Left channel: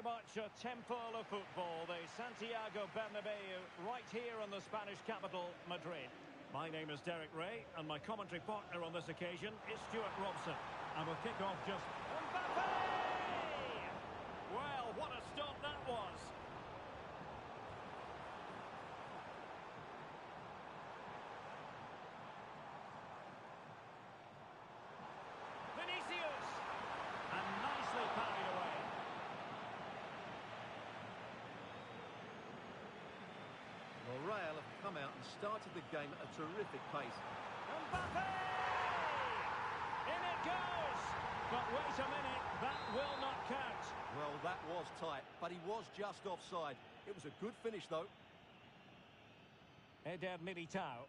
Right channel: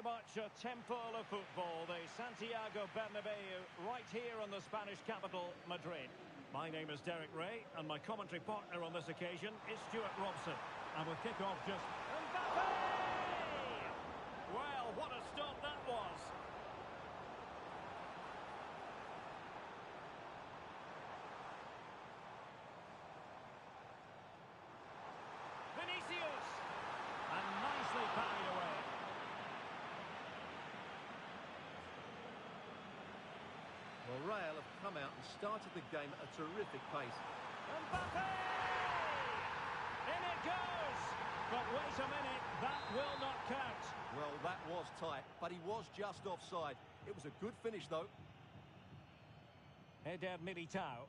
very much a temple of football, the Santiago Bernabeu, right here in the Spanish capital, Madrid. My name is Derek Ray, and my commentary partner on this occasion is Stuart Robson. And with kick-off just... Mbappe! Well, what a stop that was! Vinicius! And nicely parried away. Well, Real have come out and started the game at a terrific pace. Mbappe! In it goes! But wait a minute, that will not count. Well, that was tight, but he was just offside. It was a good finish, though. Eder Militao.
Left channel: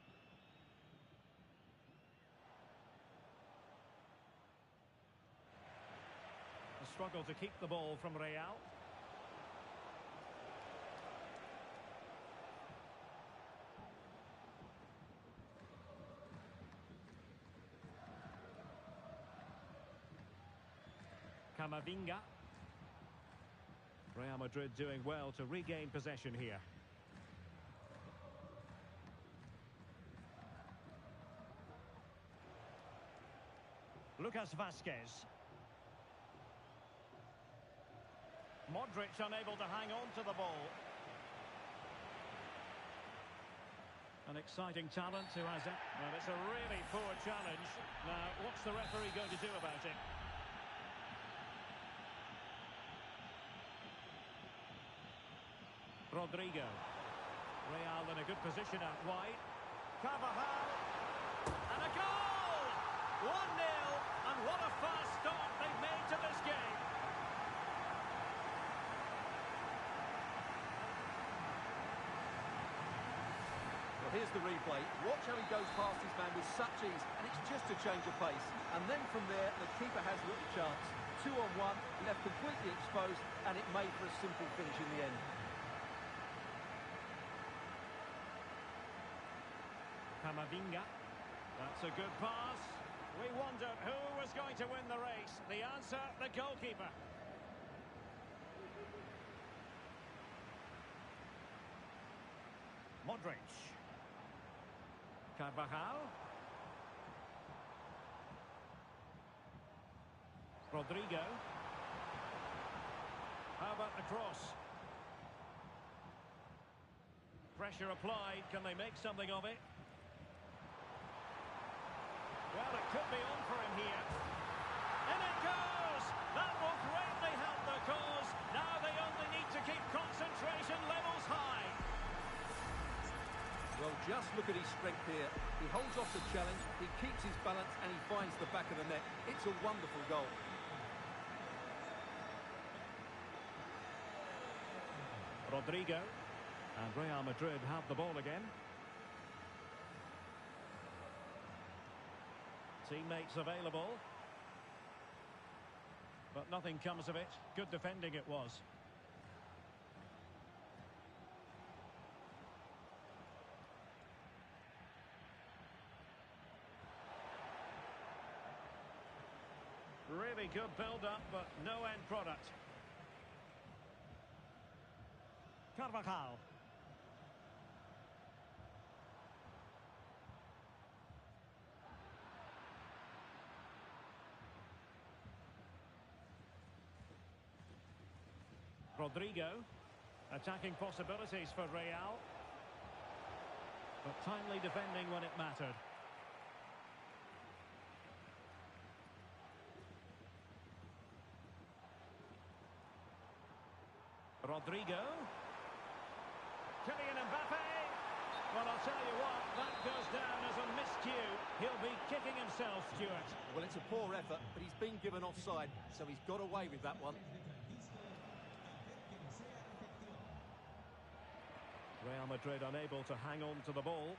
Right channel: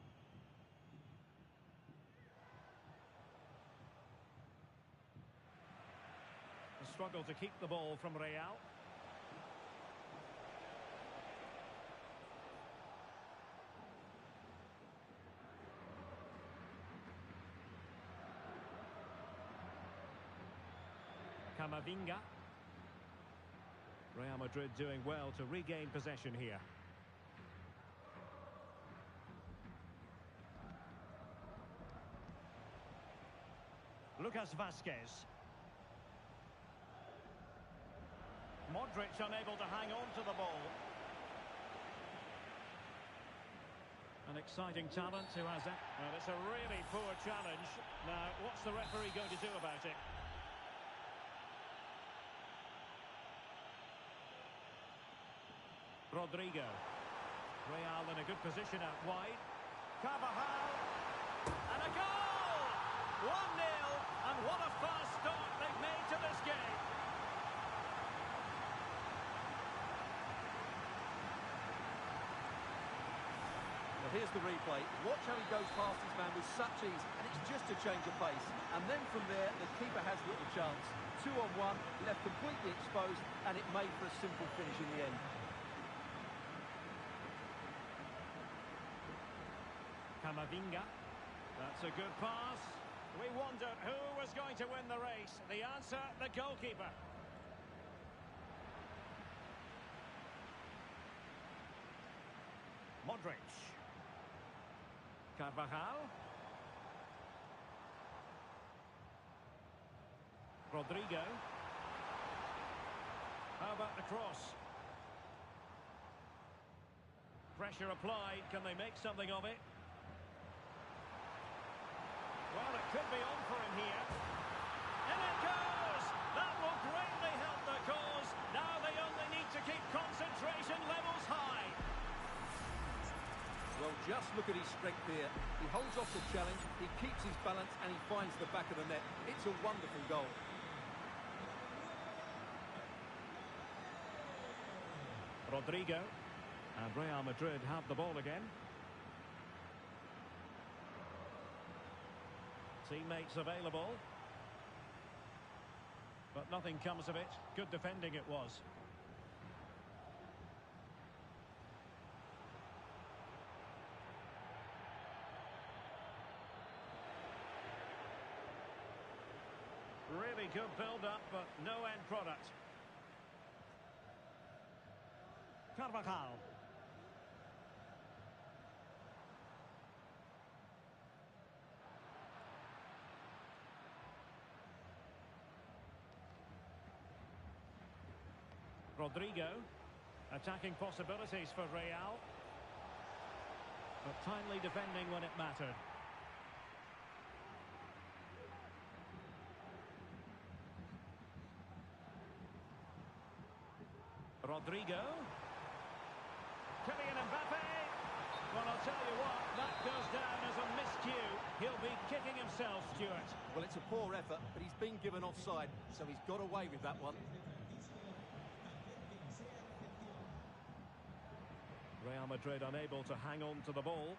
A struggle to keep the ball from Real. Camavinga. Real Madrid doing well to regain possession here. Lucas Vazquez. Modric unable to hang on to the ball. An exciting talent who has it. Well, it's a really poor challenge. Now, what's the referee going to do about it? Rodrigo. Real in a good position out wide. Carvajal. And a goal! 1-0. And what a fast start they've made to this game. Well, here's the replay. Watch how he goes past his man with such ease, and it's just a change of pace. And then from there, the keeper has little chance. 2-on-1, left completely exposed, and it made for a simple finish in the end. Camavinga. That's a good pass. We wondered who was going to win the race. The answer, the goalkeeper. Modric. Carvajal. Rodrigo. How about the cross? Pressure applied. Can they make something of it? Well, it could be on for him here. In it goes! That will greatly help the cause. Now they only need to keep concentration levels high. Well, just look at his strength here. He holds off the challenge, he keeps his balance, and he finds the back of the net. It's a wonderful goal. Rodrigo. And Real Madrid have the ball again. Teammates available. But nothing comes of it. Good defending it was. Really good build-up, but no end product. Carvajal. Rodrigo. Attacking possibilities for Real. But timely defending when it mattered. Rodrigo. Kylian Mbappe. Well, I'll tell you what, that goes down as a miscue. He'll be kicking himself, Stuart. Well, it's a poor effort, but he's been given offside, so he's got away with that one. Real Madrid unable to hang on to the ball.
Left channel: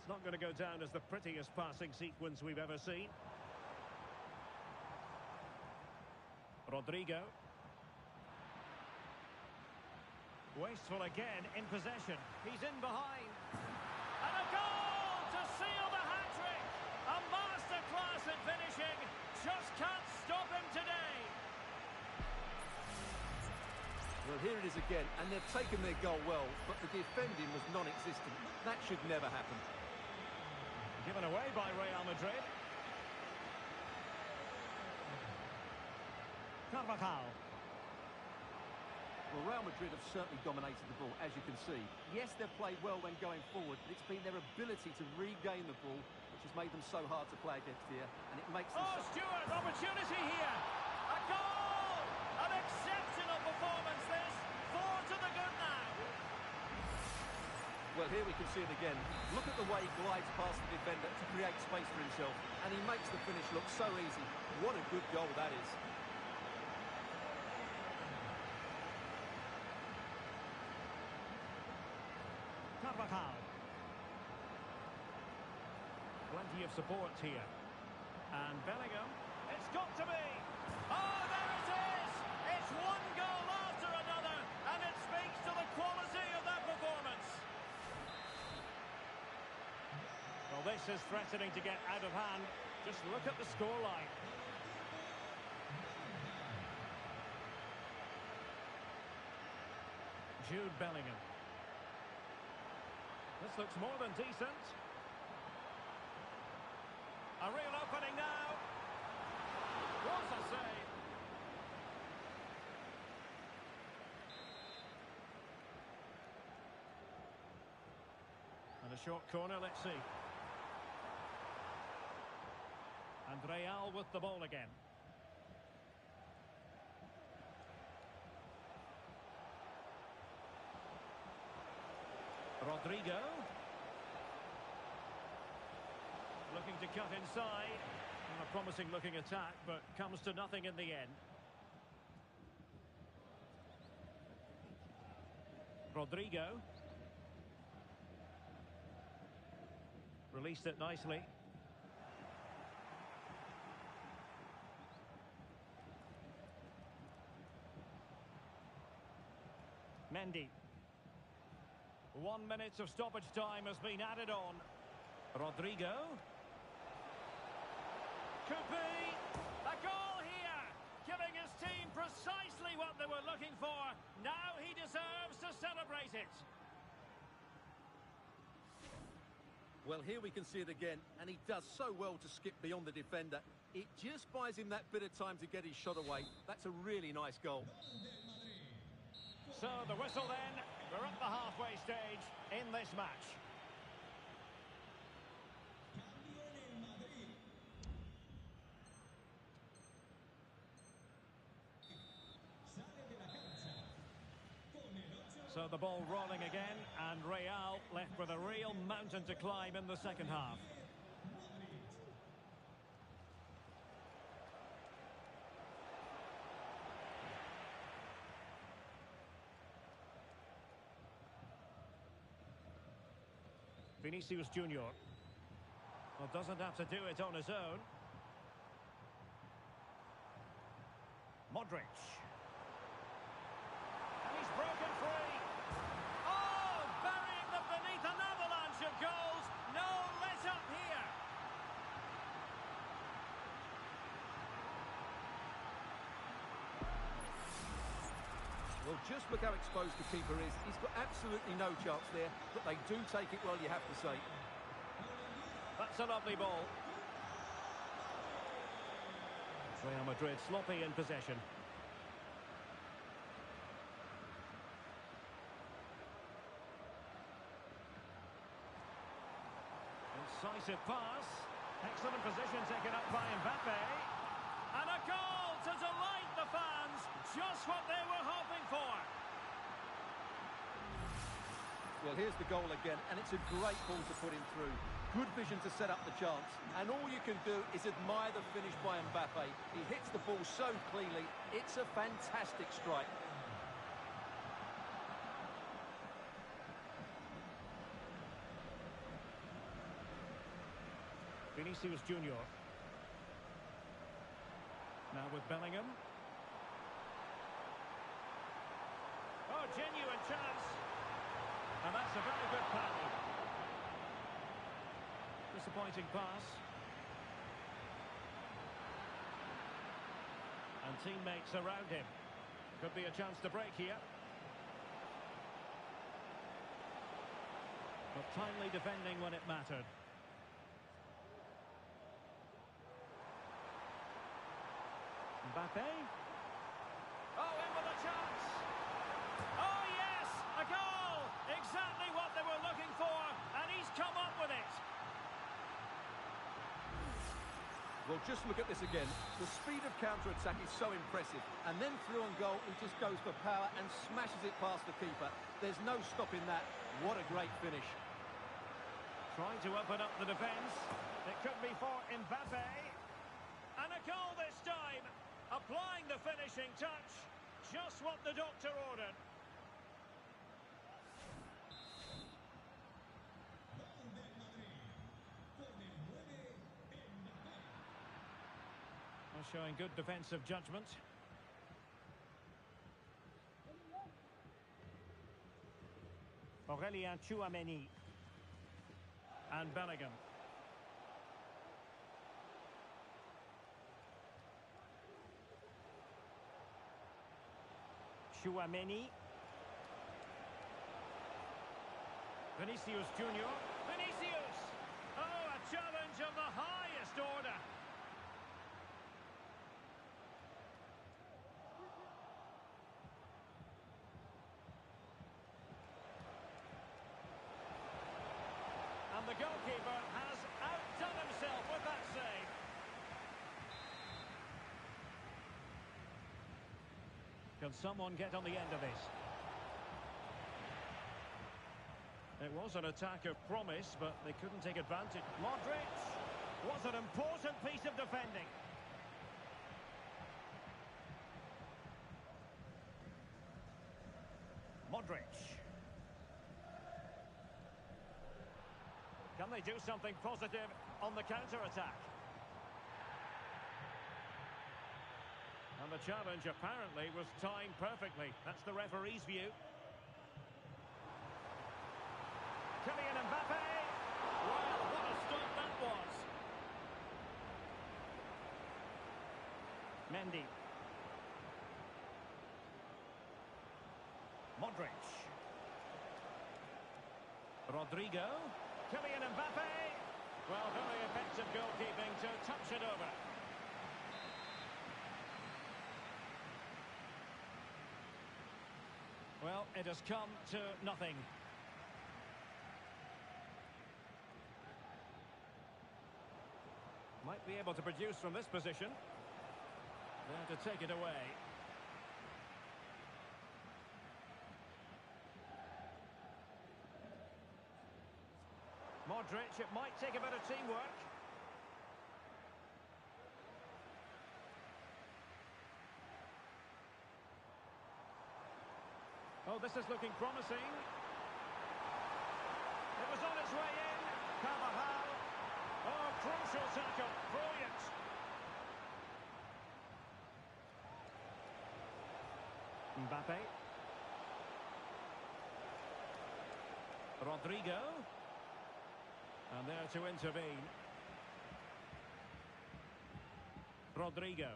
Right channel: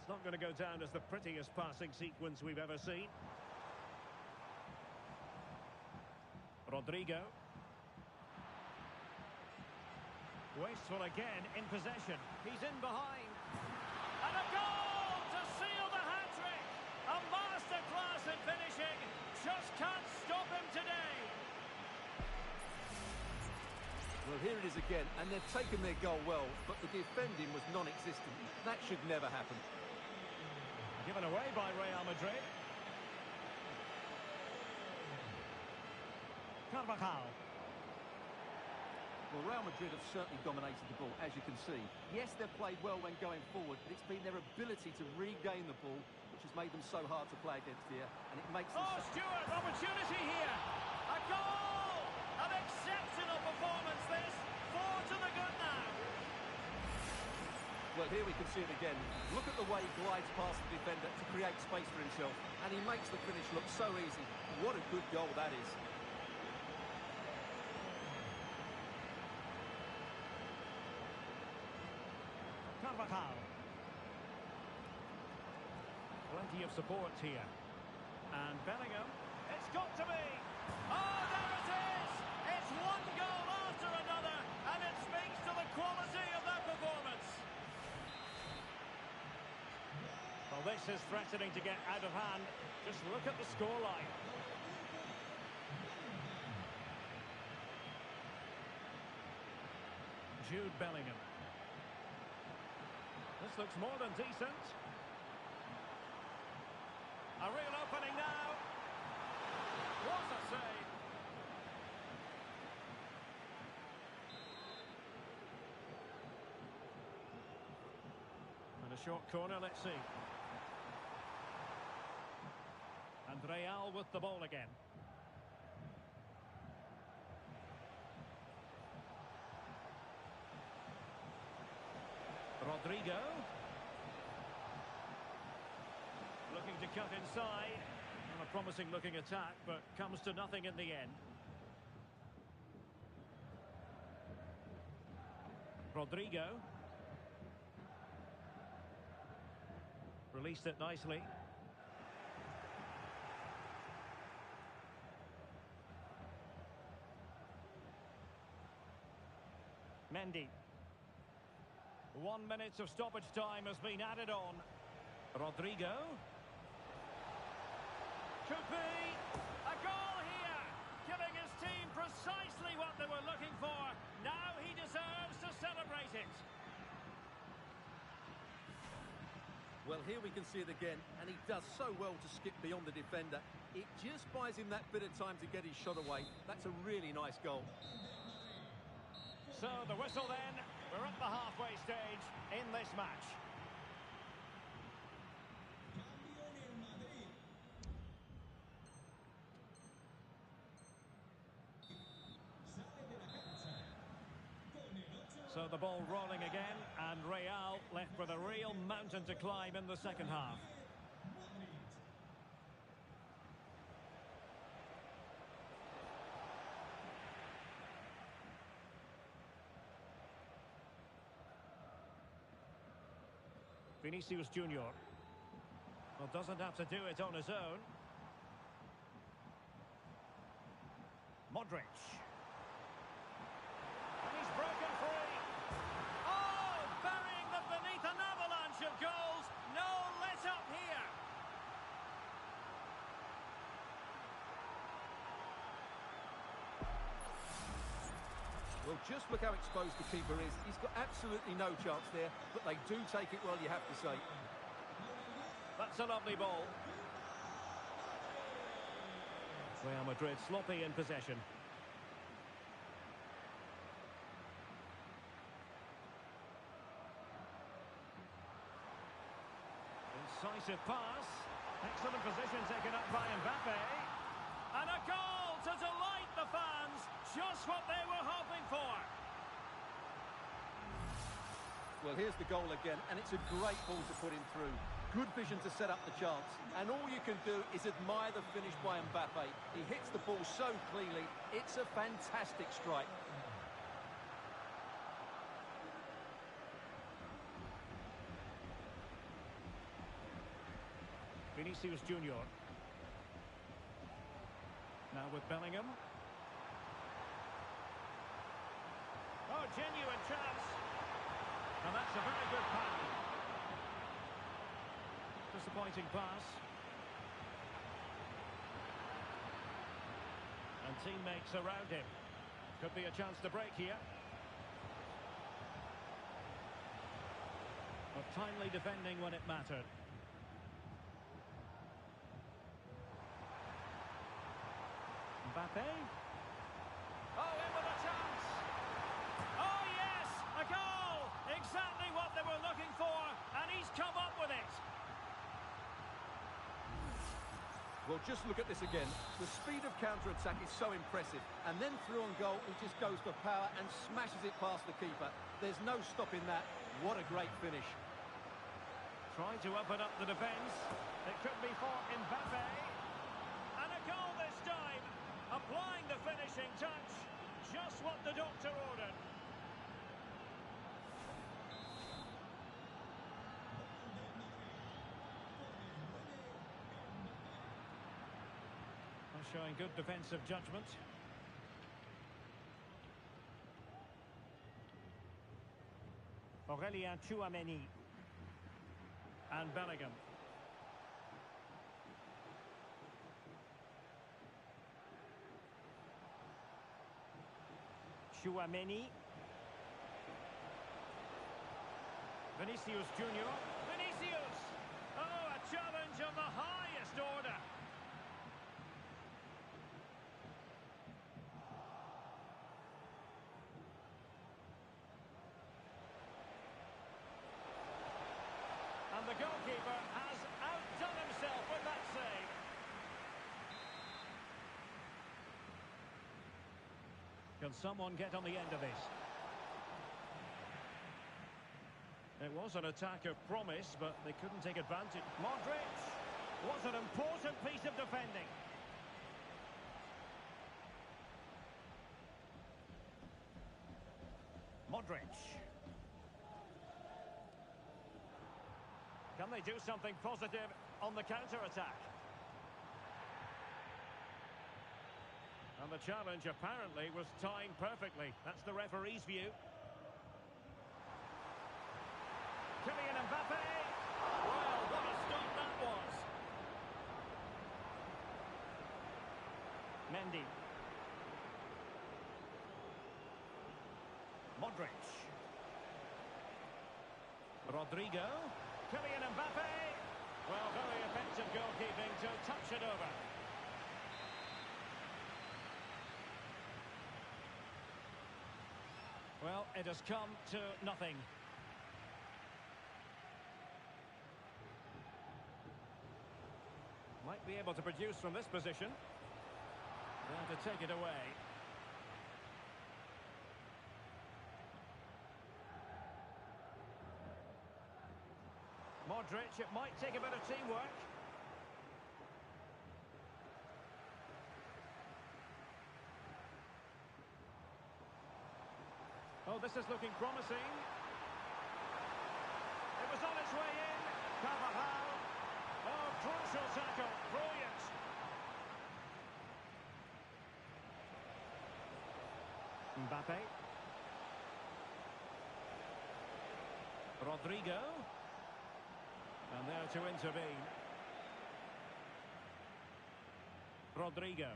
It's not going to go down as the prettiest passing sequence we've ever seen. Rodrigo. Wasteful again in possession. He's in behind. And a goal to seal the hat-trick. A masterclass in finishing. Just can't stop him today. Well, here it is again, and they've taken their goal well, but the defending was non-existent. That should never happen. Given away by Real Madrid. Carvajal. Well, Real Madrid have certainly dominated the ball, as you can see. Yes, they've played well when going forward, but it's been their ability to regain the ball which has made them so hard to play against here, and it makes them... Oh, Stewart, opportunity here! A goal! An exceptional performance, this! 4 to the good now! Well, here we can see it again. Look at the way he glides past the defender to create space for himself, and he makes the finish look so easy. What a good goal that is. Carvajal. Plenty of support here. And Bellingham. It's got to be! Oh, there it is! It's one goal after another, and it speaks to the quality of that performance. Well, this is threatening to get out of hand. Just look at the scoreline. Jude Bellingham. This looks more than decent. A real opening now. What a save. And a short corner, let's see. And Real with the ball again. Rodrigo. Looking to cut inside. And a promising looking attack, but comes to nothing in the end. Rodrigo. Released it nicely. Mendy. 1 minute of stoppage time has been added on. Rodrigo. Could be a goal here, giving his team precisely what they were looking for. Now he deserves to celebrate it. Well, here we can see it again, and he does so well to skip beyond the defender. It just buys him that bit of time to get his shot away. That's a really nice goal. So the whistle then. We're at the halfway stage in this match. So the ball rolling again, and Real left with a real mountain to climb in the second half. Vinicius Junior. Well, doesn't have to do it on his own. Modric. And he's broken free. Oh, burying them beneath an avalanche of goals. No let up here. Well, just look how exposed the keeper is. He's got absolutely no chance there, but they do take it well, you have to say. That's a lovely ball. Real Madrid sloppy in possession. Incisive pass. Excellent position taken up by Mbappe. And a goal to delight the fans. Just what they were hoping for. Well, here's the goal again, and it's a great ball to put him through. Good vision to set up the chance. And all you can do is admire the finish by Mbappe. He hits the ball so cleanly. It's a fantastic strike. Vinicius Junior. Now with Bellingham. Oh, genuine chance. And that's a very good pass. Disappointing pass. And teammates around him. Could be a chance to break here. Timely defending when it mattered. Mbappe. Oh, in with a chance. Oh, yes, a goal. Exactly what they were looking for, and he's come up with it. Well, just look at this again. The speed of counter-attack is so impressive. And then through on goal, he just goes for power and smashes it past the keeper. There's no stopping that. What a great finish. Trying to open up the defence. It could be for Mbappe. And a goal this time. Applying the finishing touch. Just what the doctor ordered. Showing good defensive judgment. Aurélien Tchouameni. And Bellingham. Tchouameni. Vinicius Junior. Vinicius! Oh, a challenge of the highest order. And the goalkeeper has outdone himself with that save. Can someone get on the end of this? It was an attack of promise, but they couldn't take advantage. Modric was an important piece of defending. Modric. Can they do something positive on the counter-attack? And the challenge apparently was timed perfectly. That's the referee's view. Kylian Mbappe. Well, what a stop that was. Mendy. Modric. Rodrigo. Kylian Mbappe. Well, very effective goalkeeping to touch it over. Well, it has come to nothing. Might be able to produce from this position. There to take it away. Modric, it might take a bit of teamwork. Oh, this is looking promising. It was on its way in. Carvajal. Oh, crucial tackle. Brilliant. Mbappe. Rodrigo. And there to intervene. Rodrigo.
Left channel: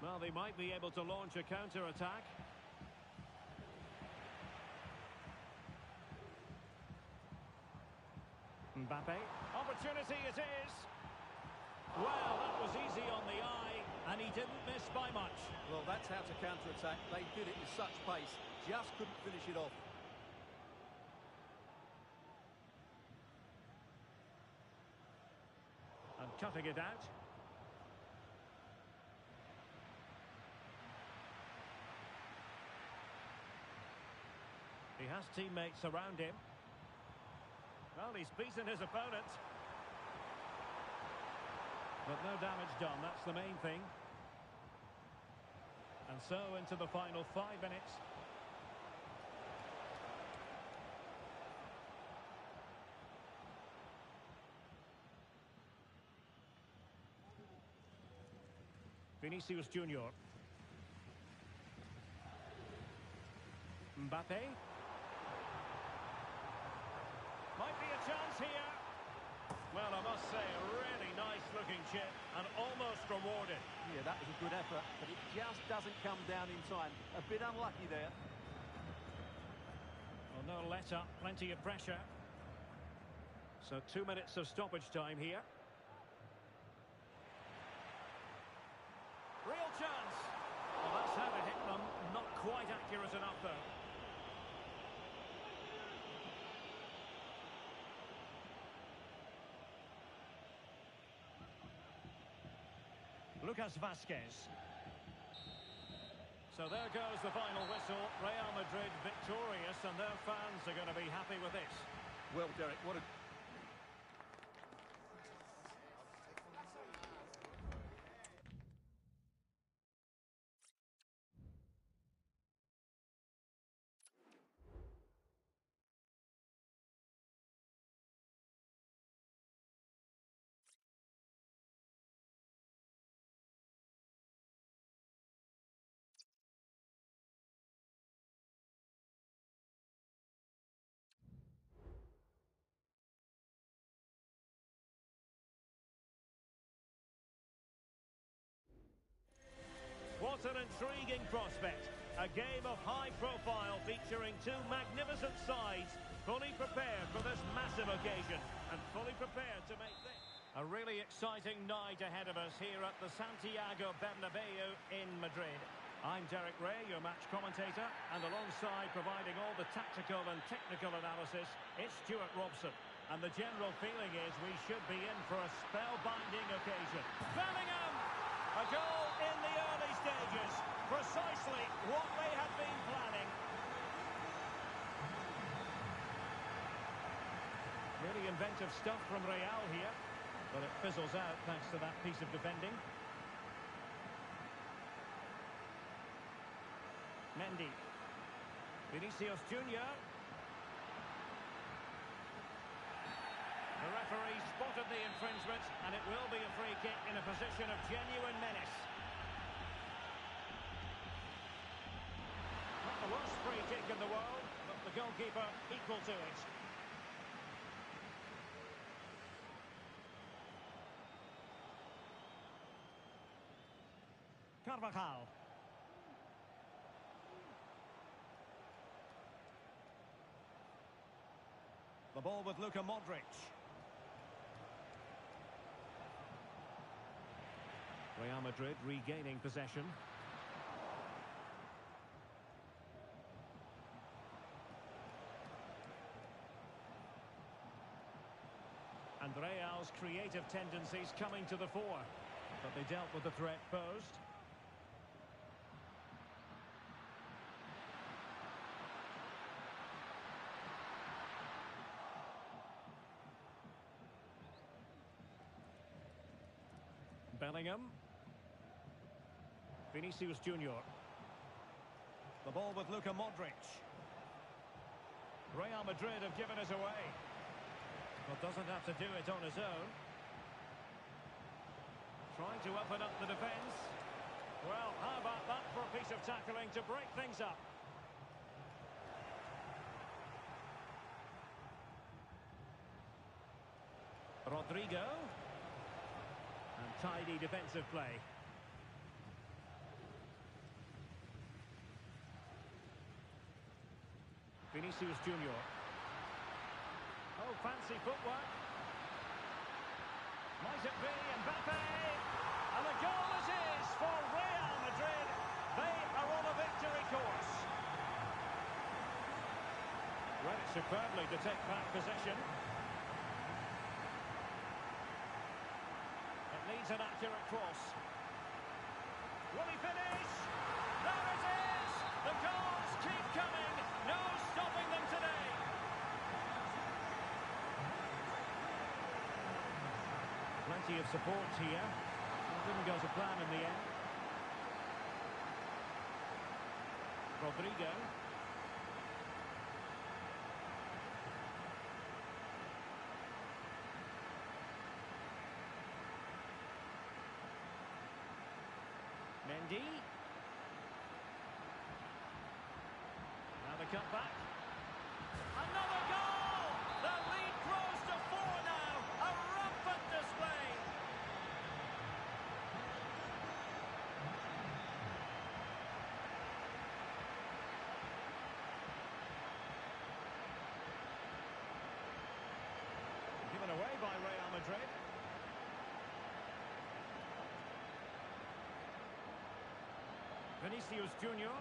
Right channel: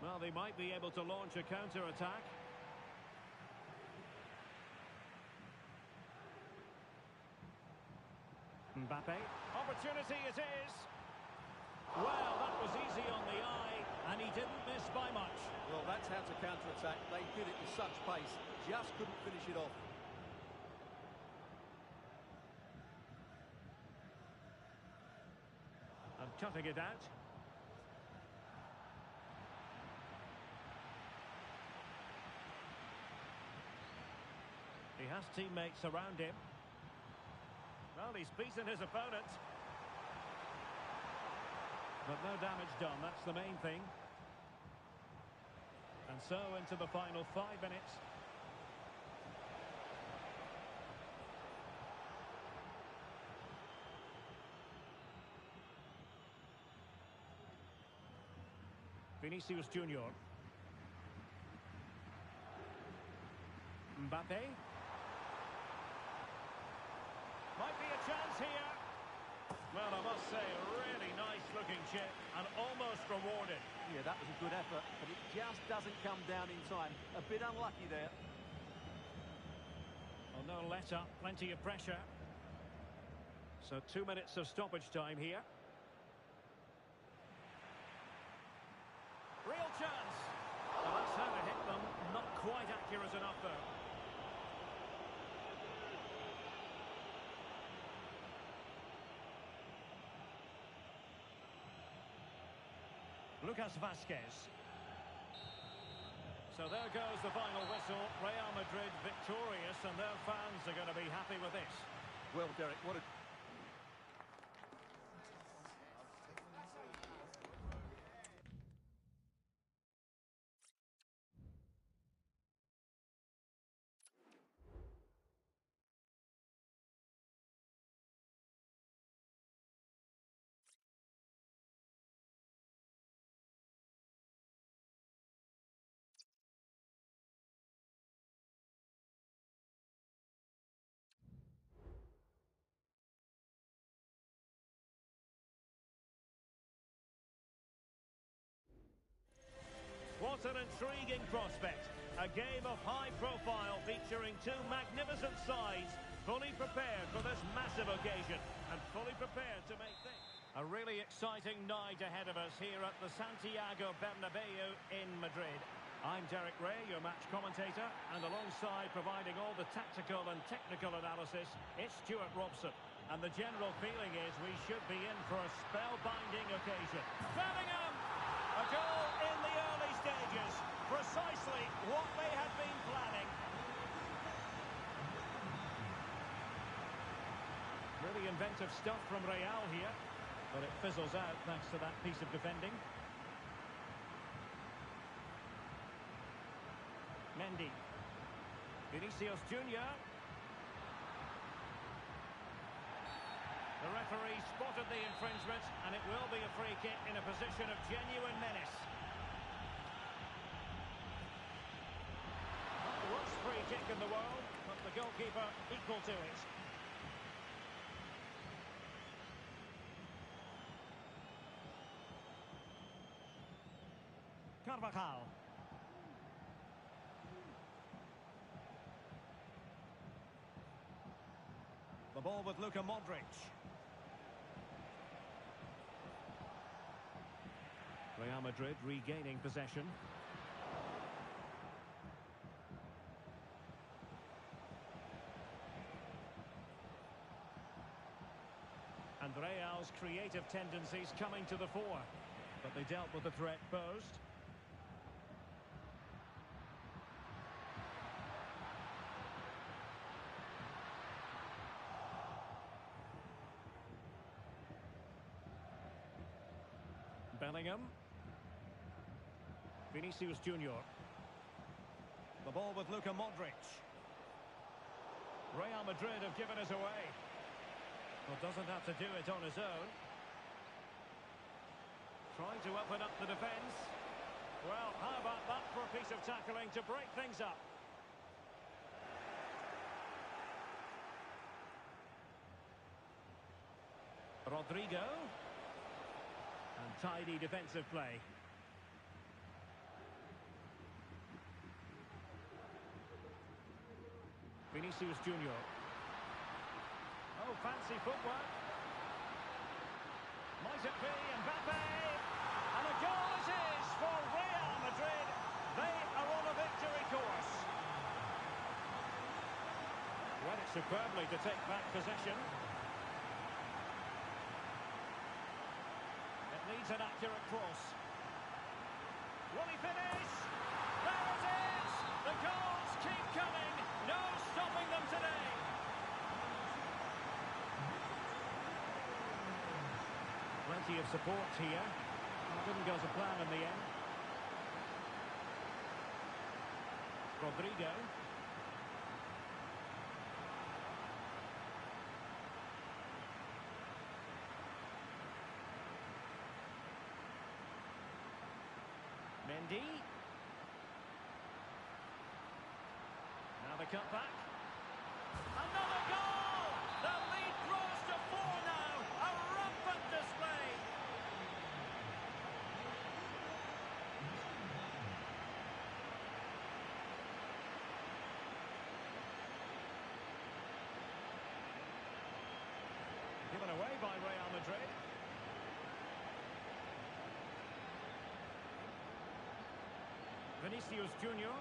Well, they might be able to launch a counter-attack. Mbappe. Opportunity it is. Well, that was easy on the eye, and he didn't miss by much. Well, that's how to counter-attack. They did it with such pace. Just couldn't finish it off. And cutting it out. He has teammates around him. Well, he's beaten his opponent. But no damage done, that's the main thing. And so into the final 5 minutes. Vinicius Junior. Mbappe. Might be a chance here. Well, I must say, a really nice-looking chip and almost rewarded. Yeah, that was a good effort, but it just doesn't come down in time. A bit unlucky there. Well, Well, no let-up, plenty of pressure. So 2 minutes of stoppage time here. Real chance. Well, that's how to hit them. Not quite accurate enough, though. Lucas Vazquez. So there goes the final whistle. Real Madrid victorious, and their fans are going to be happy with this. Well, Derek, what a... What an intriguing prospect. A game of high profile featuring two magnificent sides, fully prepared for this massive occasion and fully prepared to make this a really exciting night ahead of us here at the Santiago Bernabeu in Madrid. I'm Derek Ray, your match commentator, and alongside providing all the tactical and technical analysis, it's Stuart Robson. And the general feeling is we should be in for a spellbinding occasion. Bellingham! A goal in the early stages. Precisely what they had been planning. Really inventive stuff from Real here. But it fizzles out thanks to that piece of defending. Mendy. Vinicius Junior. The referee spotted the infringement, and it will be a free kick in a position of genuine menace. Not the worst free kick in the world, but the goalkeeper equal to it. Carvajal. The ball with Luka Modric. Real Madrid regaining possession. And Real's creative tendencies coming to the fore. But they dealt with the threat posed. Bellingham. Vinicius Junior. The ball with Luka Modric. Real Madrid have given us away. Well, doesn't have to do it on his own. Trying to open up the defence. Well, how about that for a piece of tackling to break things up? Rodrigo. And tidy defensive play. Vinicius Junior. Oh, fancy footwork. Might it be Mbappe? And a goal it is for Real Madrid. They are on a victory course. Read it superbly to take back possession. It needs an accurate cross. Will he finish? There it is! The goals keep coming. No stopping them today. Plenty of support here. Well, didn't go to plan in the end. Rodrigo. Mendy. Now the cutback. Another goal! The lead grows to 4 now. A rampant display. given away by Real Madrid. Vinicius Junior.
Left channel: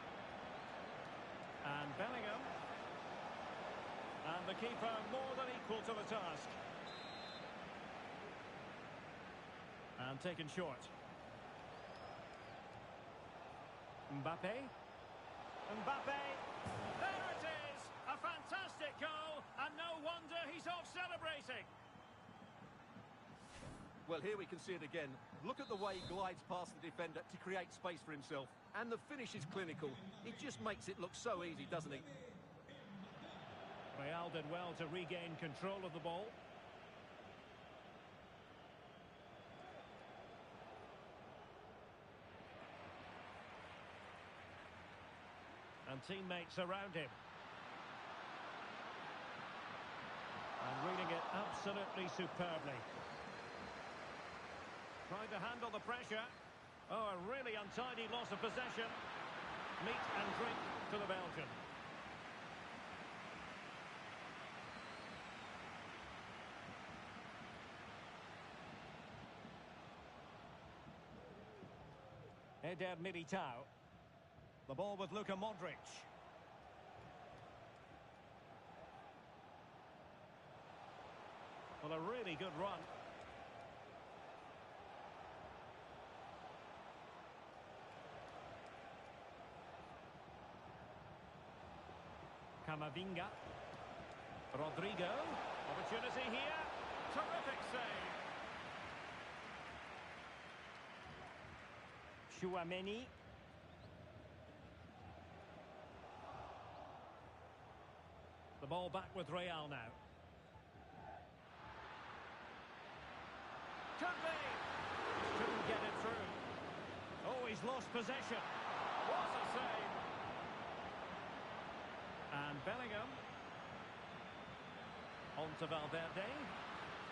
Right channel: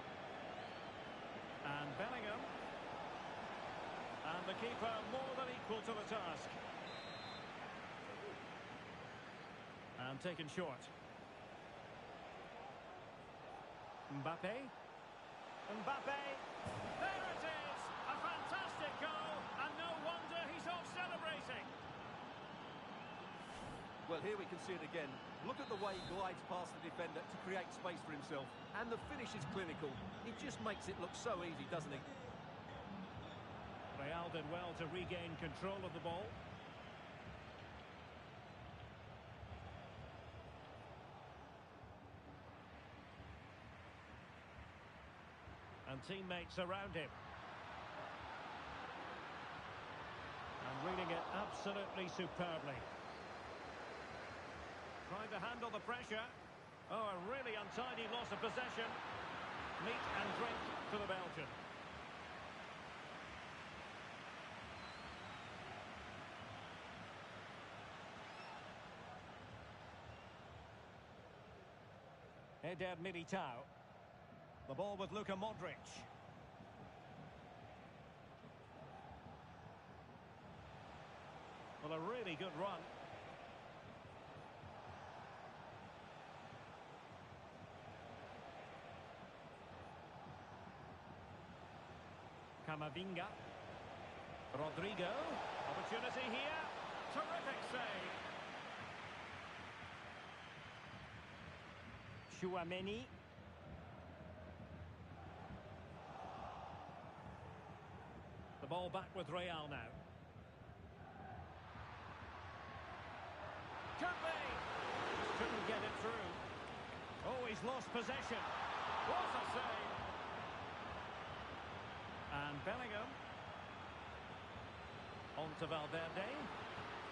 And Bellingham. And the keeper more than equal to the task. And taken short. Mbappe. Mbappe. There it is! A fantastic goal, and no wonder he's off celebrating. Well, here we can see it again. Look at the way he glides past the defender to create space for himself. And the finish is clinical. It just makes it look so easy, doesn't he? Real did well to regain control of the ball. And teammates around him. And reading it absolutely superbly. Trying to handle the pressure. Oh, a really untidy loss of possession. Meat and drink to the Belgian. Eder Militao. The ball with Luka Modric. Well, a really good run. Camavinga. Rodrigo. Opportunity here. Terrific save. Chouameni. The ball back with Real now. Could be. Just couldn't get it through. Oh, he's lost possession. What a save. And Bellingham. On to Valverde.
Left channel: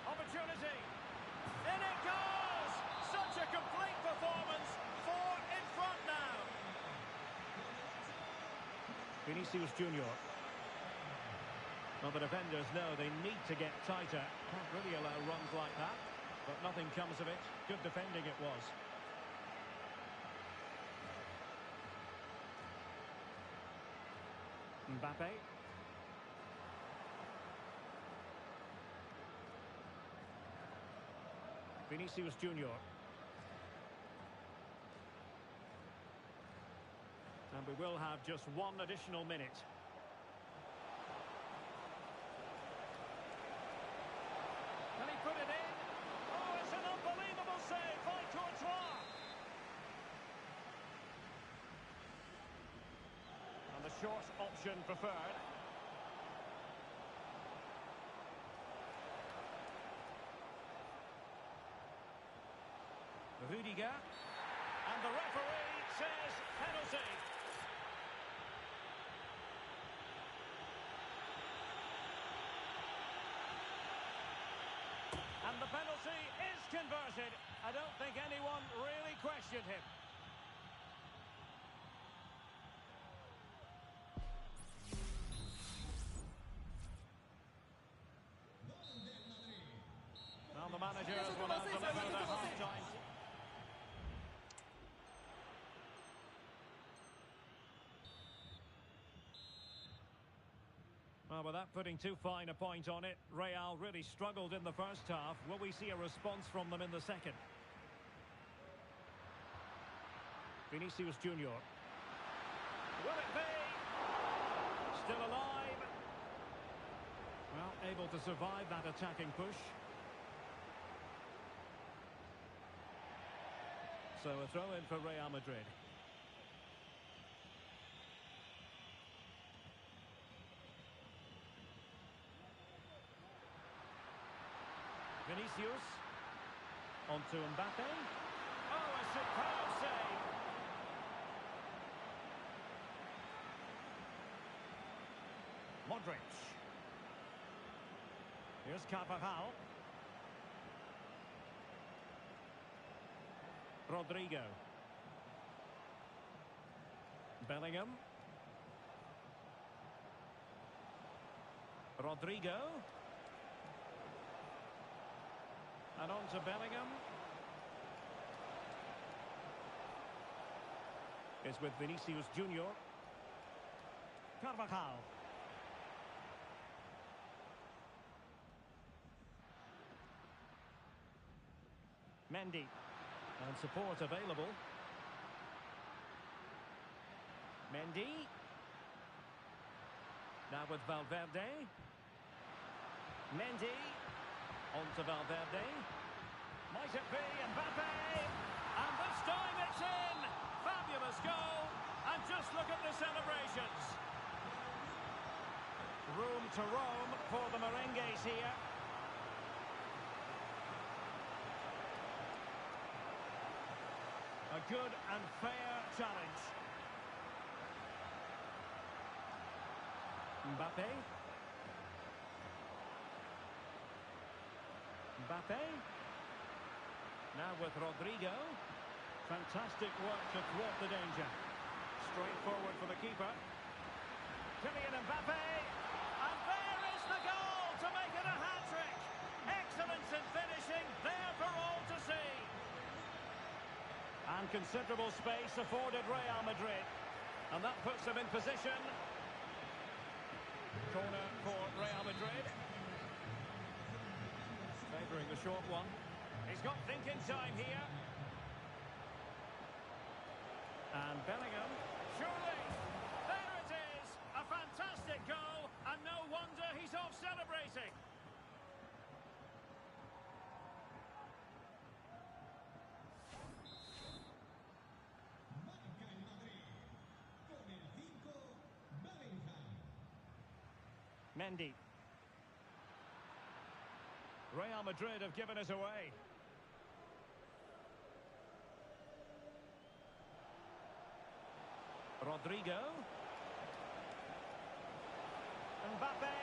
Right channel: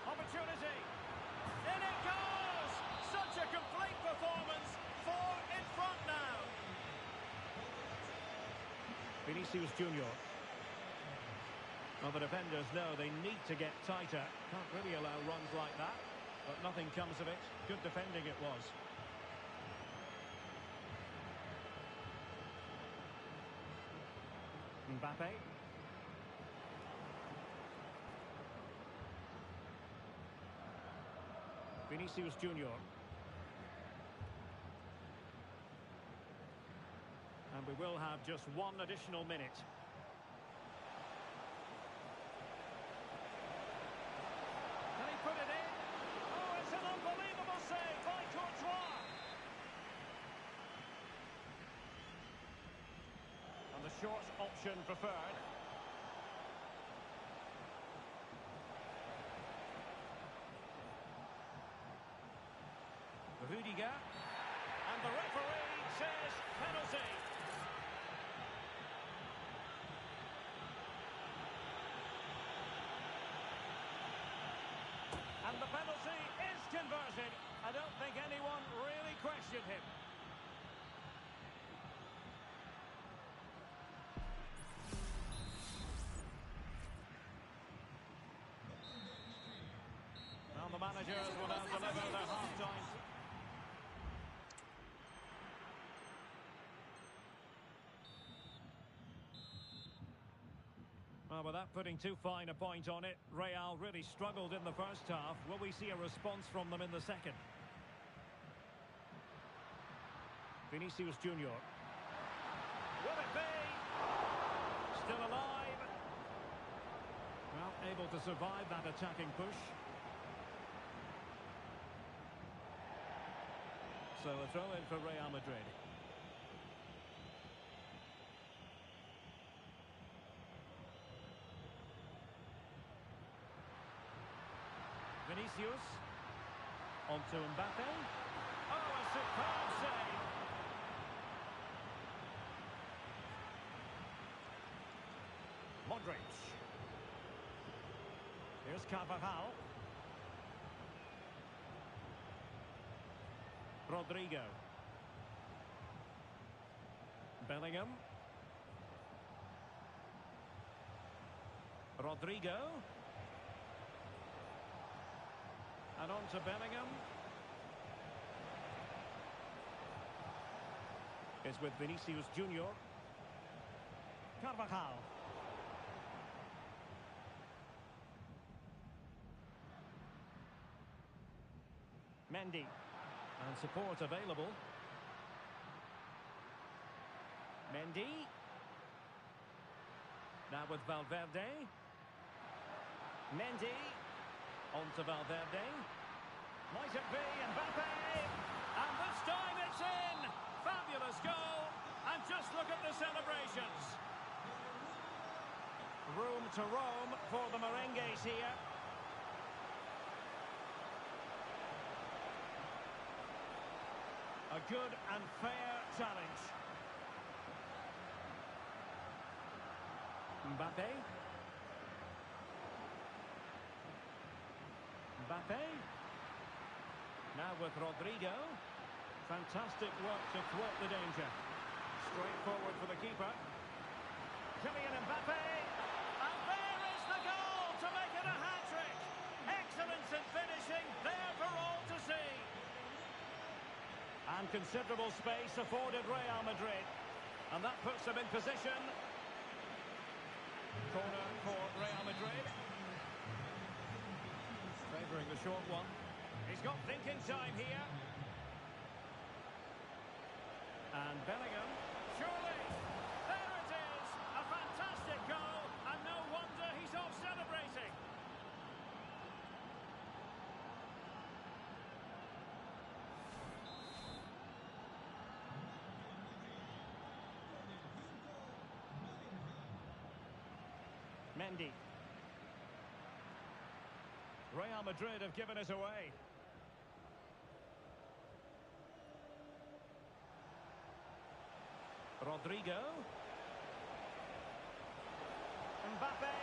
Opportunity. In it goes! Such a complete performance. 4 in front now. Vinicius Junior. Well, the defenders know they need to get tighter. Can't really allow runs like that. But nothing comes of it. Good defending it was. Mbappe. Vinicius Junior. And we will have just 1 additional minute. Can he put it in? Oh, it's an unbelievable save by Courtois. And the short option preferred. Rudiger. And the referee says penalty. And the penalty is converted. I don't think anyone really questioned him. Now the managers will now deliver their half-time. Well, without putting too fine a point on it, Real really struggled in the first half. Will we see a response from them in the second? Vinicius Junior. Will it be? Still alive. Well, able to survive that attacking push. So a throw in for Real Madrid. Vinicius. On to Mbappe. Oh, a superb save. Modric. Here's Carvajal. Rodrigo. Bellingham. Rodrigo. And on to Bellingham. Is with Vinicius Junior. Carvajal. Mendy. And support available. Mendy. Now with Valverde. Mendy. On to Valverde. Might it be Mbappe? And this time it's in! Fabulous goal. And just look at the celebrations. Room to roam for the merengues here. A good and fair challenge. Mbappe. Mbappe. Now with Rodrigo. Fantastic work to thwart the danger. Straight forward for the keeper. Kylian Mbappe. And there is the goal to make it a hat-trick. Excellence in finishing, there for all to see. And considerable space afforded Real Madrid. And that puts them in position. Corner for Real Madrid. Favouring the short one. He's got thinking time here. And Bellingham. Surely. There it is. A fantastic goal. And no wonder he's off celebrating. Mendy. Real Madrid have given us away. Rodrigo. Mbappe.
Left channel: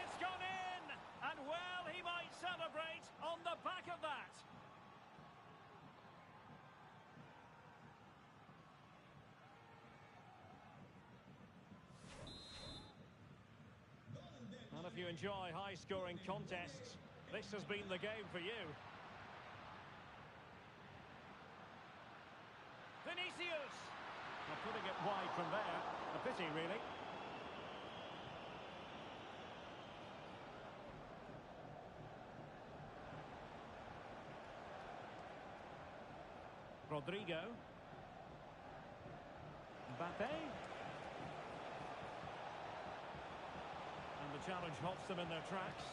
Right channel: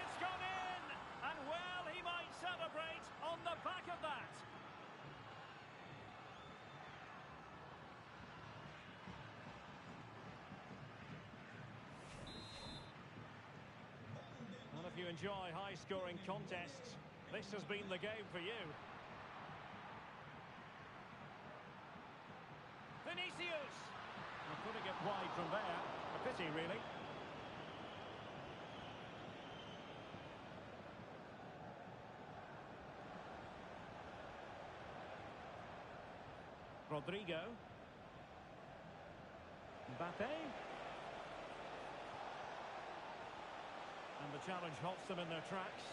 It's gone in! And well, he might celebrate on the back of that. And if you enjoy high-scoring contests, this has been the game for you. Vinicius! Now putting it wide from there. A pity, really. Rodrigo. Mbappe. And the challenge halts them in their tracks.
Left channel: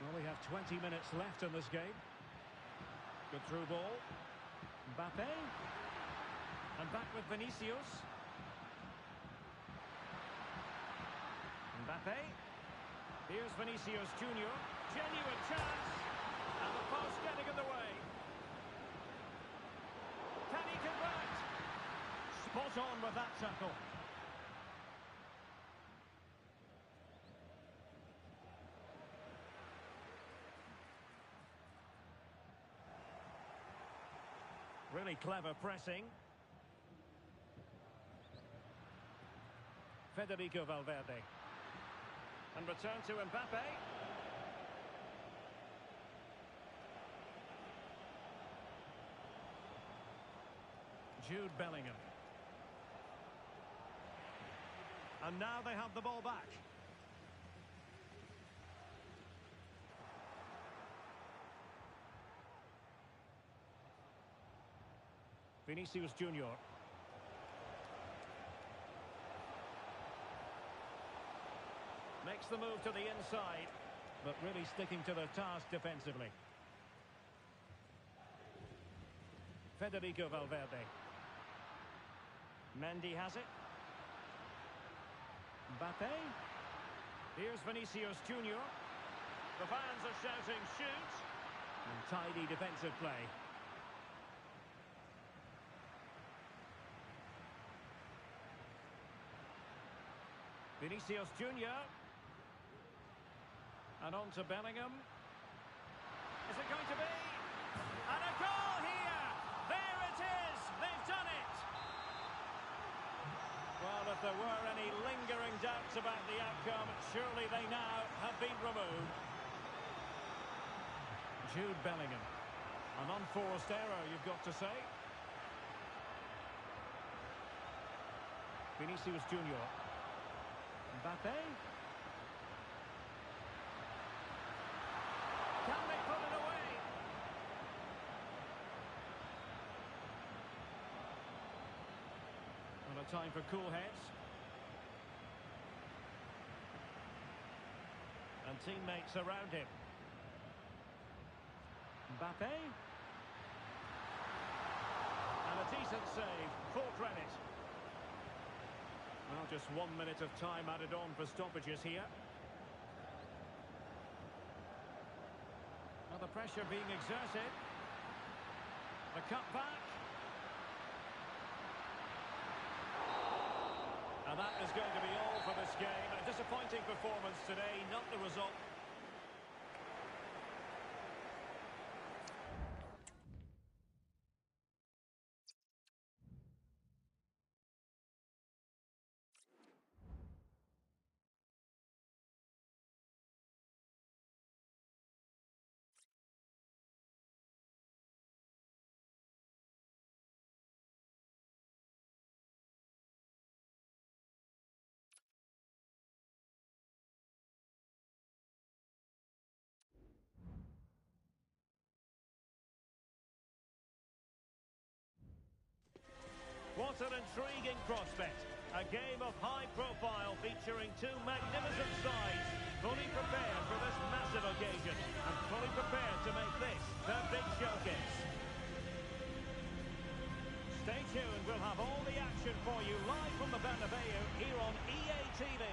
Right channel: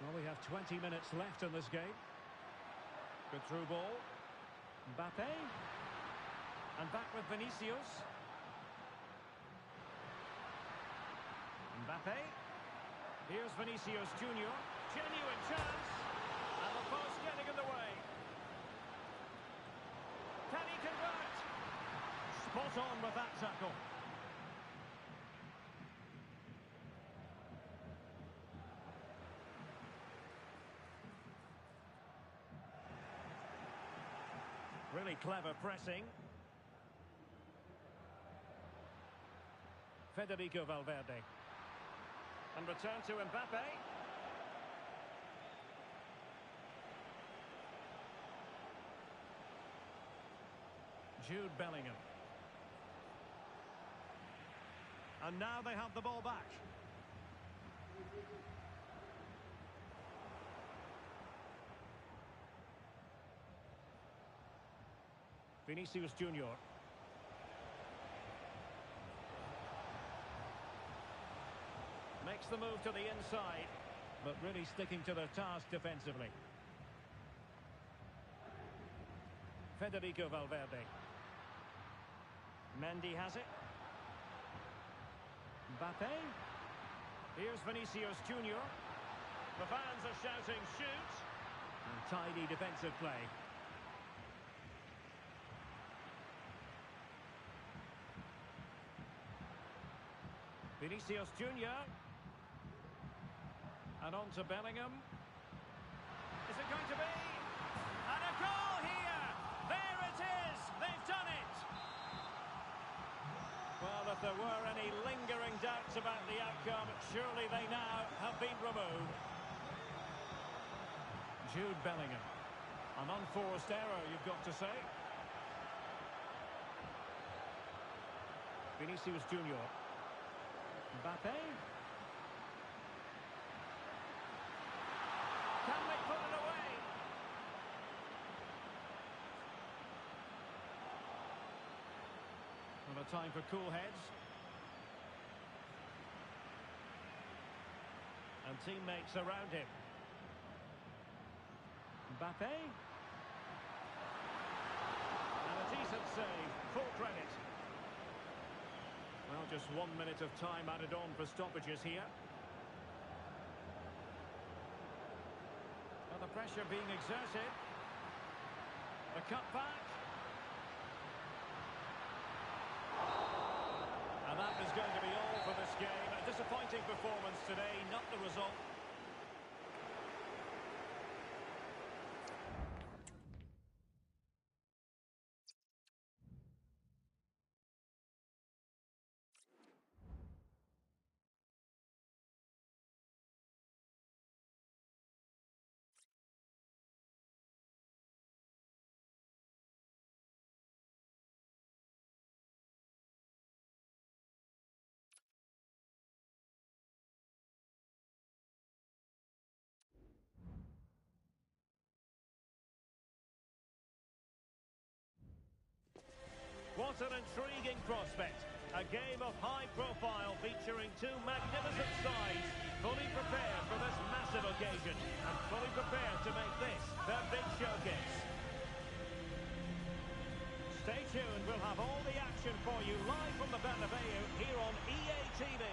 Well, we have 20 minutes left in this game. Good through ball. Mbappe. And back with Vinicius. Mbappe. Here's Vinicius Junior. Genuine chance. And the post getting in the way. Can he convert? Spot on with that tackle. Really clever pressing. Federico Valverde. And return to Mbappe. Jude Bellingham. And now they have the ball back. Vinicius Junior. Makes the move to the inside, but really sticking to the task defensively. Federico Valverde. Mendy has it. Mbappe. Here's Vinicius Junior. The fans are shouting shoot. And tidy defensive play. Vinicius Junior. And on to Bellingham. Is it going to be? And a goal here! There it is! They've done it! Well, if there were any lingering doubts about the outcome, surely they now have been removed. Jude Bellingham. An unforced error, you've got to say. Vinicius Junior. Mbappe. Can they put it away? Not a time for cool heads. And teammates around him. Mbappe. And a decent save. Full credit. Well, just 1 minute of time added on for stoppages here. Well, the pressure being exerted. The cut back. And that is going to be all for this game. A disappointing performance today, not the result. What an intriguing prospect. A game of high profile featuring two magnificent sides, fully prepared for this massive occasion and fully prepared to make this their big showcase. Stay tuned, we'll have all the action for you live from the Bernabeu here on EA TV.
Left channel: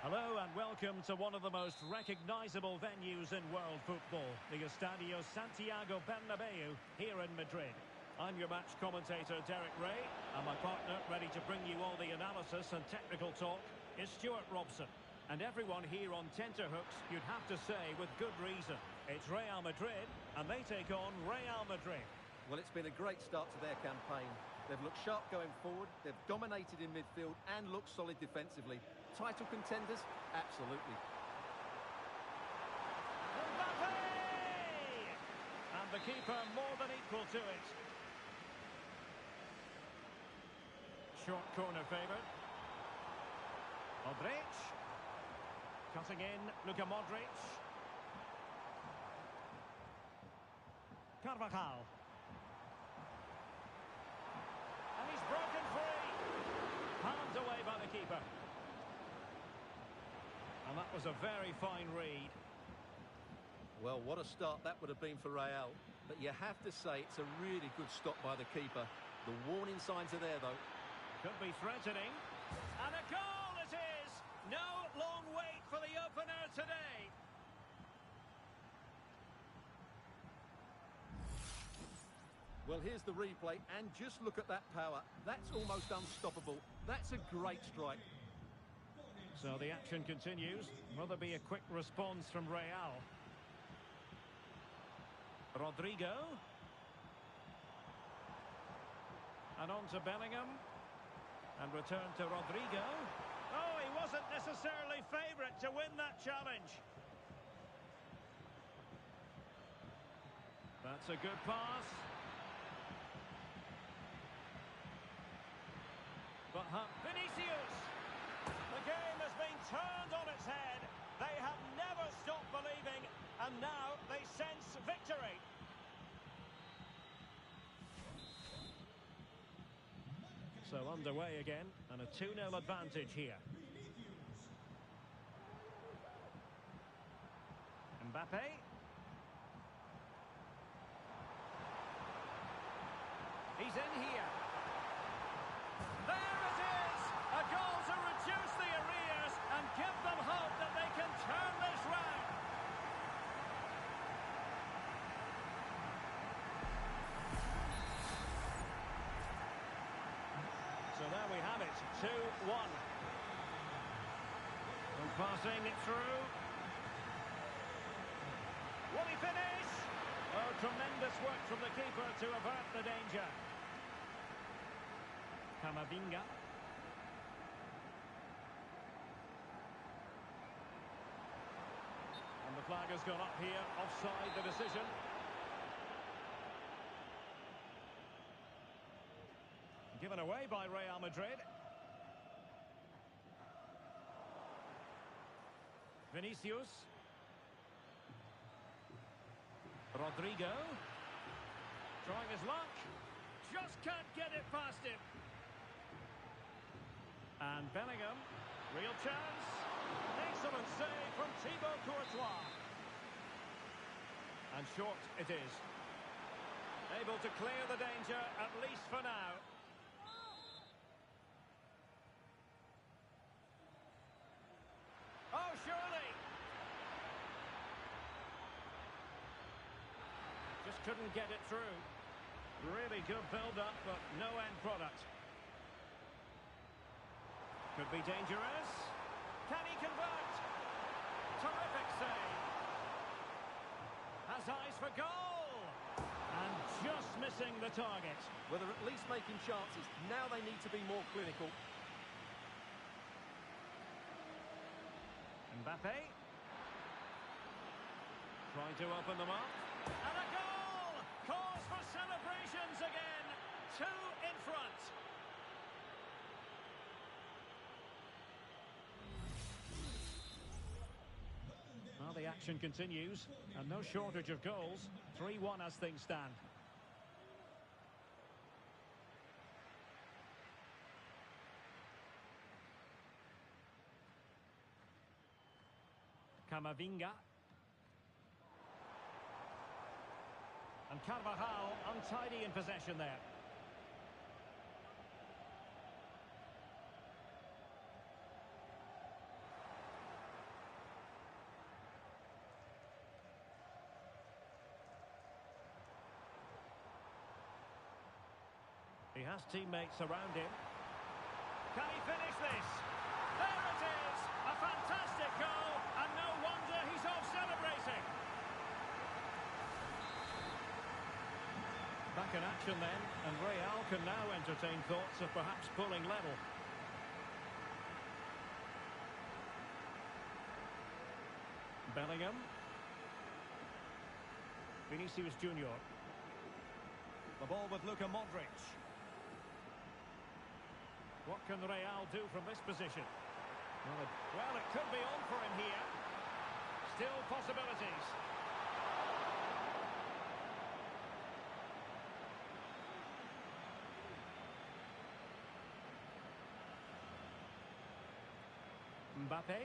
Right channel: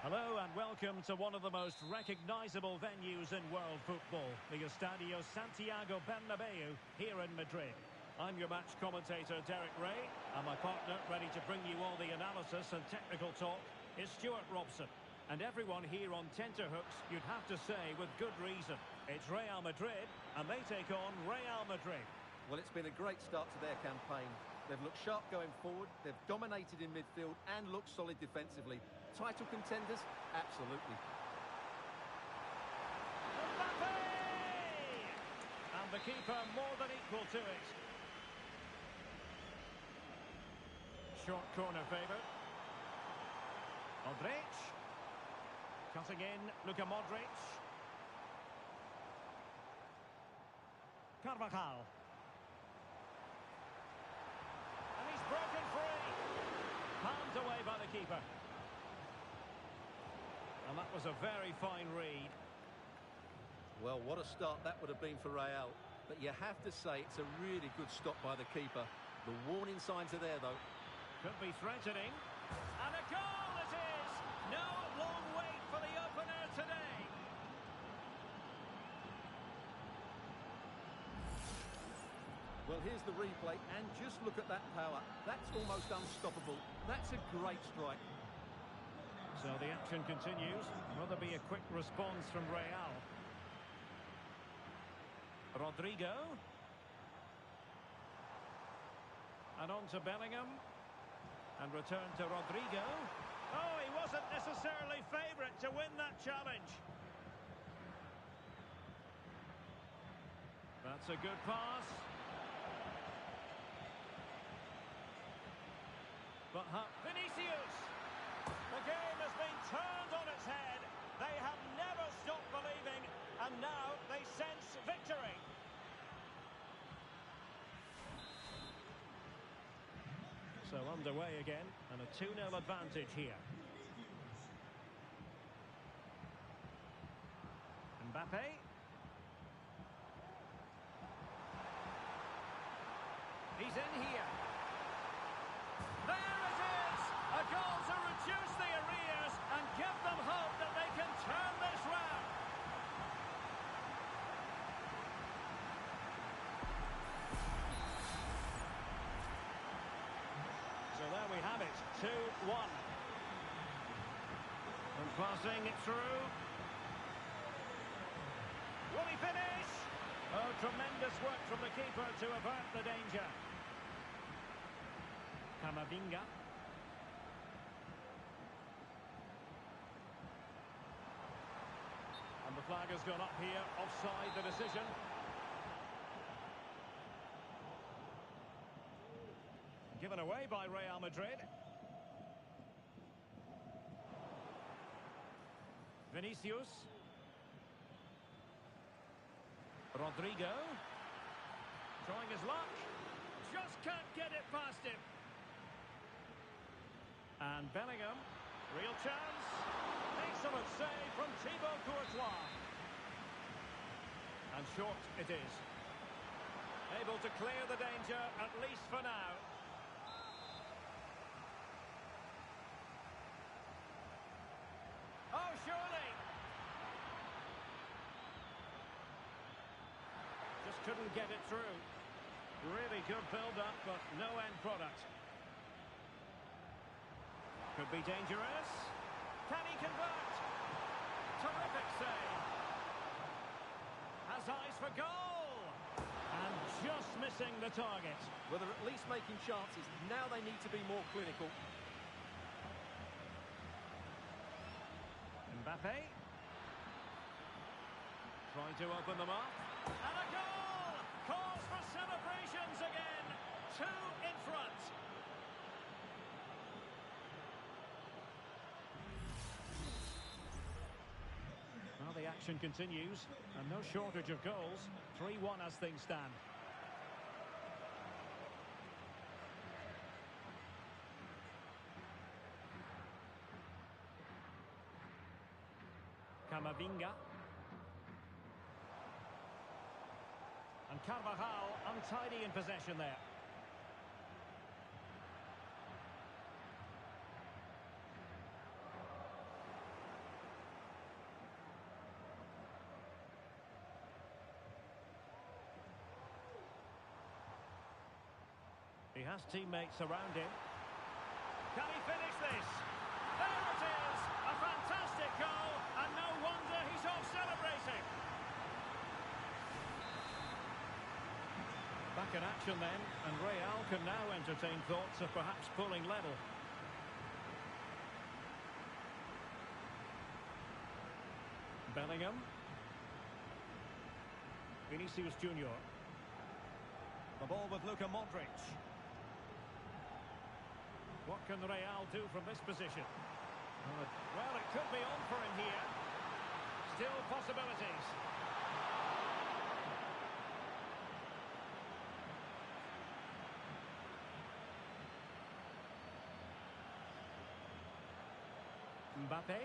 Hello and welcome to one of the most recognisable venues in world football, the Estadio Santiago Bernabeu here in Madrid. I'm your match commentator, Derek Ray, and my partner, ready to bring you all the analysis and technical talk, is Stuart Robson. And everyone here on tenterhooks, you'd have to say, with good reason. It's Real Madrid, and they take on Real Madrid. Well, it's been a great start to their campaign. They've looked sharp going forward, they've dominated in midfield, and looked solid defensively. Title contenders? Absolutely. Mbappe! And the keeper more than equal to it. Short corner favoured. Modric. Cutting in, Luka Modric. Carvajal. And he's broken free. Palmed away by the keeper. And that was a very fine read. Well, what a start that would have been for Real. But you have to say it's a really good stop by the keeper. The warning signs are there, though. Could be threatening. And a goal it is! No long wait for the opener today. Well, here's the replay, and just look at that power. That's almost unstoppable. That's a great strike. So the action continues. Will there be a quick response from Real? Rodrigo. And on to Bellingham. And return to Rodrigo. Oh, he wasn't necessarily favourite to win that challenge. That's a good pass. But Vinicius. The game has been turned on its head. They have never stopped believing, and now they sense victory. So underway again, and a 2-0 advantage here. Mbappe. He's in here. There it is! A goal to reduce the arrears and give them hope that they can turn this round. So there we have it, 2-1. And passing it through. Will he finish? Oh, tremendous work from the keeper to avert the danger. Camavinga. And the flag has gone up here, offside the decision. Given away by Real Madrid. Vinicius. Rodrigo. Trying his luck. Just can't get it past him. And Bellingham. Real chance. Excellent save from Thibaut Courtois. And short it is. Able to clear the danger, at least for now. Oh, surely. Just couldn't get it through. Really good build-up, but no end product. Could be dangerous. Can he convert? Terrific save. Has eyes for goal. And just missing the target. Well, they're at least making chances. Now they need to be more clinical. Mbappe. Trying to open them up. And a goal! Cause for celebrations again. 2 in front. Well, the action continues. And no shortage of goals. 3-1 as things stand. Camavinga. And Carvajal untidy in possession there. He has teammates around him. Can he finish this? There it is! A fantastic goal, and no wonder he's off celebrating. Back in action then, and Real can now entertain thoughts of perhaps pulling level. Bellingham. Vinicius Junior. The ball with Luka Modric. What can Real do from this position? Well, it could be on for him here. Still possibilities. Mbappe.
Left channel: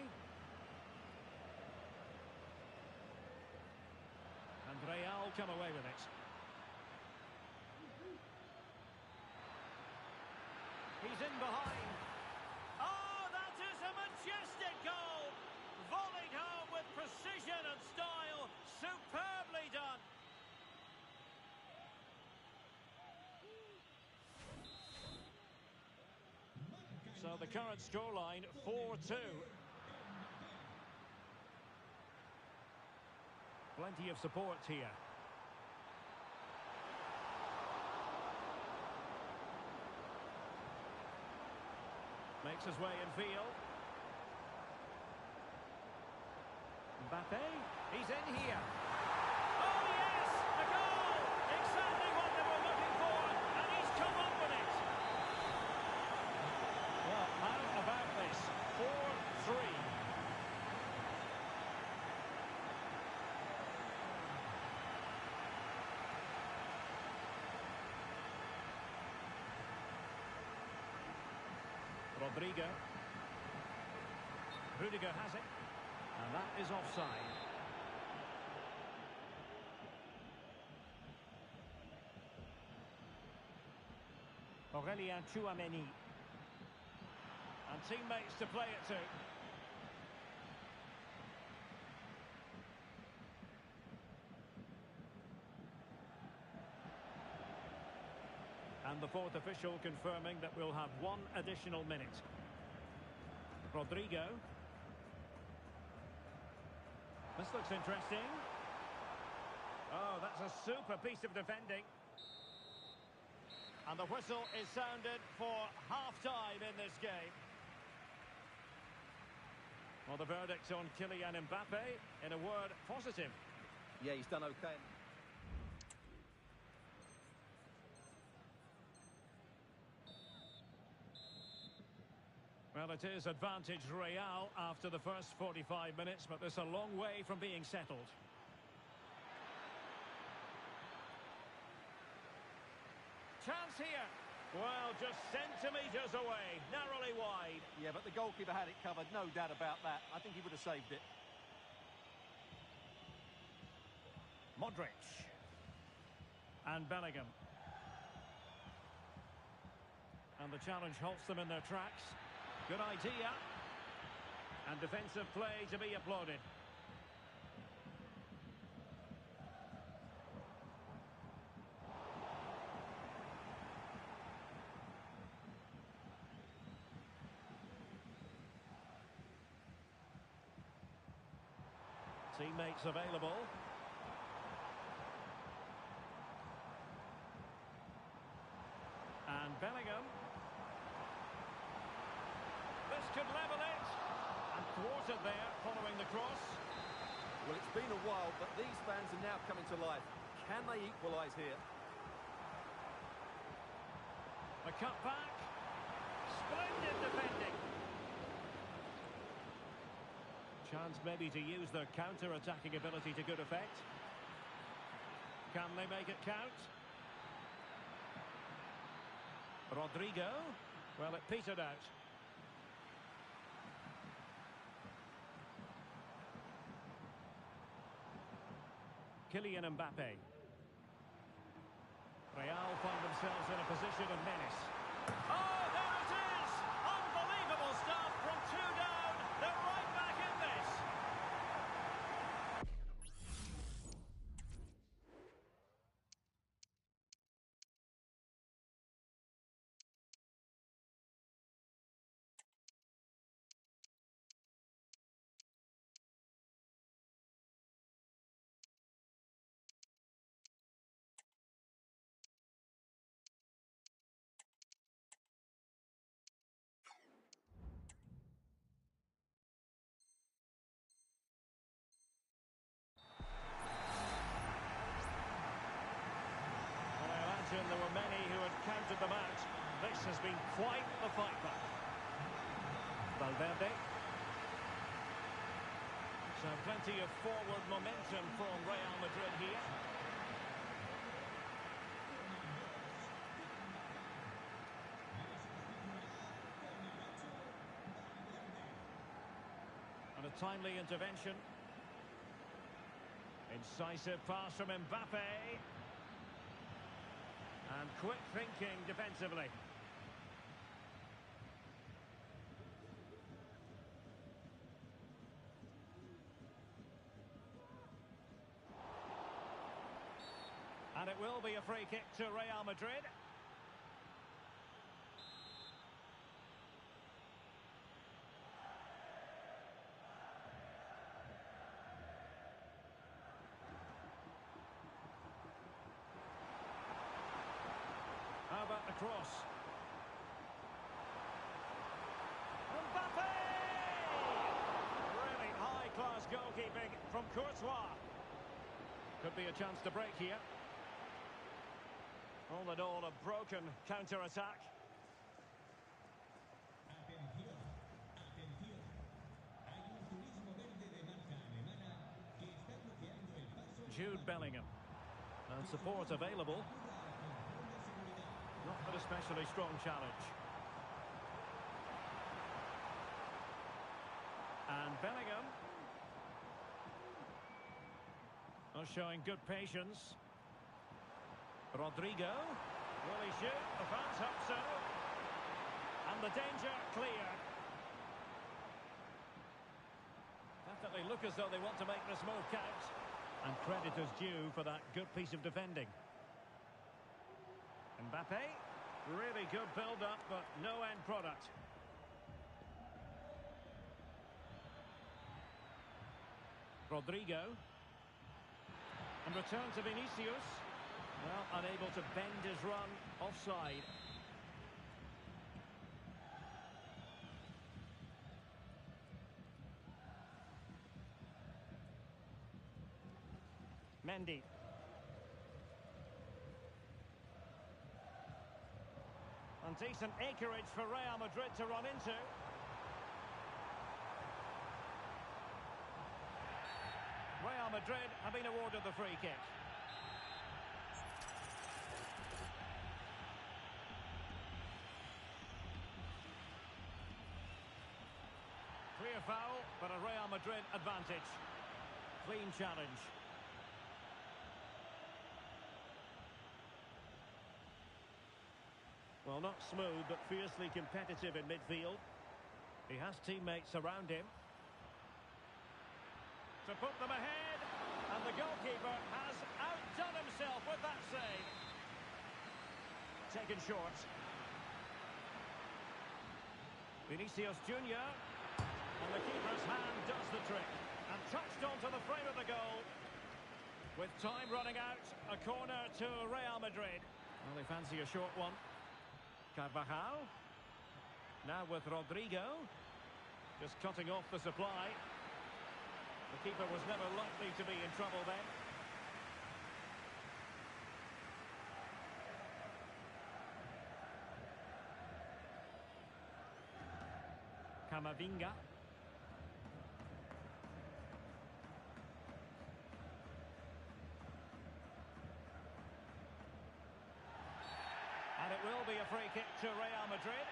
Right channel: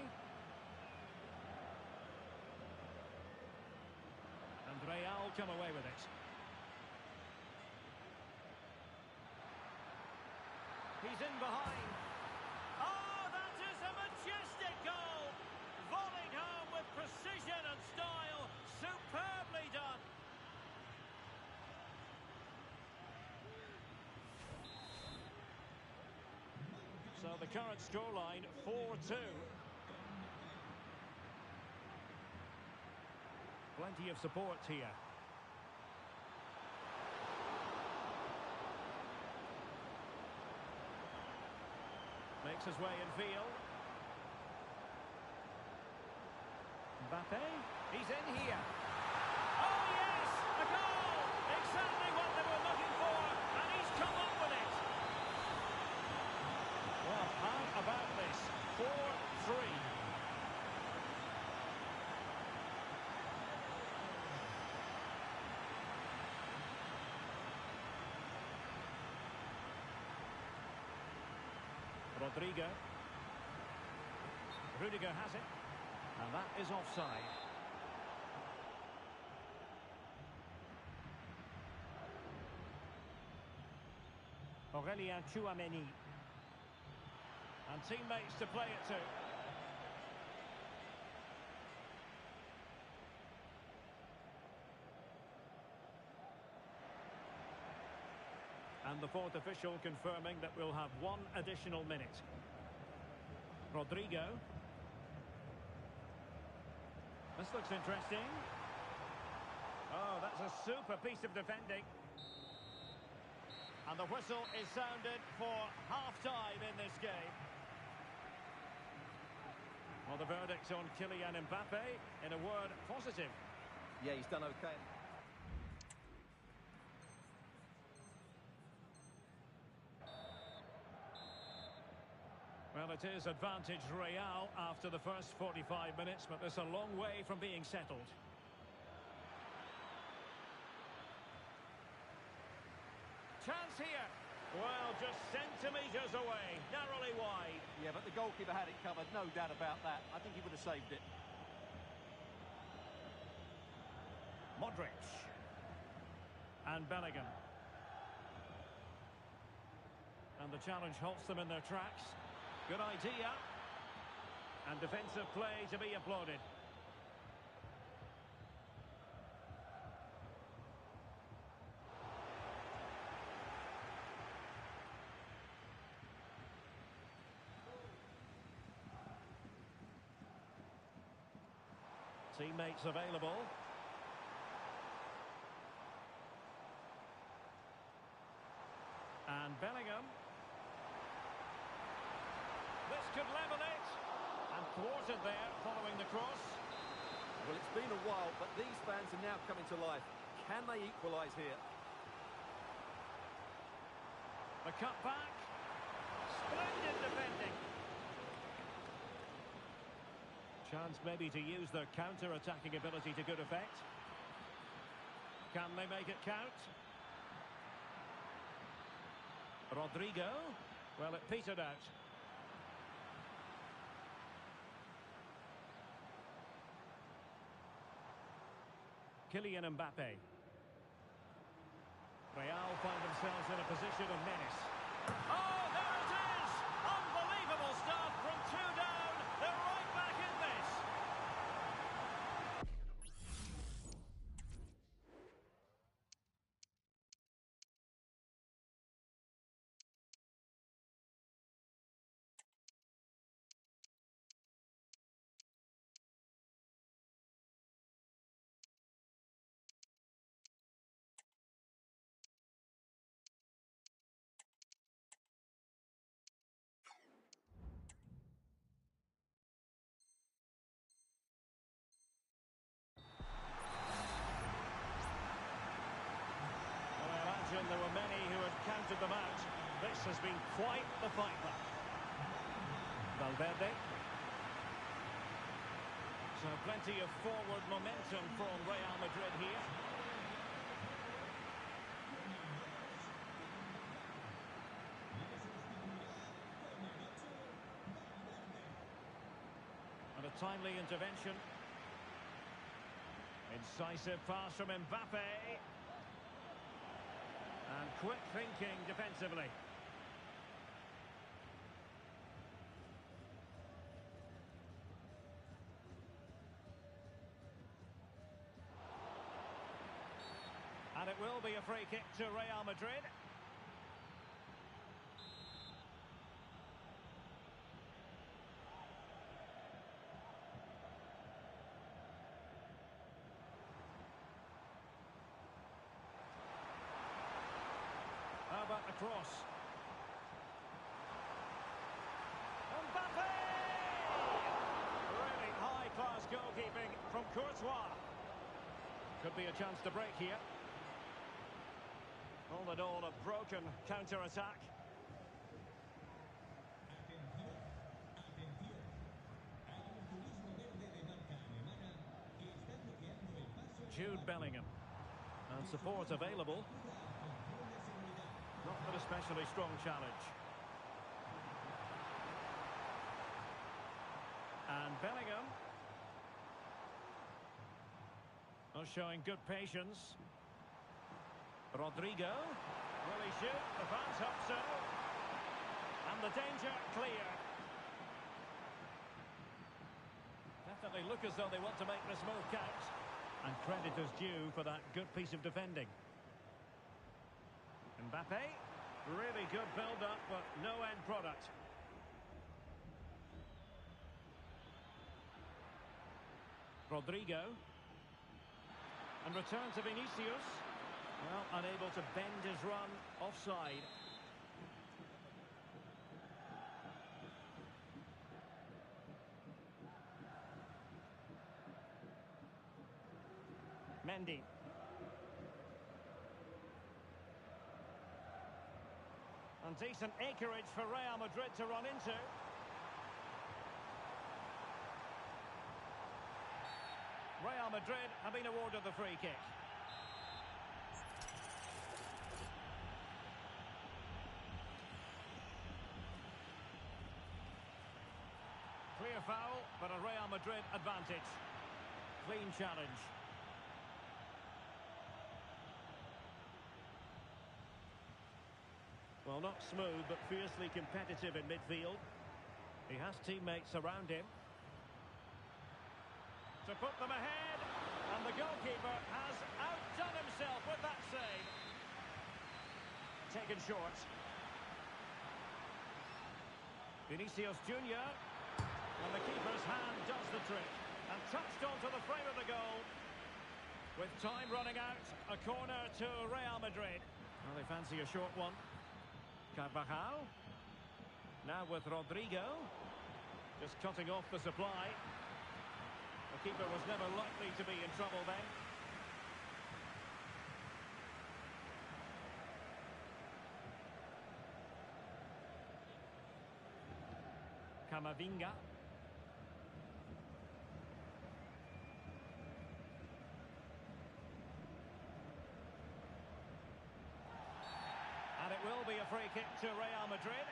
And Real come away with it. He's in behind. Oh, that is a majestic goal! Volleyed home with precision and style. Superbly done. So the current scoreline, 4-2. Plenty of support here. Makes his way in field. Mbappe, he's in here. Oh yes, a goal! Exactly what they were looking for, and he's come up with it. Well, how about this? 4-3. Rodrigo. Rudiger has it. And that is offside. Aurélien Tchouameni. And teammates to play it to. And the fourth official confirming that we'll have 1 additional minute. Rodrigo. This looks interesting. Oh, that's a super piece of defending. And the whistle is sounded for half-time in this game. Well, the verdict on Kylian Mbappe, in a word, positive. Yeah, he's done okay. Well, it is advantage Real after the first 45 minutes, but there's a long way from being settled. Chance here. Well, just centimetres away, narrowly wide. Yeah, but the goalkeeper had it covered, no doubt about that. I think he would have saved it. Modric. And Bellingham. And the challenge halts them in their tracks. Good idea. And defensive play to be applauded. Teammates available. And Bellingham. This could level it. And thwarted there following the cross. Well, it's been a while, but these fans are now coming to life. Can they equalise here? The cut back. Splendid defending. Chance maybe to use their counter-attacking ability to good effect. Can they make it count? Rodrigo. Well, it petered out. Kylian Mbappe. Real find themselves in a position of menace. Oh, there it is! Unbelievable stuff from two down. They're right back in this. There were many who had counted them out. This has been quite the fight back. Valverde. So plenty of forward momentum from Real Madrid here. And a timely intervention. Incisive pass from Mbappe. And quick thinking defensively. And it will be a free kick to Real Madrid. How about the cross? Mbappe! Really high-class goalkeeping from Courtois. Could be a chance to break here. All in all, a broken counter-attack. Jude Bellingham. And support available. Not an especially strong challenge. And Bellingham. Oh, showing good patience. Rodrigo. Will he shoot? The fans hope so. And the danger cleared. Definitely look as though they want to make this move count. And credit is due for that good piece of defending. Mbappe, really good build-up, but no end product. Rodrigo. And return to Vinicius. Well, unable to bend his run, offside. Mendy. And decent acreage for Real Madrid to run into. Real Madrid have been awarded the free kick. Clear foul, but a Real Madrid advantage. Clean challenge. Well, not smooth, but fiercely competitive in midfield. He has teammates around him. To put them ahead, and the goalkeeper has outdone himself with that save. Taken short. Vinicius Junior, and the keeper's hand does the trick, and touched onto the frame of the goal. With time running out, a corner to Real Madrid. Well, they fancy a short one. Carvajal. Now with Rodrigo. Just cutting off the supply. The keeper was never likely to be in trouble then. Camavinga. And it will be a free kick to Real Madrid.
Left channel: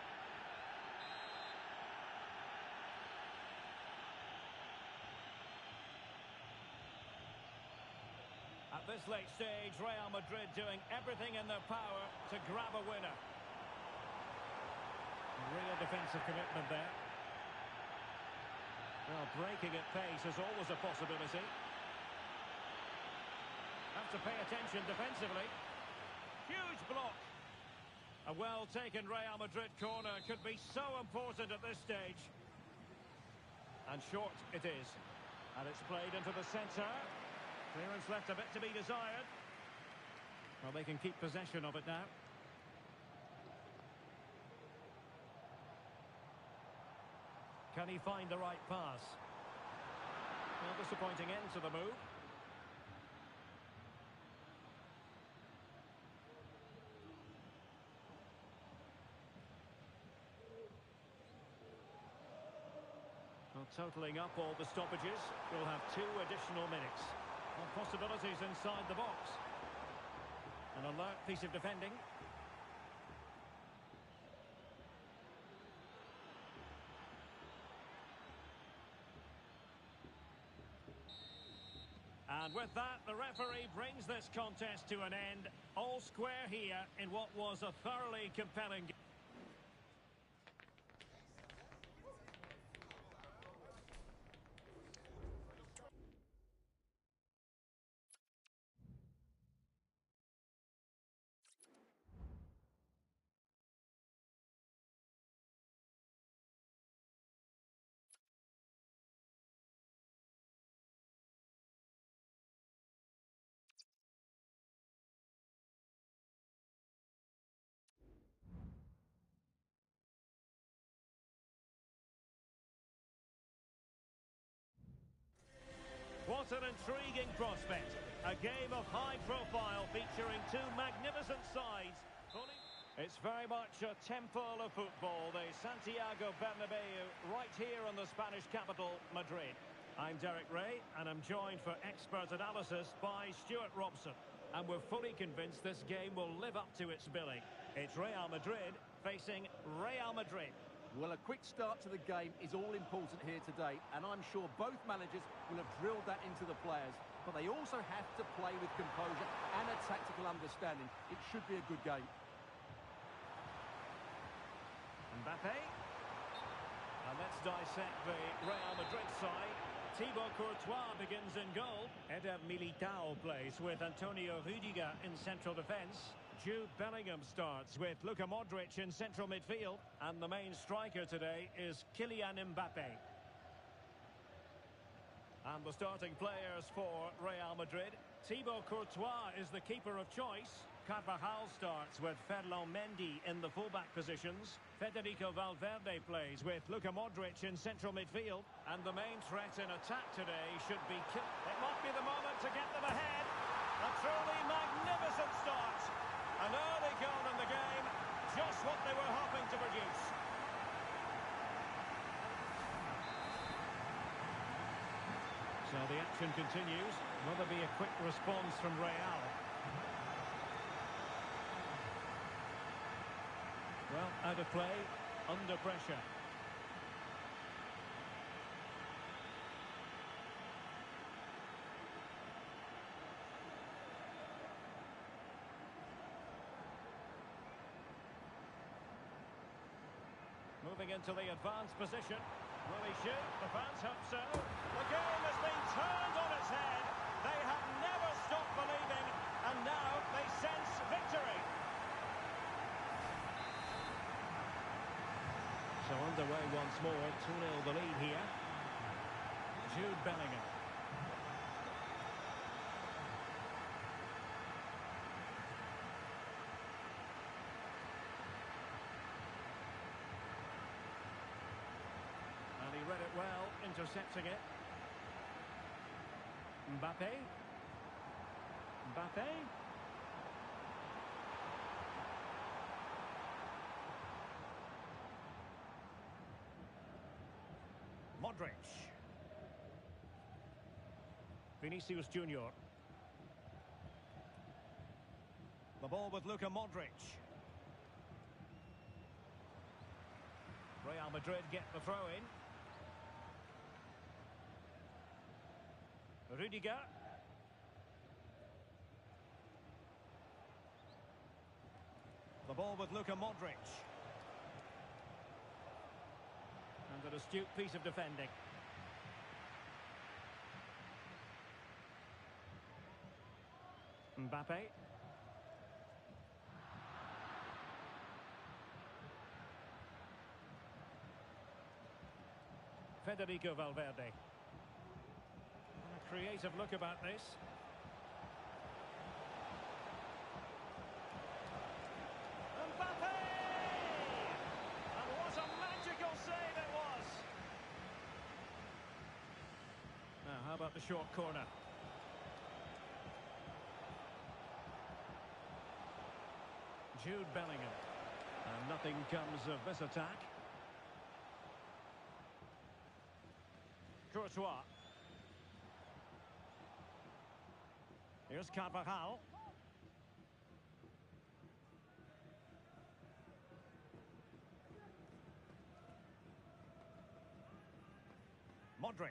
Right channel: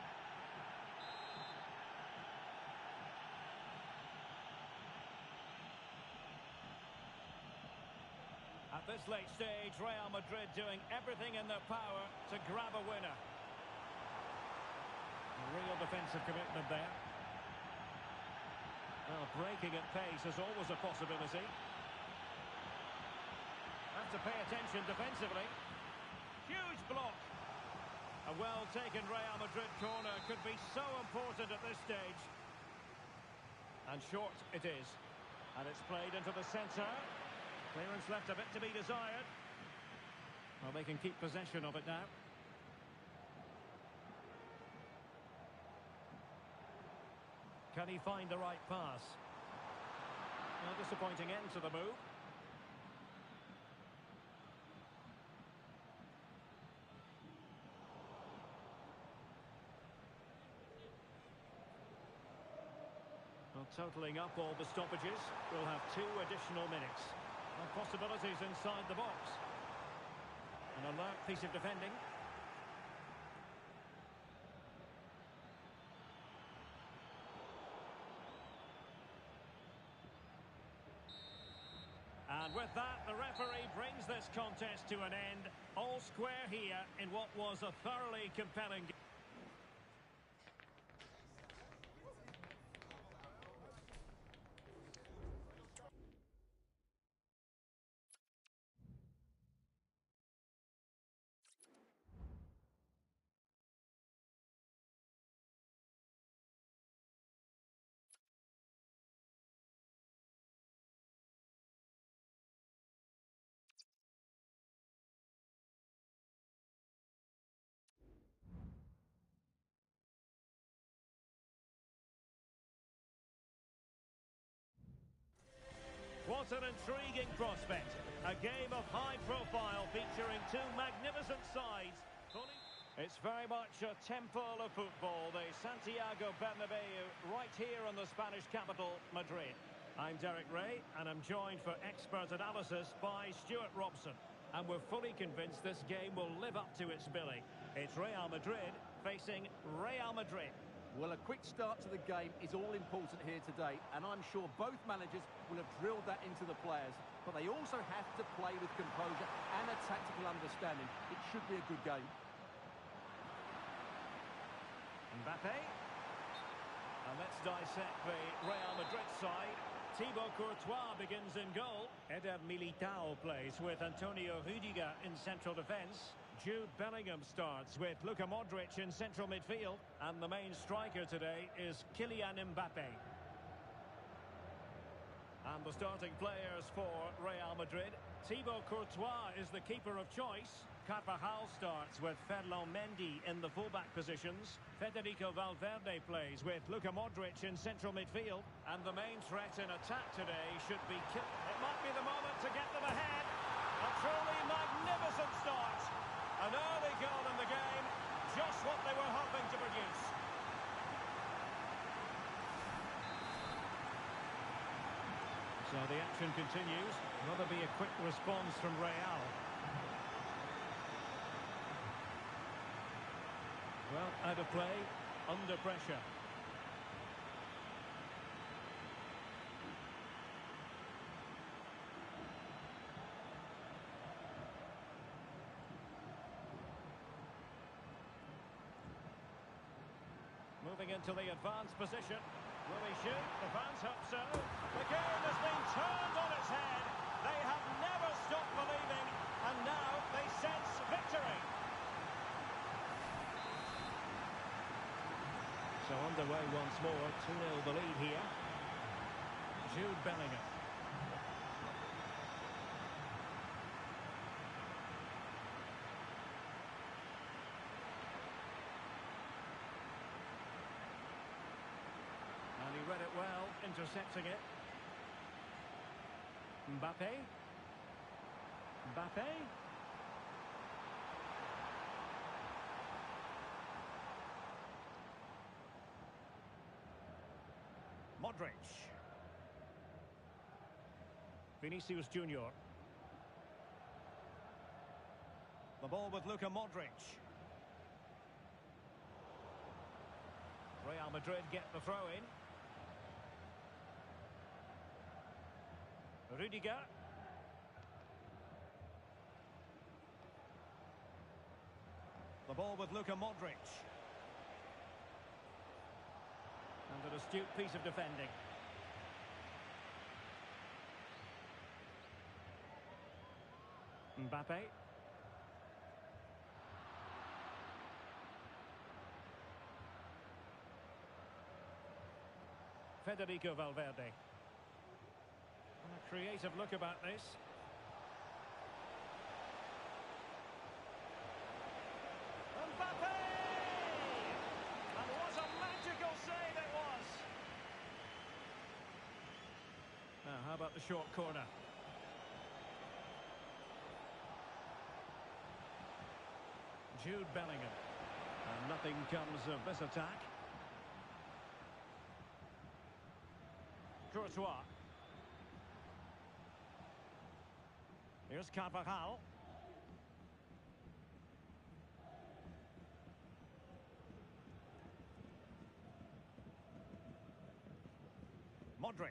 At this late stage, Real Madrid doing everything in their power to grab a winner. Real defensive commitment there. Well, breaking at pace is always a possibility. Have to pay attention defensively. Huge block. A well-taken Real Madrid corner could be so important at this stage. And short it is. And it's played into the centre. Clearance left a bit to be desired. Well, they can keep possession of it now. Can he find the right pass? Well, disappointing end to the move. Well, totalling up all the stoppages, we'll have 2 additional minutes. Well, possibilities inside the box. An alert piece of defending. And with that, the referee brings this contest to an end. All square here in what was a thoroughly compelling game. What an intriguing prospect. A game of high profile featuring 2 magnificent sides. It's very much a temple of football, the Santiago Bernabeu, right here in the Spanish capital, Madrid. I'm Derek Ray, and I'm joined for expert analysis by Stuart Robson. And we're fully convinced this game will live up to its billing. It's Real Madrid facing Real Madrid. Well, a quick start to the game is all important here today, and I'm sure both managers will have drilled that into the players. But they also have to play with composure and a tactical understanding. It should be a good game. Mbappe. And let's dissect the Real Madrid side. Thibaut Courtois begins in goal. Eder Militao plays with Antonio Rüdiger in central defence. Jude Bellingham starts with Luka Modric in central midfield. And the main striker today is Kylian Mbappe. And the starting players for Real Madrid. Thibaut Courtois is the keeper of choice. Carvajal starts with Ferland Mendy in the fullback positions. Federico Valverde plays with Luka Modric in central midfield. And the main threat in attack today should be... It might be the moment to get them ahead. So the action continues. Will there be a quick response from Real? Well, out of play, under pressure. Moving into the advanced position. Will he shoot? The fans hope so. The game has been turned on its head. They have never stopped believing, and now they sense victory. So underway once more, 2-0 the lead here. Jude Bellingham. And he read it well, intercepting it. Mbappe. Mbappe. Modric. Vinicius Junior. The ball with Luka Modric. Real Madrid get the throw in. Rudiger. The ball with Luka Modric. And an astute piece of defending. Mbappe. Federico Valverde. And a creative look about this. Mbappe! And what a magical save it was! Now, how about the short corner? Jude Bellingham. And nothing comes of this attack. Courtois. Here's Carvajal. Modric.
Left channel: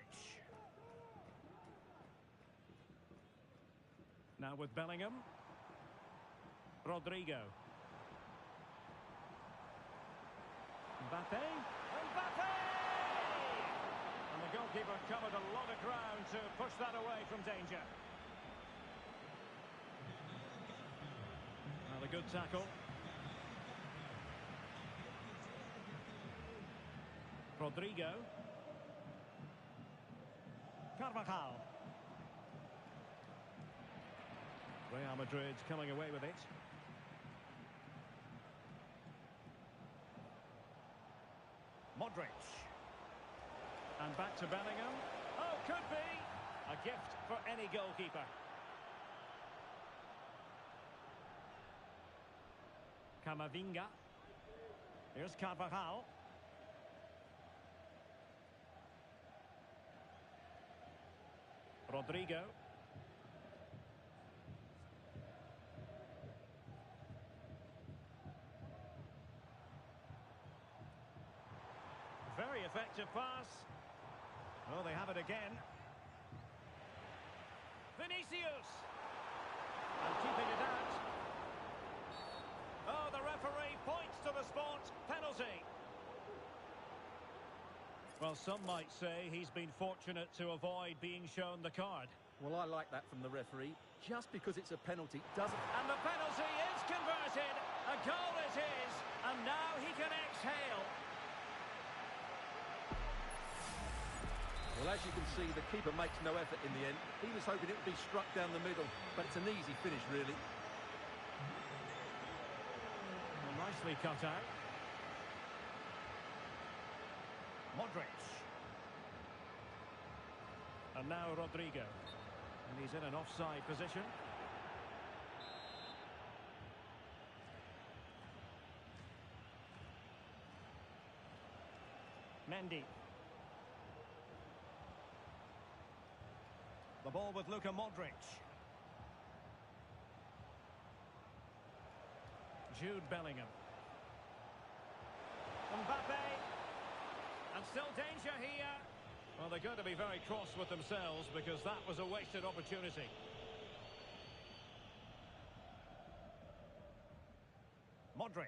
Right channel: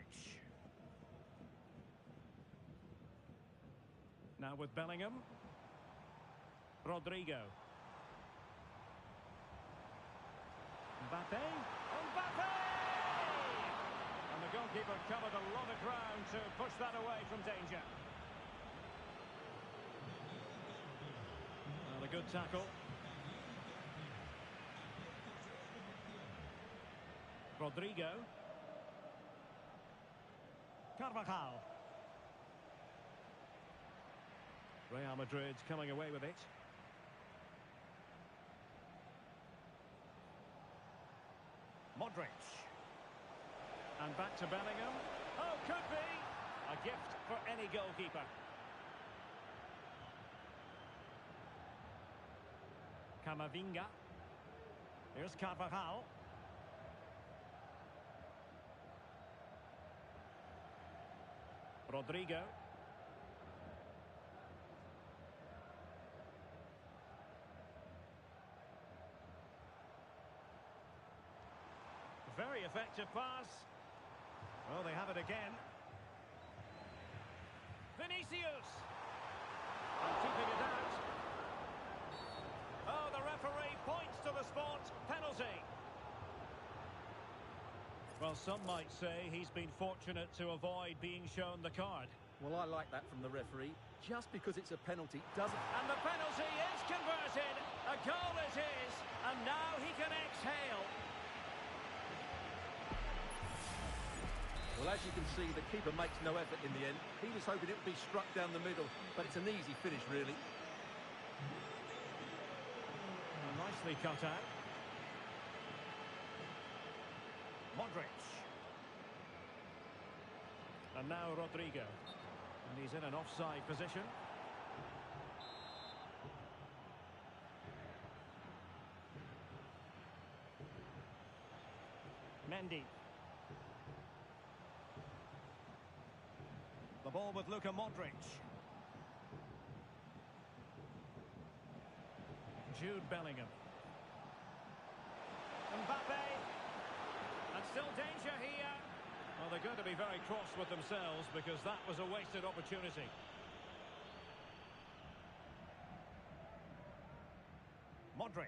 Now with Bellingham. Rodrigo. Mbappe. Mbappe! And the goalkeeper covered a lot of ground to push that away from danger. Well, a good tackle. Rodrigo. Carvajal. Real Madrid coming away with it. Modric. And back to Bellingham. Oh, could be a gift for any goalkeeper. Camavinga. Here's Carvajal. Rodrigo. Very effective pass. Oh, they have it again. Vinicius. And keeping it out. Oh, the referee points to the spot. Penalty. Well, some might say he's been fortunate to avoid being shown the card. Well, I like that from the referee. Just because it's a penalty doesn't... And the penalty is converted. A goal it is. And now he can exhale. Well, as you can see, the keeper makes no effort in the end. He was hoping it would be struck down the middle, but it's an easy finish, really. Well, nicely cut out. Modric. And now Rodrigo. And he's in an offside position. Mendy. The ball with Luka Modric. Jude Bellingham. Mbappe. And still danger here. Well, they're going to be very cross with themselves because that was a wasted opportunity. Modric.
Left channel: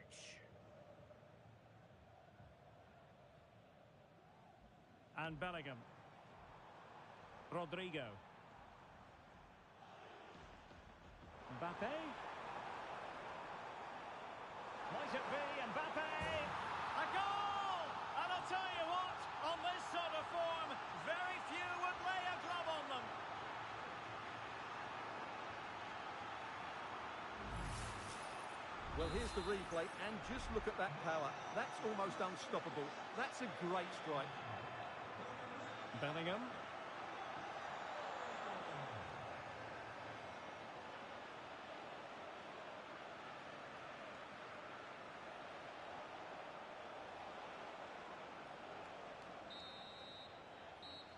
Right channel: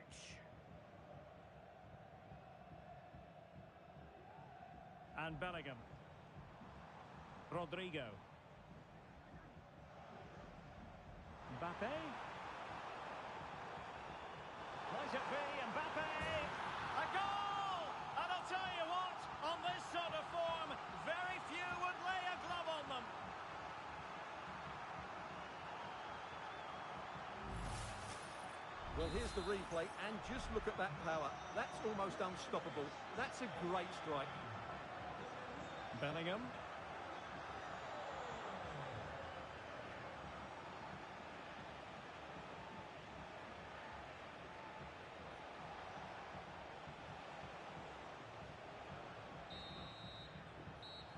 And Bellingham. Rodrigo. Mbappe. Might it be Mbappe? A goal! And I'll tell you what, on this sort of form, very few would lay a glove on them. Well, here's the replay, and just look at that power. That's almost unstoppable. That's a great strike. Bellingham.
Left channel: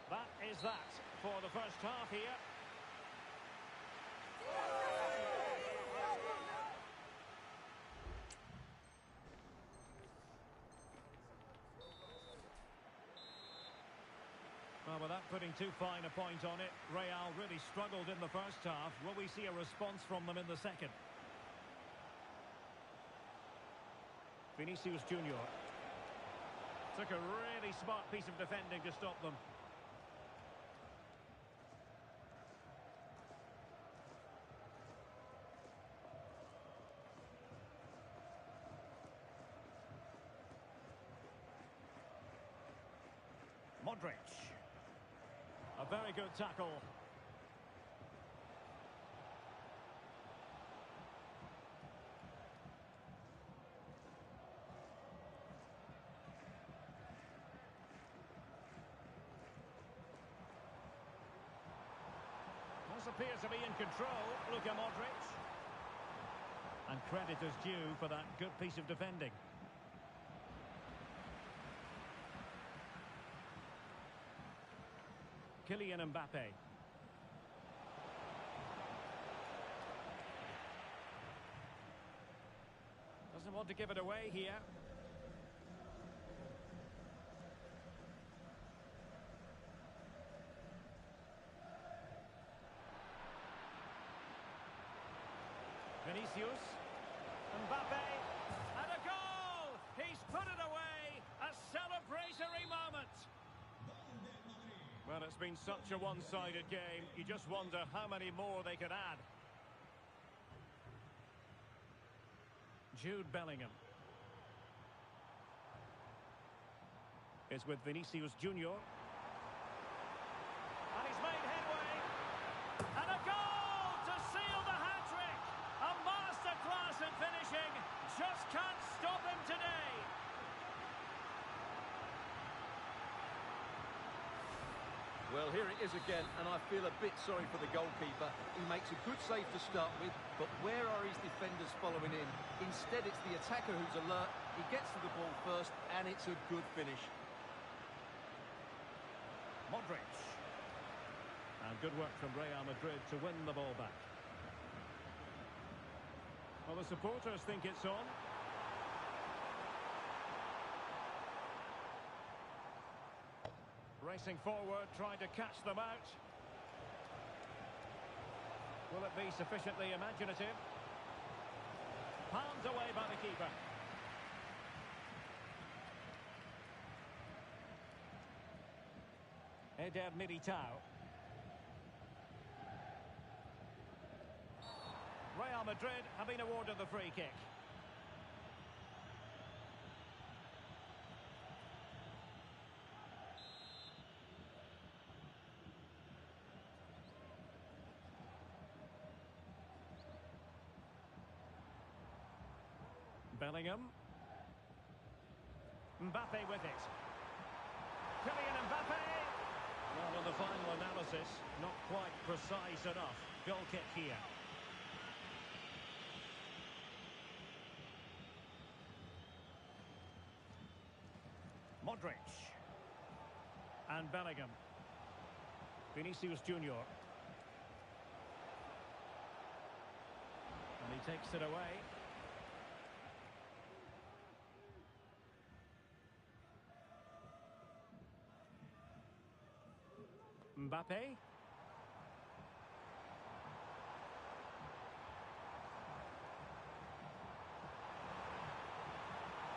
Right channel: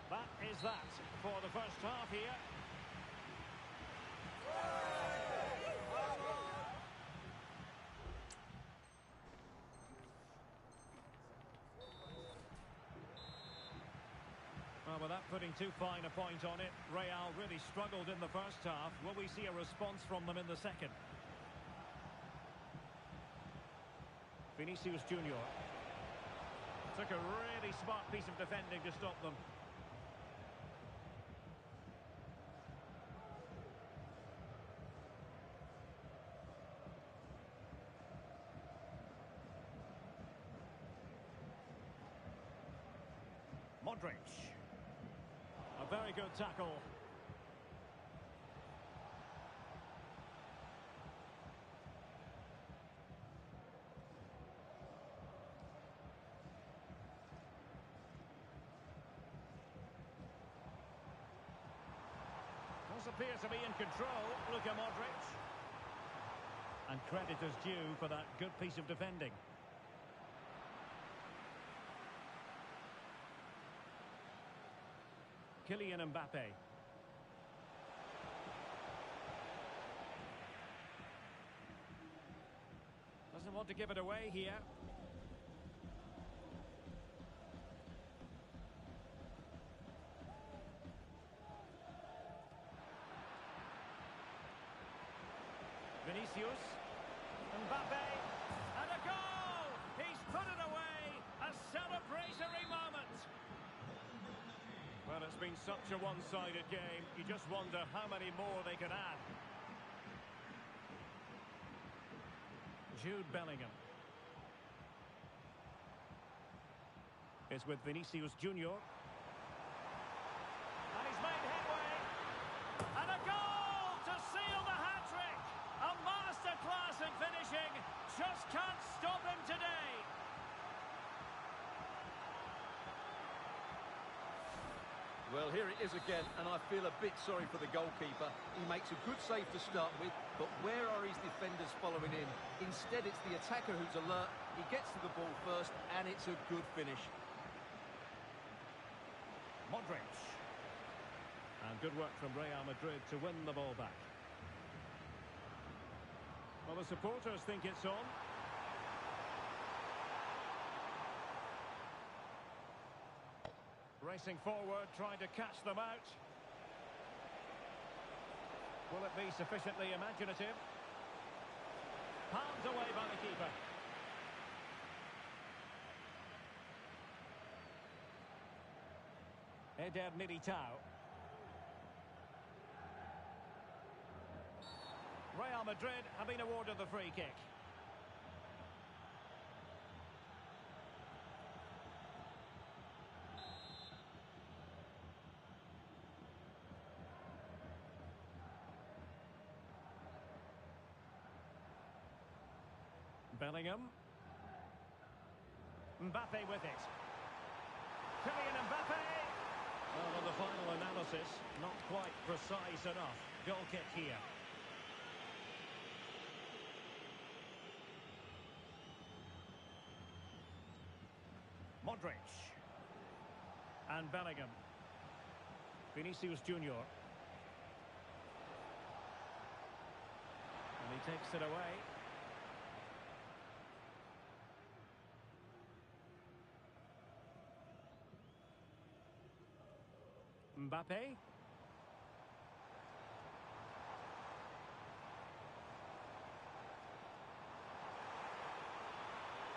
That is that for the first half here. Well, without putting too fine a point on it, Real really struggled in the first half. Will we see a response from them in the second? Vinicius Junior. Took a really smart piece of defending to stop them. Modric. A very good tackle. Does appear to be in control, Luka Modric. And credit is due for that good piece of defending. Kylian Mbappe. Doesn't want to give it away here. Vinicius. Mbappe. And a goal! He's put it away! A celebratory moment! Well, it's been such a one-sided game. You just wonder how many more they could add. Jude Bellingham. It's with Vinicius Junior. And he's made headway. And a goal to seal the hat-trick. A masterclass in finishing. Just can't stop him today. Well, here it is again, and I feel a bit sorry for the goalkeeper. He makes a good save to start with, but where are his defenders following in? Instead, it's the attacker who's alert. He gets to the ball first, and it's a good finish. Modric. And good work from Real Madrid to win the ball back. Well, the supporters think it's on. Racing forward, trying to catch them out. Will it be sufficiently imaginative? Palmed away by the keeper. Eder Militao. Real Madrid have been awarded the free kick. Bellingham. Mbappe with it. Kylian Mbappe. Well, on the final analysis, not quite precise enough. Goal kick here. Modric. And Bellingham. Vinicius Junior. Takes it away. Mbappe.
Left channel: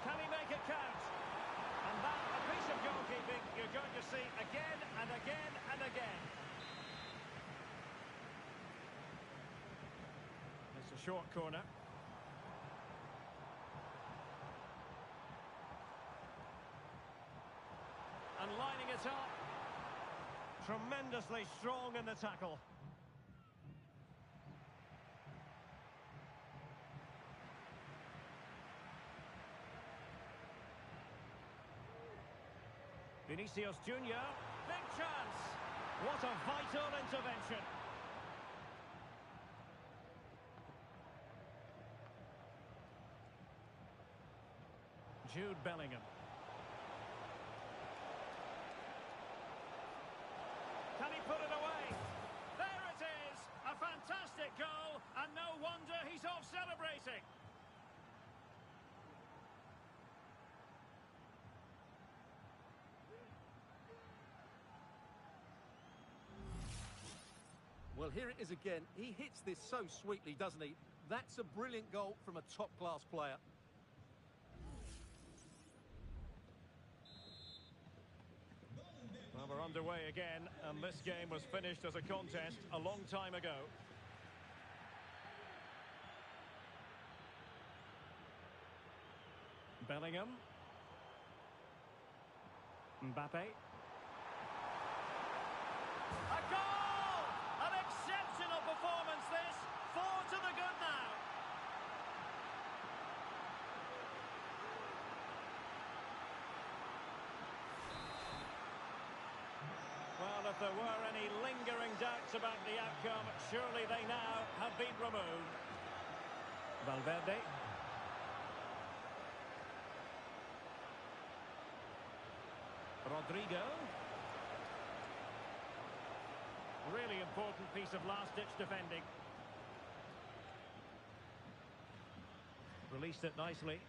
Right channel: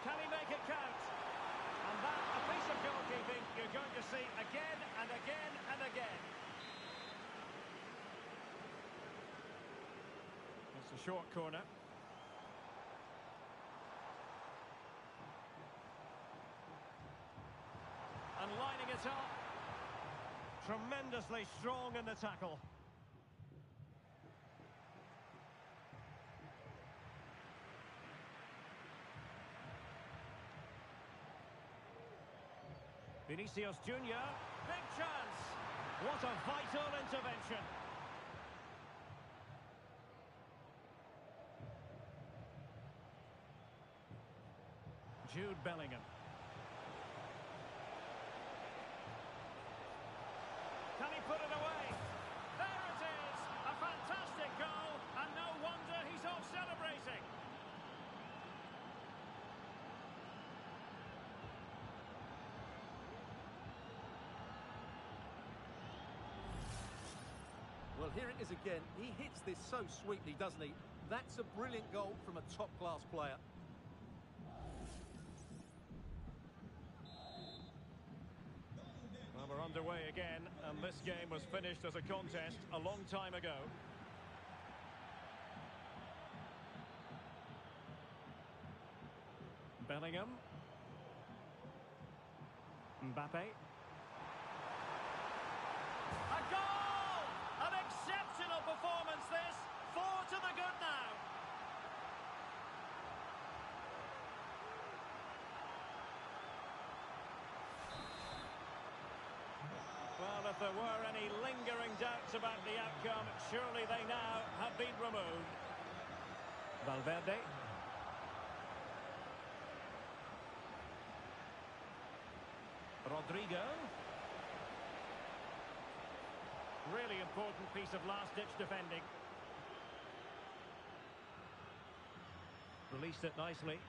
Can he make it count? And that, a piece of goalkeeping you're going to see again and again and again. It's a short corner. And lining it up. Tremendously strong in the tackle. Vinicius Junior, big chance. What a vital intervention. Jude Bellingham. Can he put it away? There it is! A fantastic goal, and no wonder he's off celebrating. Well, here it is again. He hits this so sweetly, doesn't he? That's a brilliant goal from a top-class player. Well, we're underway again, and this game was finished as a contest a long time ago. Bellingham. Mbappe. A goal! An exceptional performance this. 4 to the good now. Well, if there were any lingering doubts about the outcome, surely they now have been removed. Valverde. Rodrigo. Really important piece of last-ditch defending. Released it nicely.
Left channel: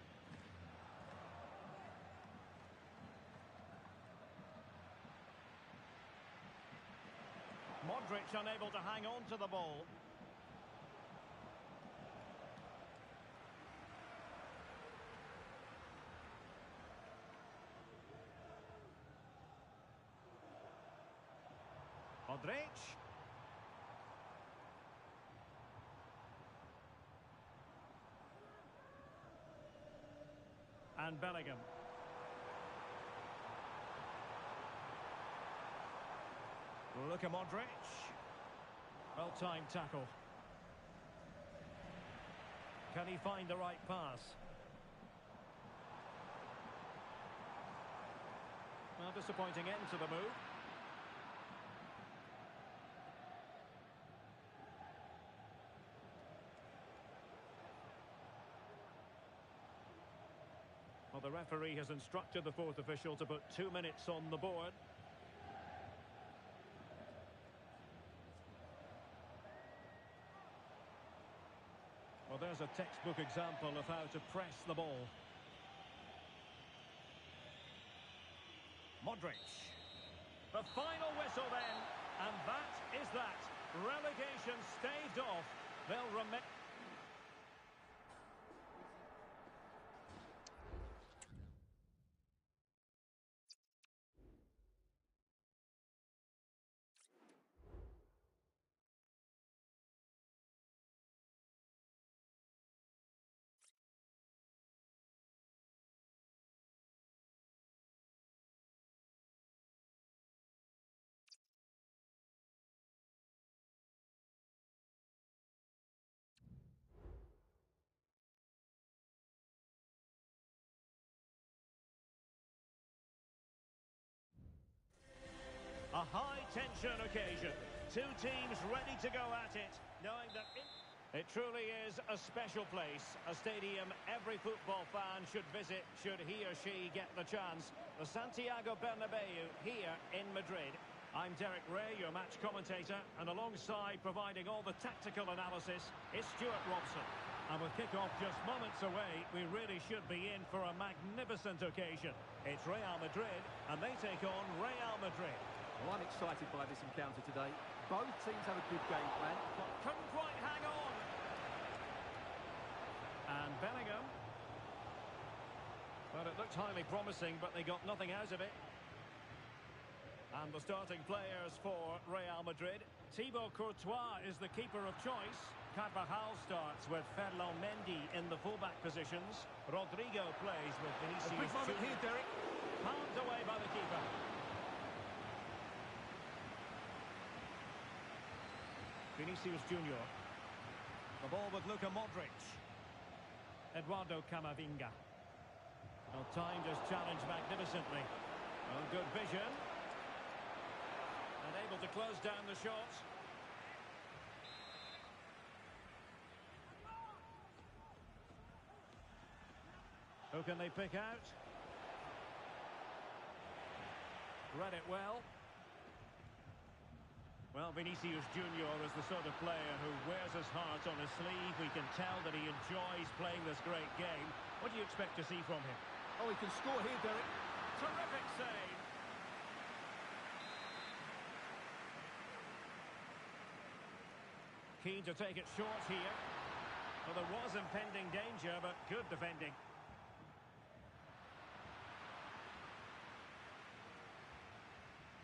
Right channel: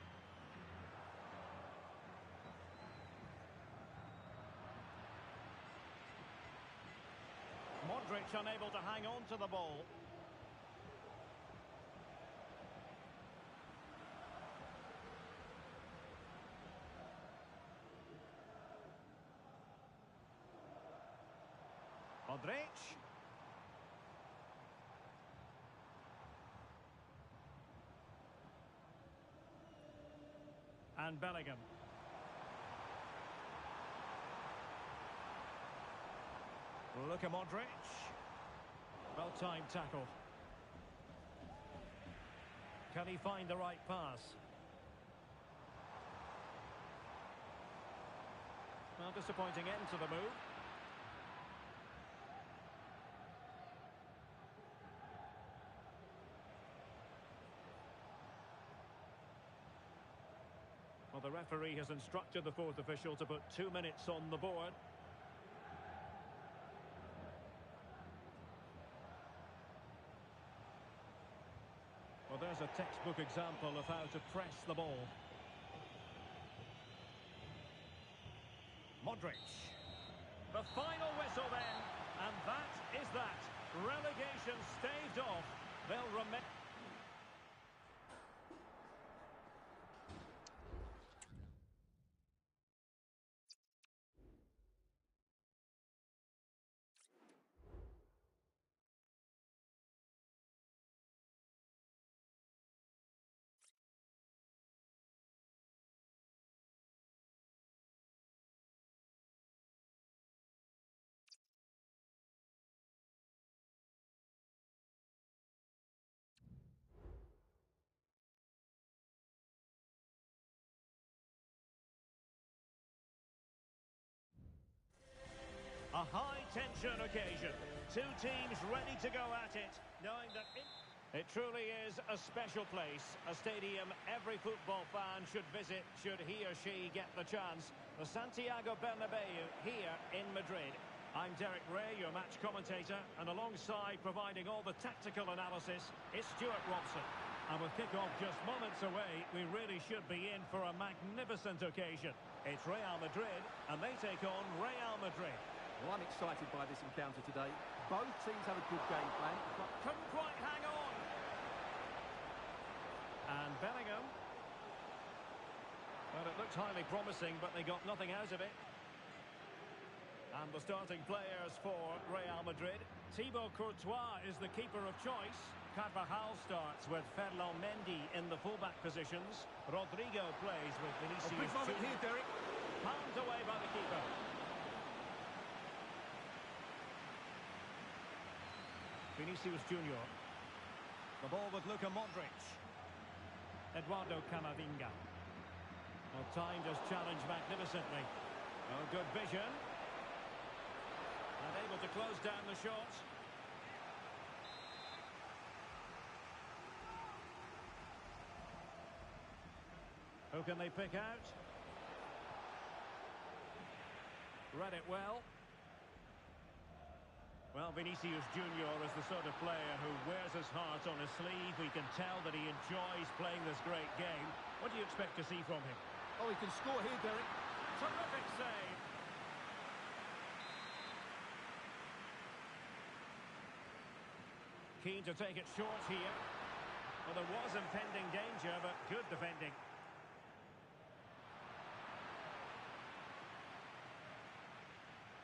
Modric unable to hang on to the ball. Modric. And Bellingham. Look at Modric. Well-timed tackle. Can he find the right pass? Well, disappointing end to the move. Well, the referee has instructed the fourth official to put 2 minutes on the board. Well, there's a textbook example of how to press the ball. Modric. The final whistle then, and that is that. Relegation staved off. They'll remember. A high-tension occasion. Two teams ready to go at it, knowing that it truly is a special place, a stadium every football fan should visit should he or she get the chance. The Santiago Bernabeu here in Madrid. I'm Derek Ray, your match commentator, and alongside providing all the tactical analysis is Stuart Robson. And with kick-off just moments away, we really should be in for a magnificent occasion. It's Real Madrid, and they take on Real Madrid. Well, I'm excited by this encounter today. Both teams have a good game plan, but Couldn't quite hang on. And Bellingham. Well, it looked highly promising, but they got nothing out of it. And the starting players for Real Madrid. Thibaut Courtois is the keeper of choice. Carvajal starts with Ferland Mendy in the fullback positions. Rodrigo plays with Vinicius big moment Junior. here, Derek. Pounded away by the keeper. Vinicius Junior. The ball with Luka Modric. Eduardo Camavinga. Well, timed his challenge magnificently. Oh, good vision. And able to close down the shot. Who can they pick out? Read it well. Well, Vinicius Junior is the sort of player who wears his heart on his sleeve. We can tell that he enjoys playing this great game. What do you expect to see from him? Oh, he can score here, Derek. Terrific save. Keen to take it short here. Well, there was impending danger, but good defending.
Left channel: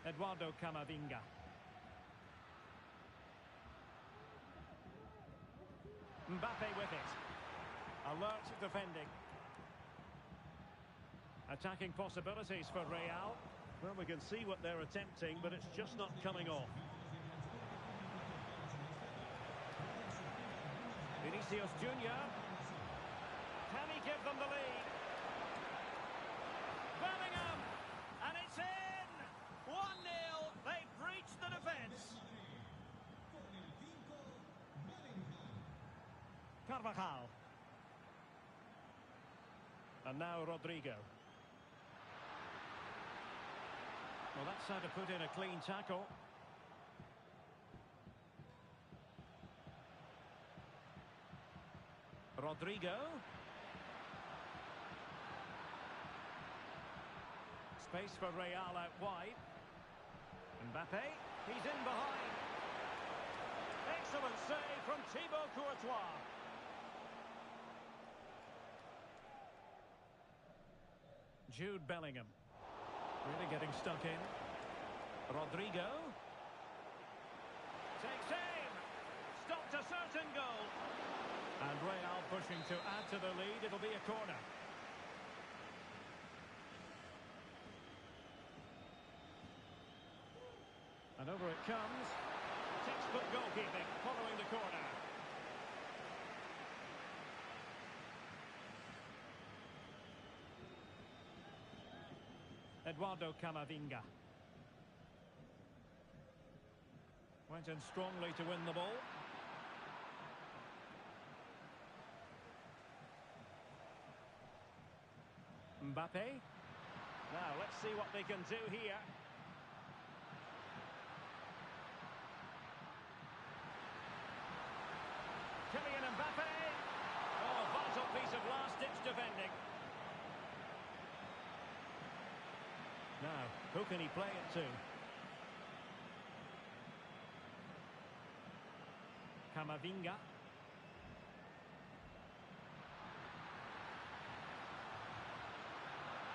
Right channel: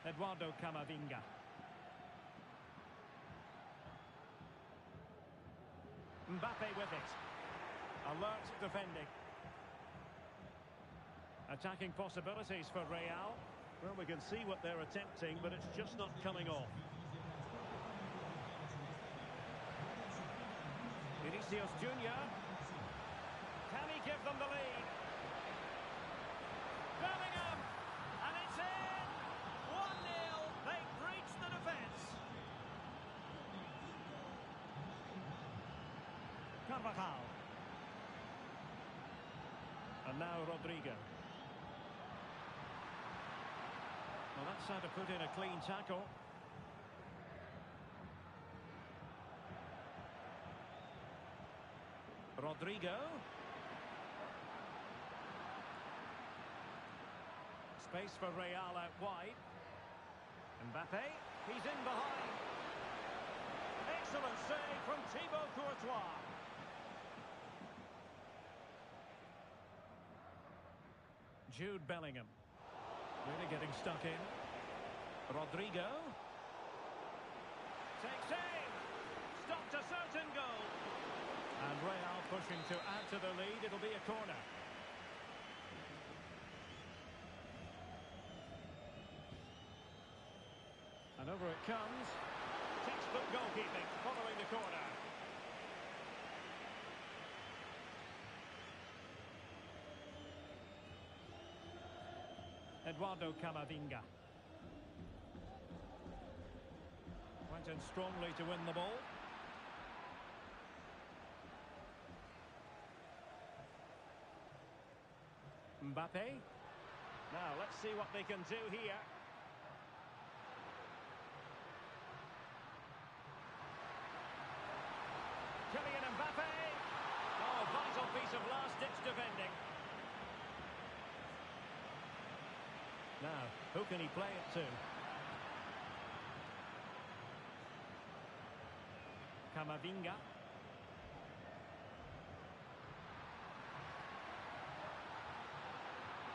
Eduardo Camavinga. Mbappe with it. Alert defending. Attacking possibilities for Real. Well, we can see what they're attempting, but it's just not coming off. Vinicius Junior. Can he give them the lead? Bellingham! And it's in! 1-0. They breached the defence. Carvajal. And now Rodrigo. Well, that's how to put in a clean tackle. Rodrigo. Space for Real out wide. Mbappe. He's in behind. Excellent save from Thibaut Courtois. Jude Bellingham. Really getting stuck in. Rodrigo. Takes aim. Stopped a certain goal. And Real pushing to add to the lead. It'll be a corner. And over it comes. Textbook goalkeeping following the corner. Eduardo Camavinga. Went in strongly to win the ball. Mbappe. Now, let's see what they can do here. Kylian Mbappe. Oh, vital piece of last-ditch defending. Now, who can he play it to? Camavinga.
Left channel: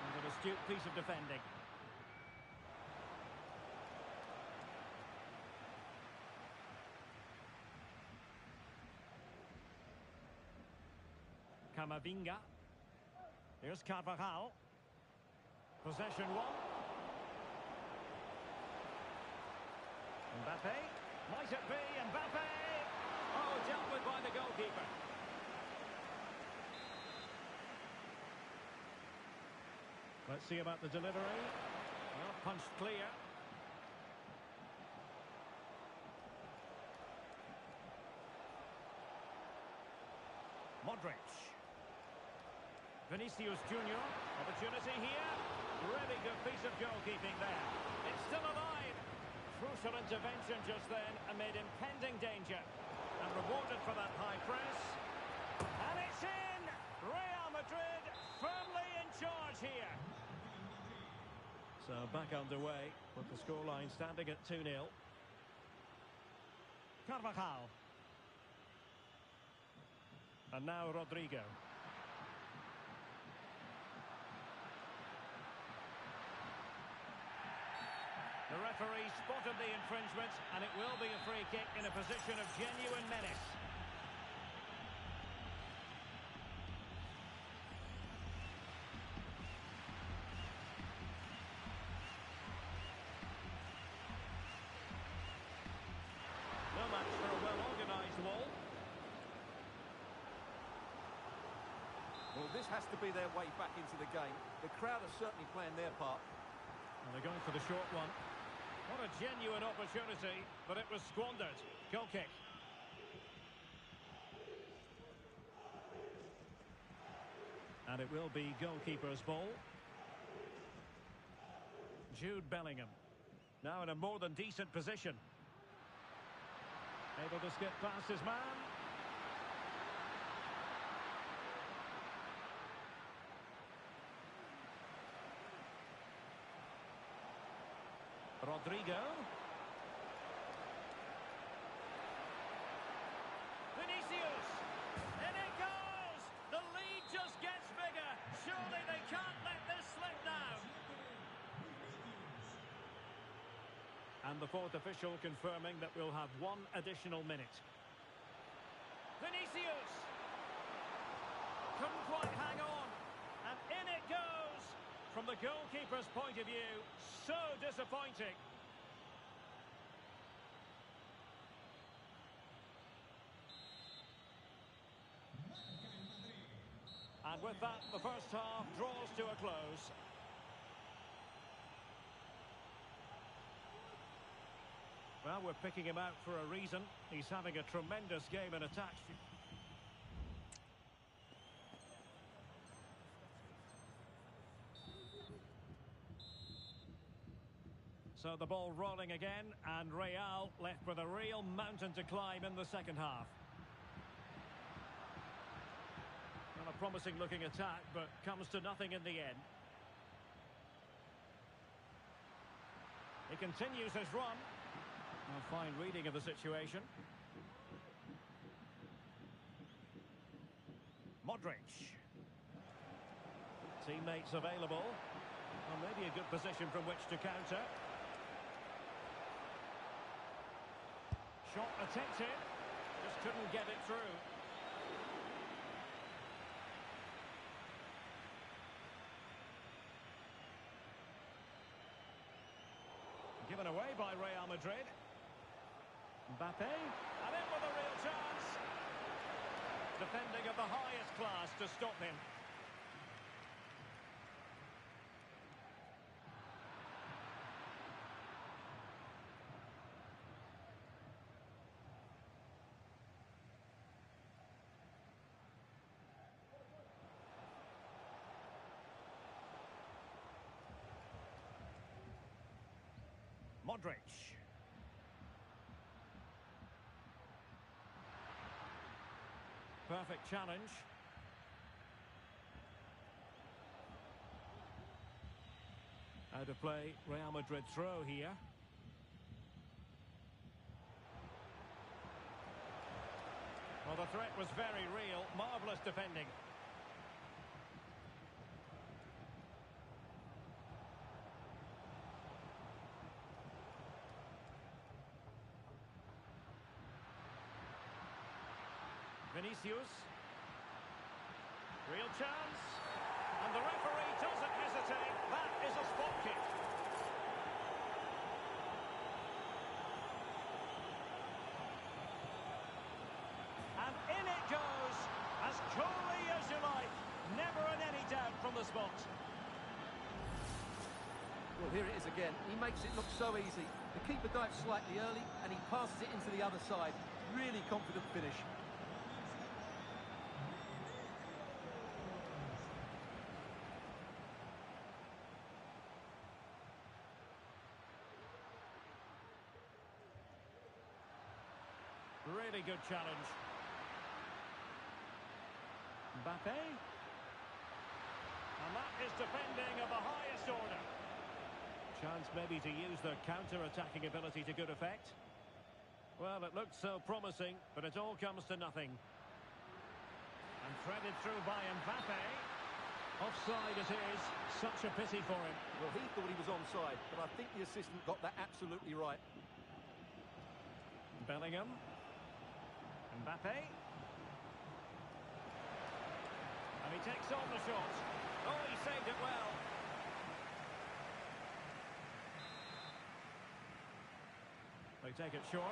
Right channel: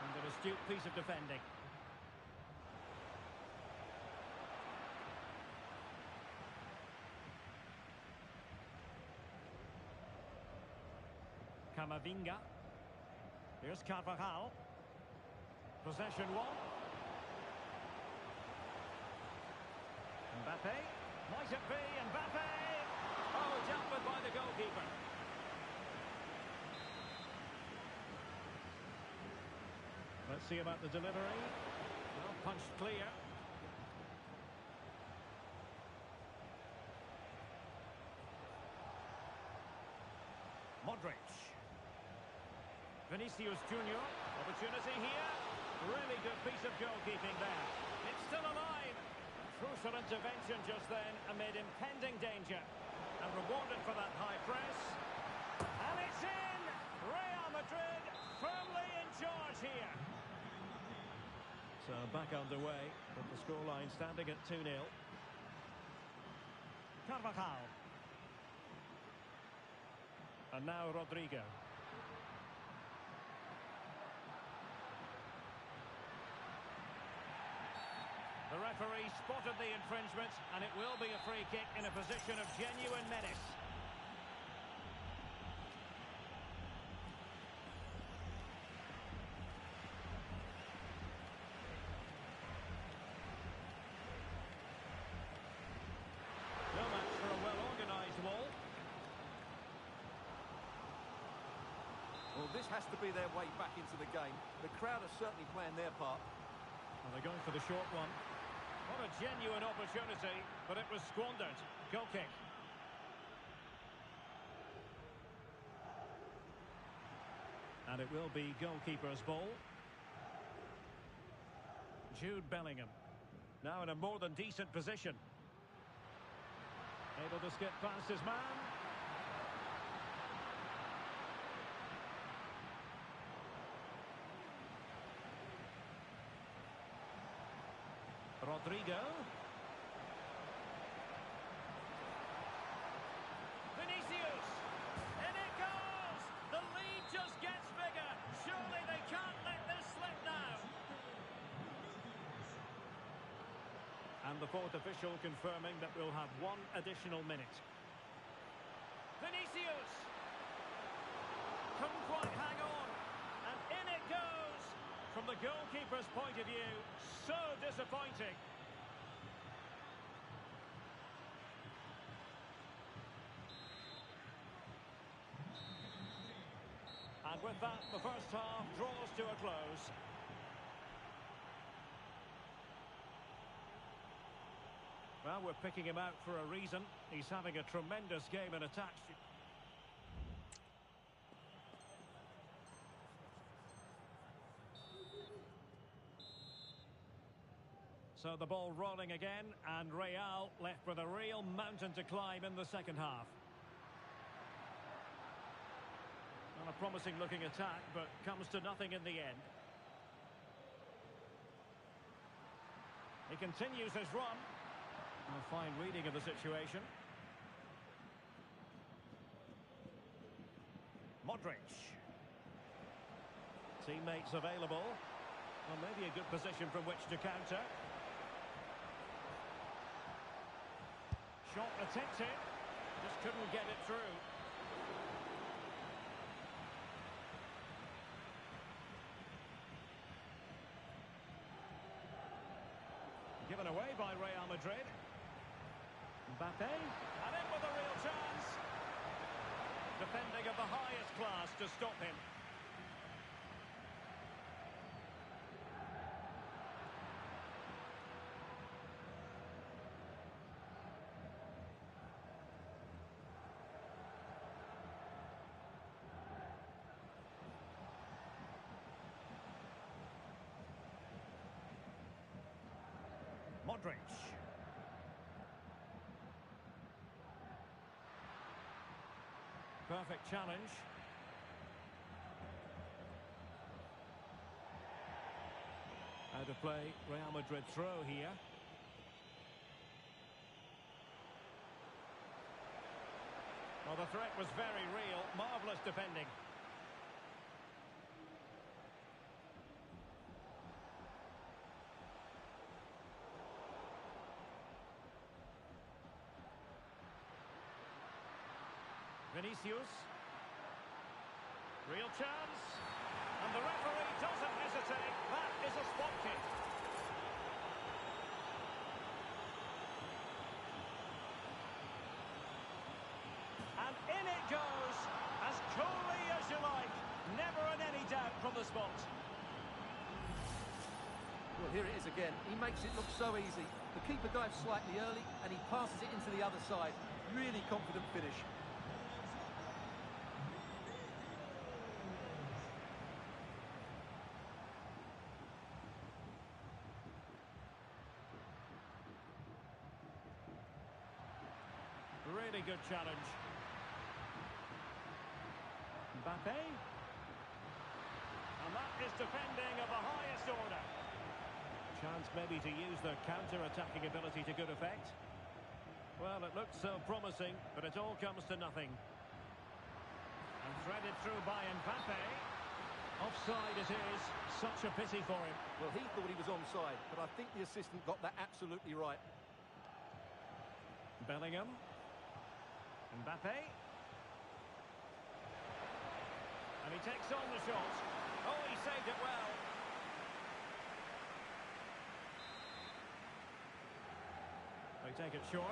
And an astute piece of defending. Camavinga. Here's Carvajal. Possession one. Mbappe. Might it be Mbappe? Oh, dealt with by the goalkeeper. Let's see about the delivery. Well, punched clear. Modric. Vinicius Junior. Opportunity here. Really good piece of goalkeeping there. It's still alive. Crucial intervention just then amid impending danger. And rewarded for that high press. So back underway with the scoreline standing at 2-0. Carvajal. And now Rodrigo. The referee spotted the infringement, and it will be a free kick in a position of genuine menace. No match for a well-organised wall. Well, this has to be their way back into the game. The crowd are certainly playing their part. And they're going for the short one. What a genuine opportunity, but it was squandered. Goal kick. And it will be goalkeeper's ball. Jude Bellingham. Now in a more than decent position. Able to skip past his man. Rodrigo. Vinicius. And it goes! The lead just gets bigger. Surely they can't let this slip now. And the fourth official confirming that we'll have one additional minute. Vinicius. Couldn't quite hang on. And in it goes. From the goalkeeper's point of view, so disappointing. And with that, the first half draws to a close. Well, we're picking him out for a reason. He's having a tremendous game in attack. So the ball rolling again, and Real left with a real mountain to climb in the second half. Well, a promising looking attack, but comes to nothing in the end. He continues his run. A fine reading of the situation. Modric. Teammates available. Well, maybe a good position from which to counter. Shot attempted, just couldn't get it through. Given away by Real Madrid. Mbappe, and in with a real chance. Defending of the highest class to stop him. Modric. Perfect challenge. Out of play, Real Madrid throw here. Well, the threat was very real. Marvellous defending. Vinicius. Real chance. And the referee doesn't hesitate. That is a spot kick. And in it goes. As coolly as you like. Never in any doubt from the spot. Well, here it is again. He makes it look so easy. The keeper dives slightly early and he passes it into the other side. Really confident finish. Really good challenge. Mbappe. And that is defending of the highest order. Chance maybe to use their counter-attacking ability to good effect. Well, it looked so promising, but it all comes to nothing. And threaded through by Mbappe. Offside it is. Such a pity for him. Well, he thought he was onside, but I think the assistant got that absolutely right. Bellingham. Mbappe. And he takes on the shot. Oh, he saved it well. They take it short.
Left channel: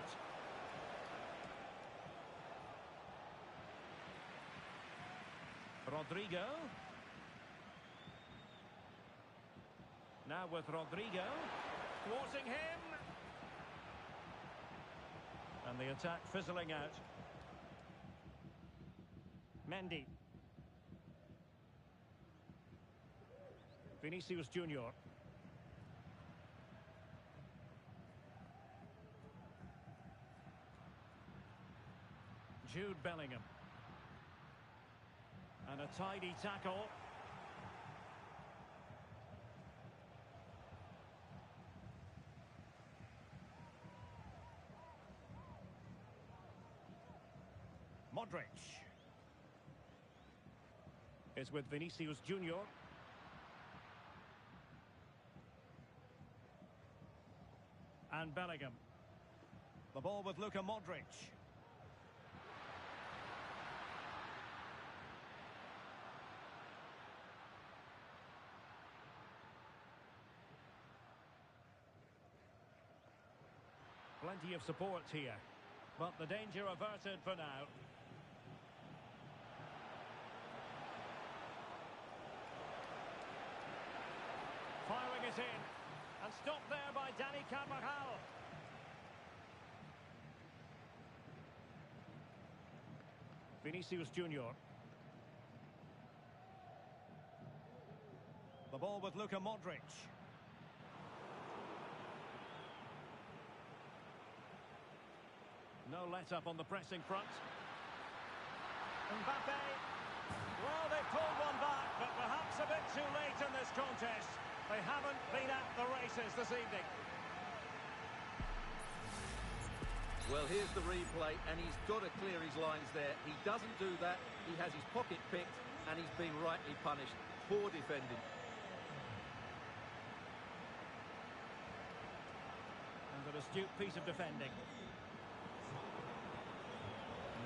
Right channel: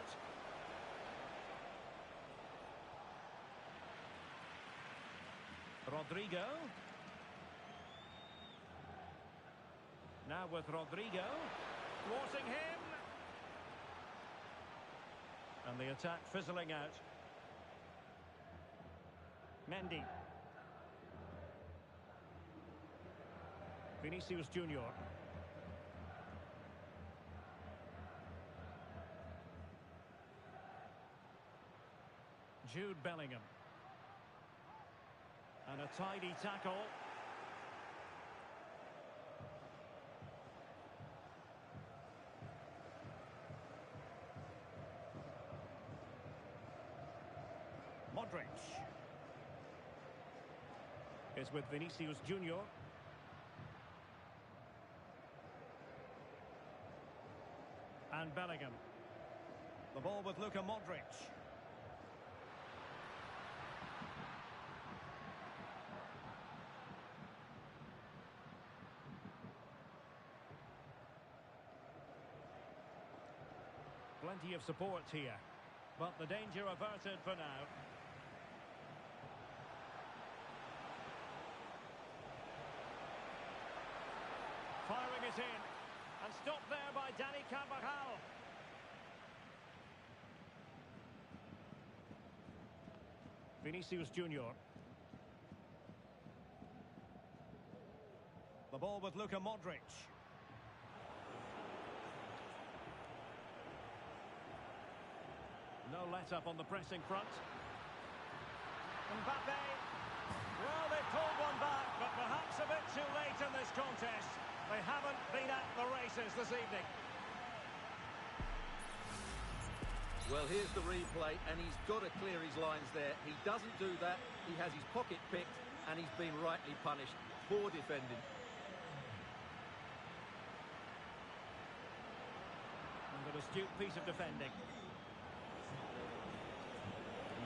Rodrigo. Now with Rodrigo. Thwarting him. And the attack fizzling out. Mendy. Vinicius Junior. Jude Bellingham. And a tidy tackle. Modric. Is with Vinicius Junior. And Bellingham. The ball with Luka Modric. Plenty of support here, but the danger averted for now. Firing it in, and stopped there by Dani Carvajal. Vinicius Junior. The ball with Luka Modric. No let-up on the pressing front. Mbappe. Well, they pulled one back, but perhaps a bit too late in this contest. They haven't been at the races this evening. Well, here's the replay, and he's got to clear his lines there. He doesn't do that. He has his pocket picked, and he's been rightly punished. Poor defending. And an astute piece of defending.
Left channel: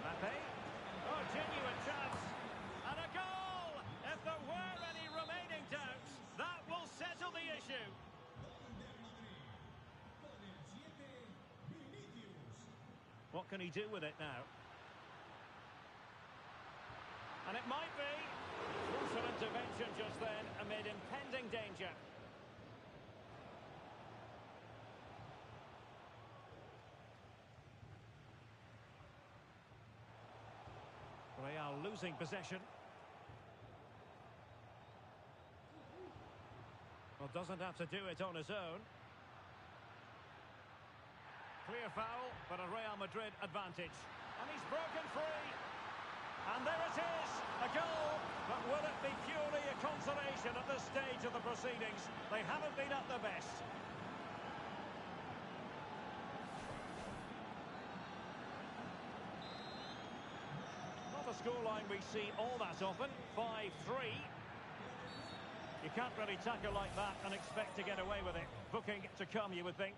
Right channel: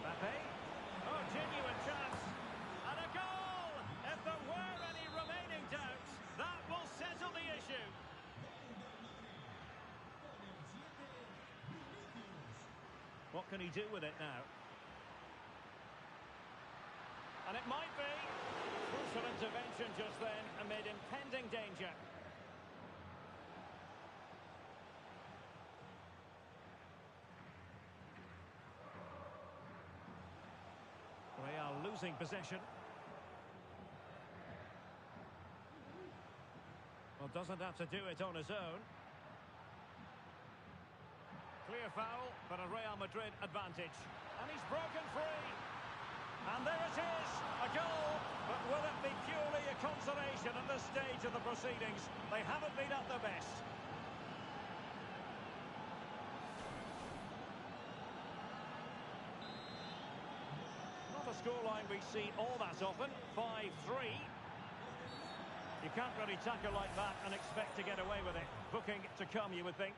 Mbappe. Oh, genuine chance. And a goal! If there were any remaining doubts, that will settle the issue. What can he do with it now? And it might be. Crucial intervention just then amid impending danger. Real losing possession. Well, doesn't have to do it on his own. Clear foul, but a Real Madrid advantage. And he's broken free. And there it is, a goal. But will it be purely a consolation at this stage of the proceedings? They haven't been at their best. Not a scoreline we see all that often. 5-3. You can't really tackle like that and expect to get away with it. Booking to come, you would think.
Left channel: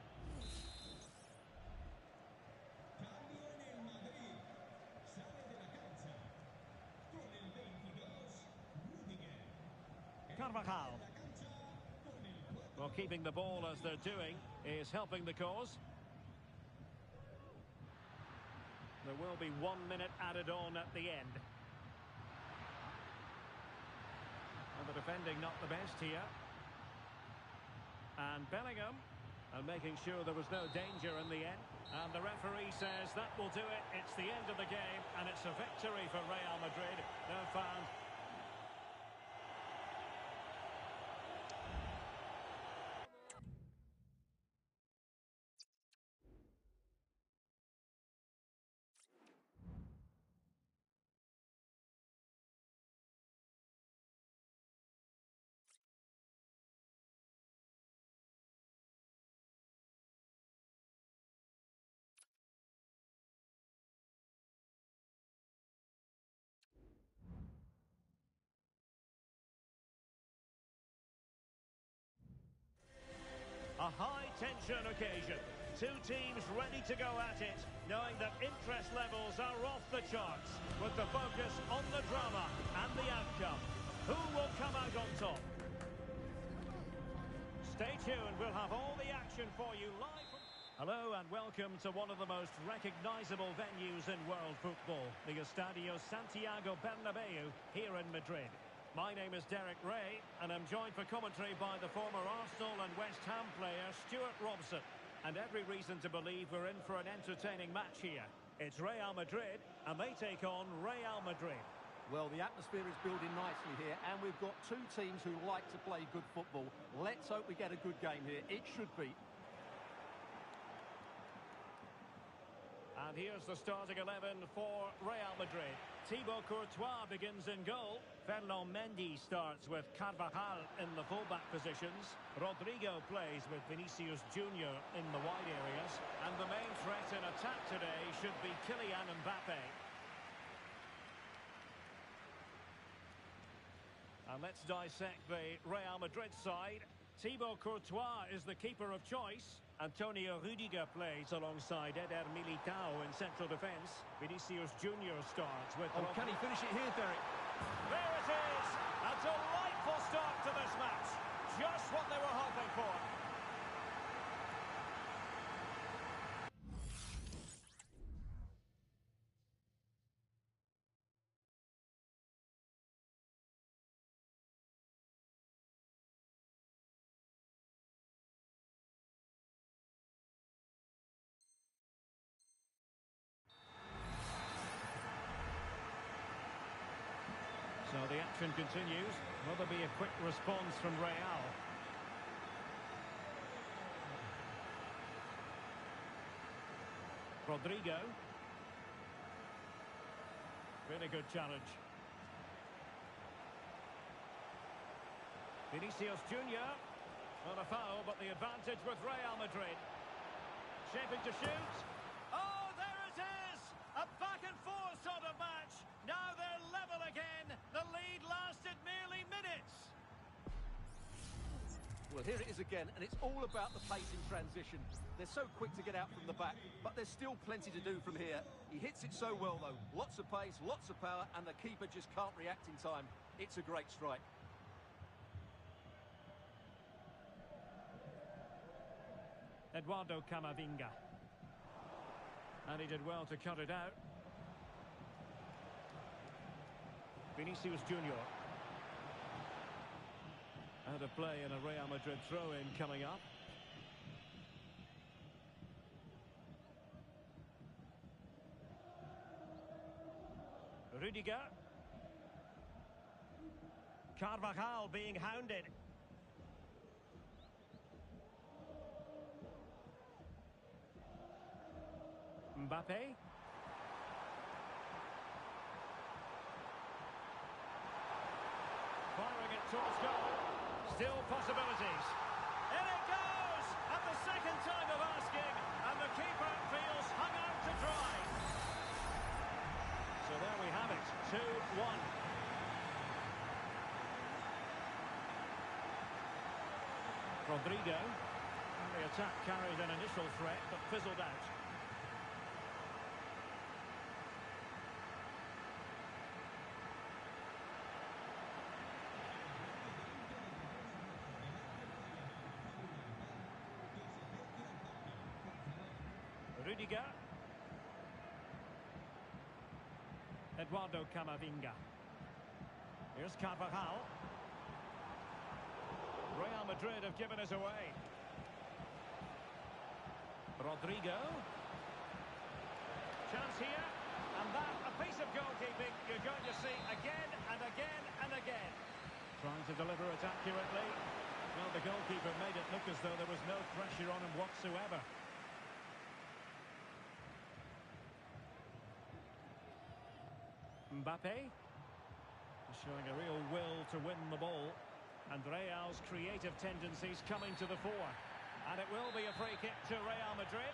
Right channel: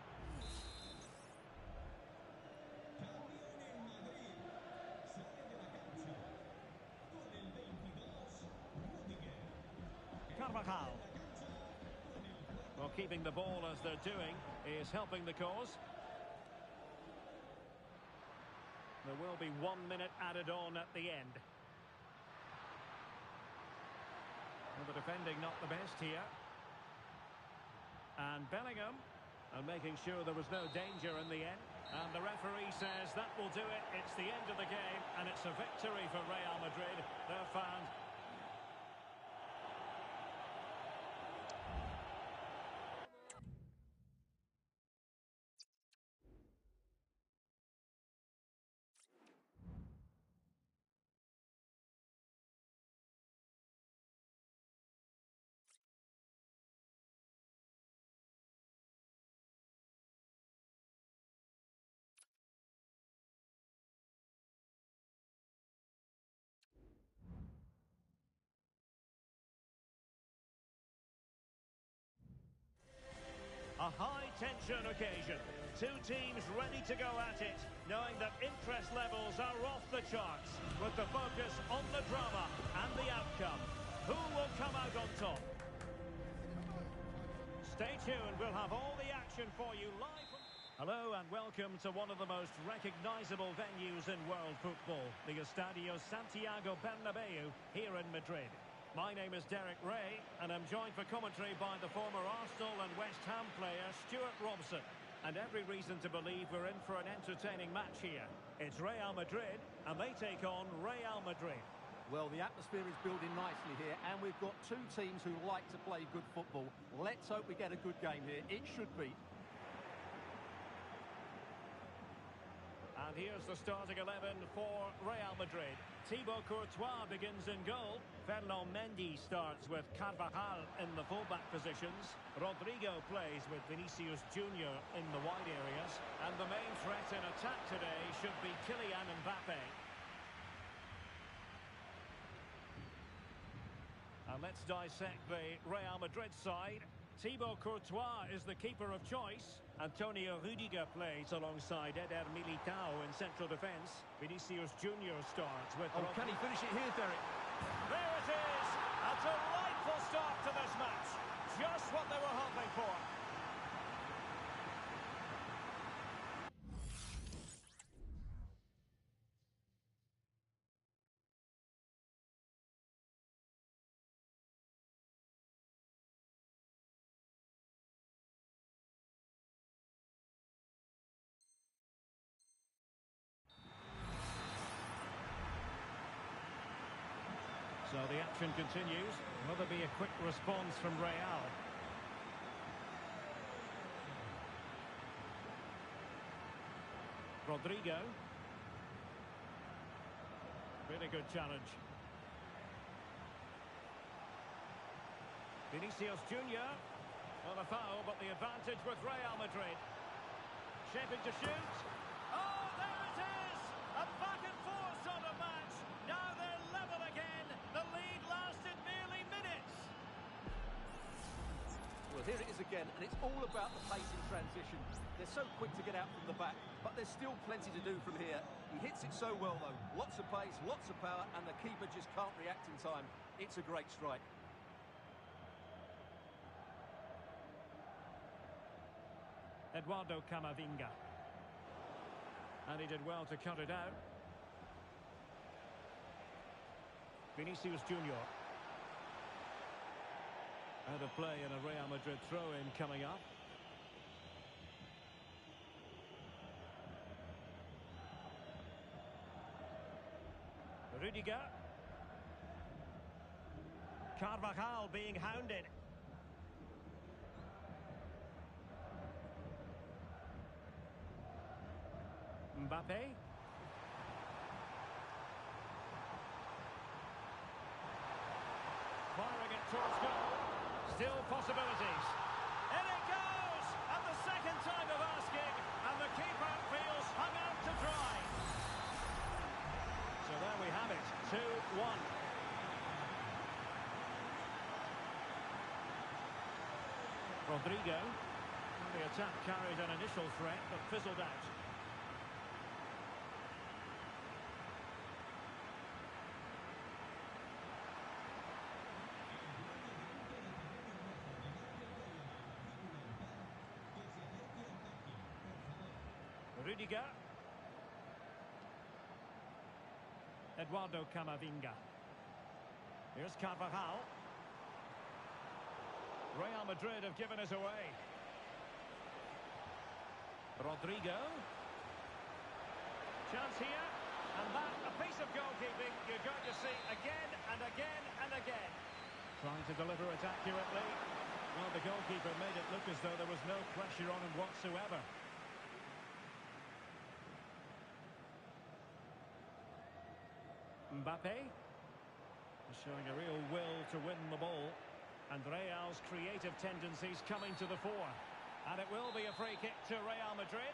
Carvajal. Well, keeping the ball as they're doing is helping the cause. There will be 1 minute added on at the end. Well, the defending not the best here. And Bellingham, and making sure there was no danger in the end. And the referee says that will do it. It's the end of the game, and it's a victory for Real Madrid. They're found A high-tension occasion. Two teams ready to go at it, knowing that interest levels are off the charts, with the focus on the drama and the outcome. Who will come out on top? Stay tuned, we'll have all the action for you live from... Hello and welcome to one of the most recognisable venues in world football, the Estadio Santiago Bernabeu here in Madrid. My name is Derek Ray, and I'm joined for commentary by the former Arsenal and West Ham player Stuart Robson. And every reason to believe we're in for an entertaining match here. It's Real Madrid, and they take on Real Madrid. Well, the atmosphere is building nicely here, and we've got two teams who like to play good football. Let's hope we get a good game here. It should be. And here's the starting 11 for Real Madrid. Thibaut Courtois begins in goal. Ferland Mendy starts with Carvajal in the fullback positions. Rodrigo plays with Vinicius Junior in the wide areas. And the main threat in attack today should be Kylian Mbappe. And let's dissect the Real Madrid side. Thibaut Courtois is the keeper of choice. Antonio Rudiger plays alongside Eder Militao in central defence. Vinicius Junior starts with... Oh, can he finish it here, Derek? There it is! A delightful start to this match. Just what they were hoping for. So the action continues. Will there be a quick response from Real? Rodrigo. Really good challenge. Vinicius Junior. On a foul, but the advantage with Real Madrid. Shaping to shoot. Oh, there it is! A back and forth sort of match. Now they're level again. The lead lasted merely minutes. Well, here it is again, and it's all about the pace in transition. They're so quick to get out from the back, but there's still plenty to do from here. He hits it so well, though. Lots of pace, lots of power, and the keeper just can't react in time. It's a great strike. Eduardo Camavinga. And he did well to cut it out. Vinicius Junior. Out of play and a Real Madrid throw-in coming up. Rudiger. Carvajal being hounded. Mbappe. Firing it towards goal. Still possibilities. In it goes! At the second time of asking, and the keeper feels hung out to dry. So there we have it, 2-1. Rodrigo. And the attack carried an initial threat, but fizzled out. Rudiger. Eduardo Camavinga. Here's Carvajal. Real Madrid have given us away. Rodrigo. Chance here. And that, a piece of goalkeeping you're going to see again and again and again. Trying to deliver it accurately. Well, the goalkeeper made it look as though there was no pressure on him whatsoever. Mbappe showing a real will to win the ball, and Real's creative tendencies coming to the fore, and it will be a free kick to Real Madrid.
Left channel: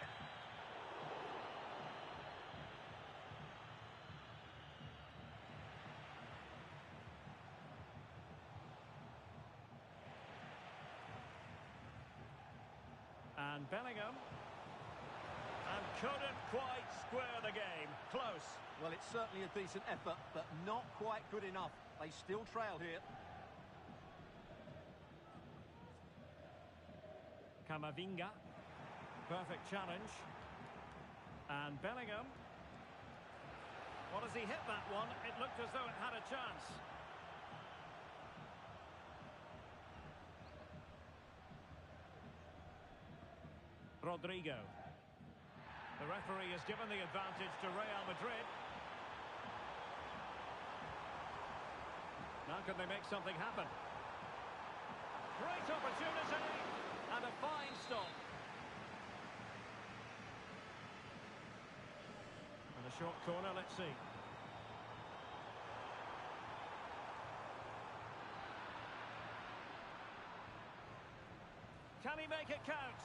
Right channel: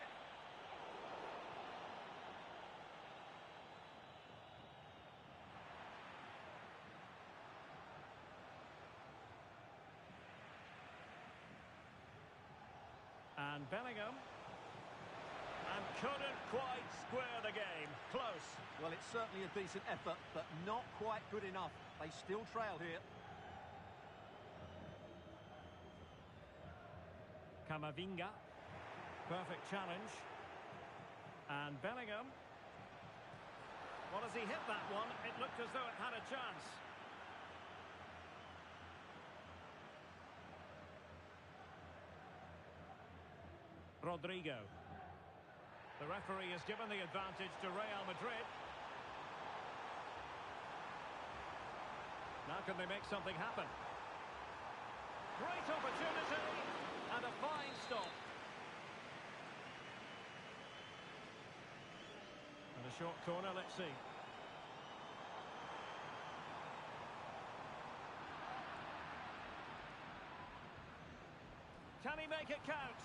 And Bellingham. And couldn't quite square the game. Close. Well, it's certainly a decent effort, but not quite good enough. They still trail here. Camavinga. Perfect challenge. And Bellingham. Well, as he hit that one, it looked as though it had a chance. Rodrigo. The referee has given the advantage to Real Madrid. Now can they make something happen? Great opportunity and a fine stop. And a short corner, let's see. Can he make it count?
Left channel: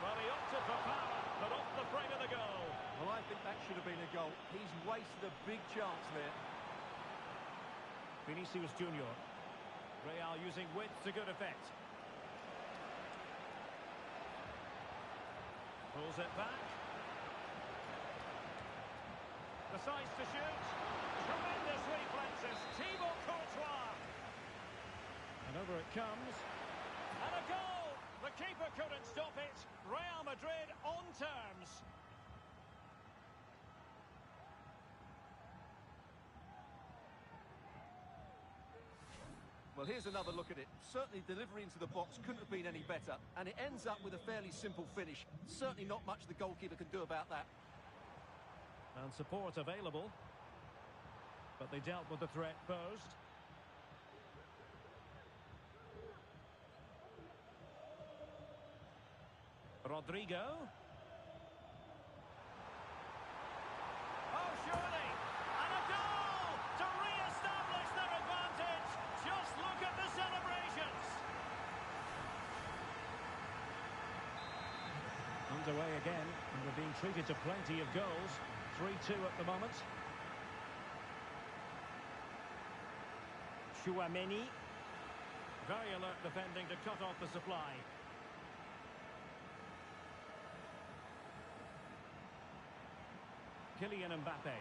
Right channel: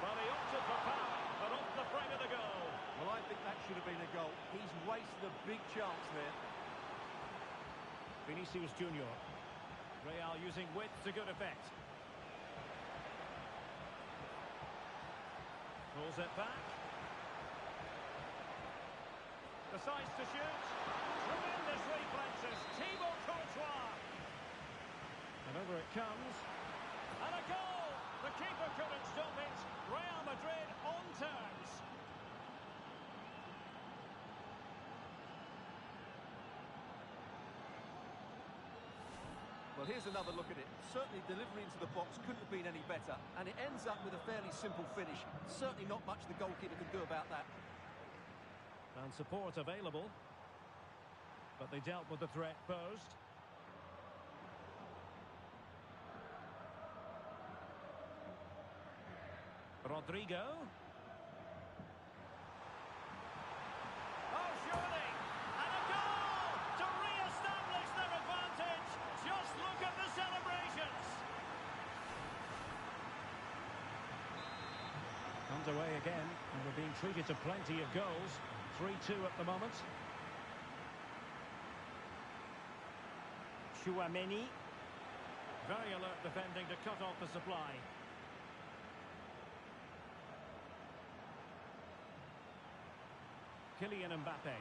Well, he opted for power, but off the frame of the goal. Well, I think that should have been a goal. He's wasted a big chance there. Vinicius Junior. Real using width to good effect. Pulls it back. Decides to shoot. Tremendous reflexes. Thibaut Courtois. And over it comes. And a goal! The keeper couldn't stop it. Real Madrid on terms. Well, here's another look at it. Certainly delivery into the box couldn't have been any better. And it ends up with a fairly simple finish. Certainly not much the goalkeeper can do about that. And support available. But they dealt with the threat posed. Rodrigo. Oh, surely! And a goal to re-establish their advantage! Just look at the celebrations! Underway again, and we're being treated to plenty of goals. 3-2 at the moment. Chouameni. Very alert defending to cut off the supply. Kylian Mbappe.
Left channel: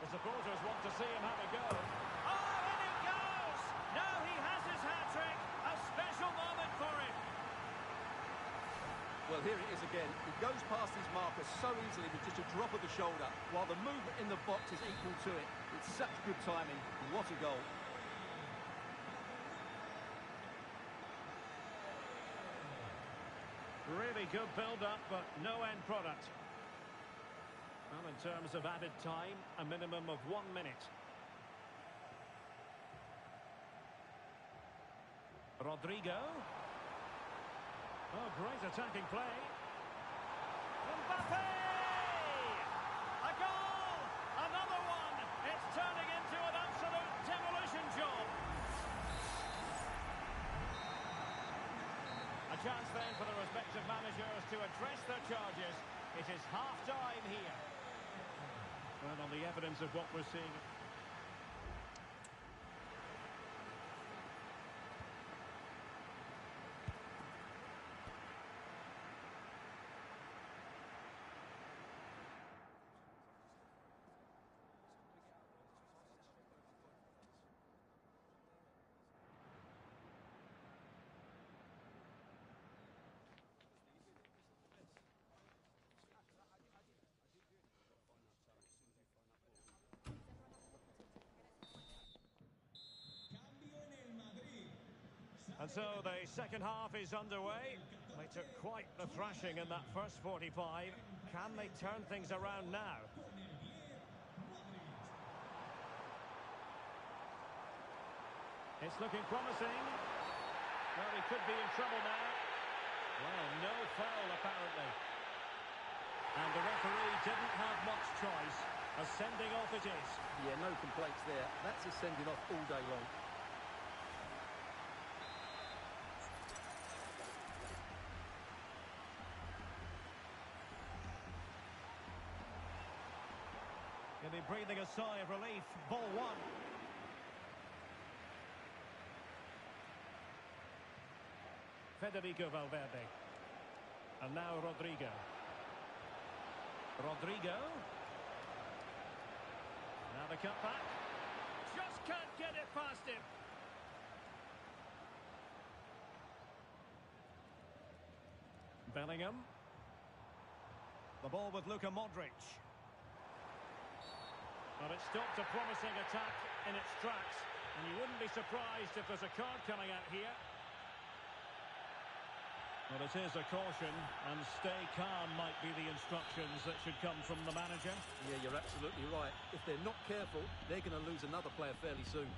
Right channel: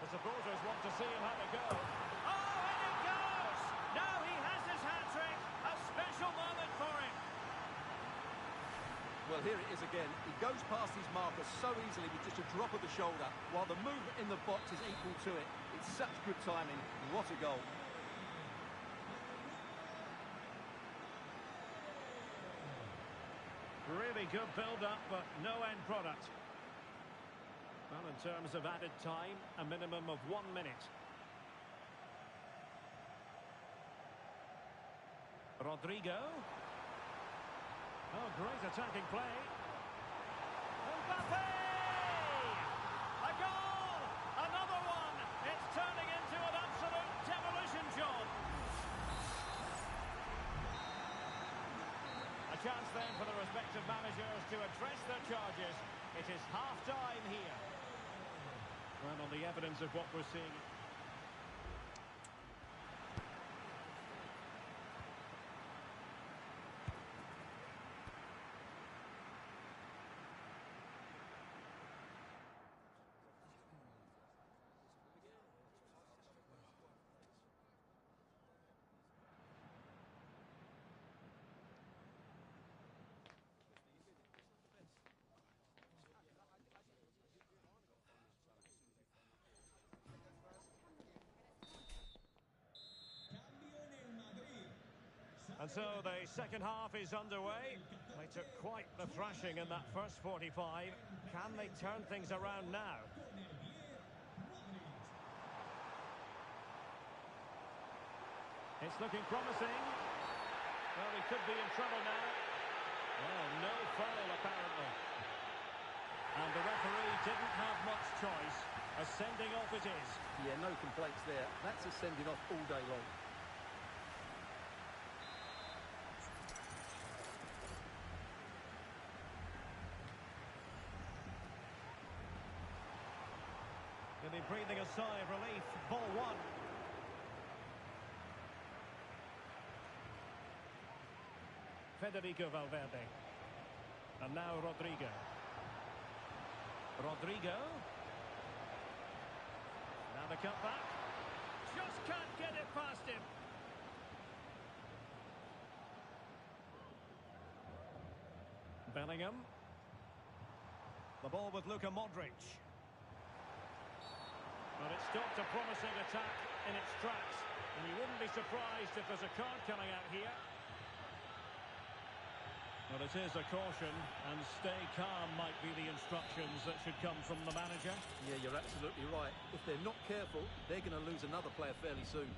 The supporters want to see him have a go. Oh, and it goes! Now he has his hat-trick. A special moment for him. Well, here it is again. He goes past his marker so easily with just a drop of the shoulder, while the movement in the box is equal to it. It's such good timing. What a goal. Really good build-up, but no end product. Well, in terms of added time, a minimum of 1 minute. Rodrigo. Oh, great attacking play. Mbappe! A goal! Another one! It's turning into an absolute demolition job. A chance then for the respective managers to address their charges. It is half-time here. And on the evidence of what we're seeing... And so the second half is underway. They took quite the thrashing in that first 45. Can they turn things around now? It's looking promising. Well, he could be in trouble now. Well, no foul apparently. And the referee didn't have much choice. A sending off it is. Yeah, no complaints there. That's a sending off all day long. He'll be breathing a sigh of relief. Ball one. Federico Valverde. And now Rodrigo. Rodrigo. Now the cutback. Just can't get it past him. Bellingham. The ball with Luka Modric. But it stopped a promising attack in its tracks. And you wouldn't be surprised if there's a card coming out here. Well, it is a caution, and stay calm might be the instructions that should come from the manager. Yeah, you're absolutely right. If they're not careful, they're going to lose another player fairly soon.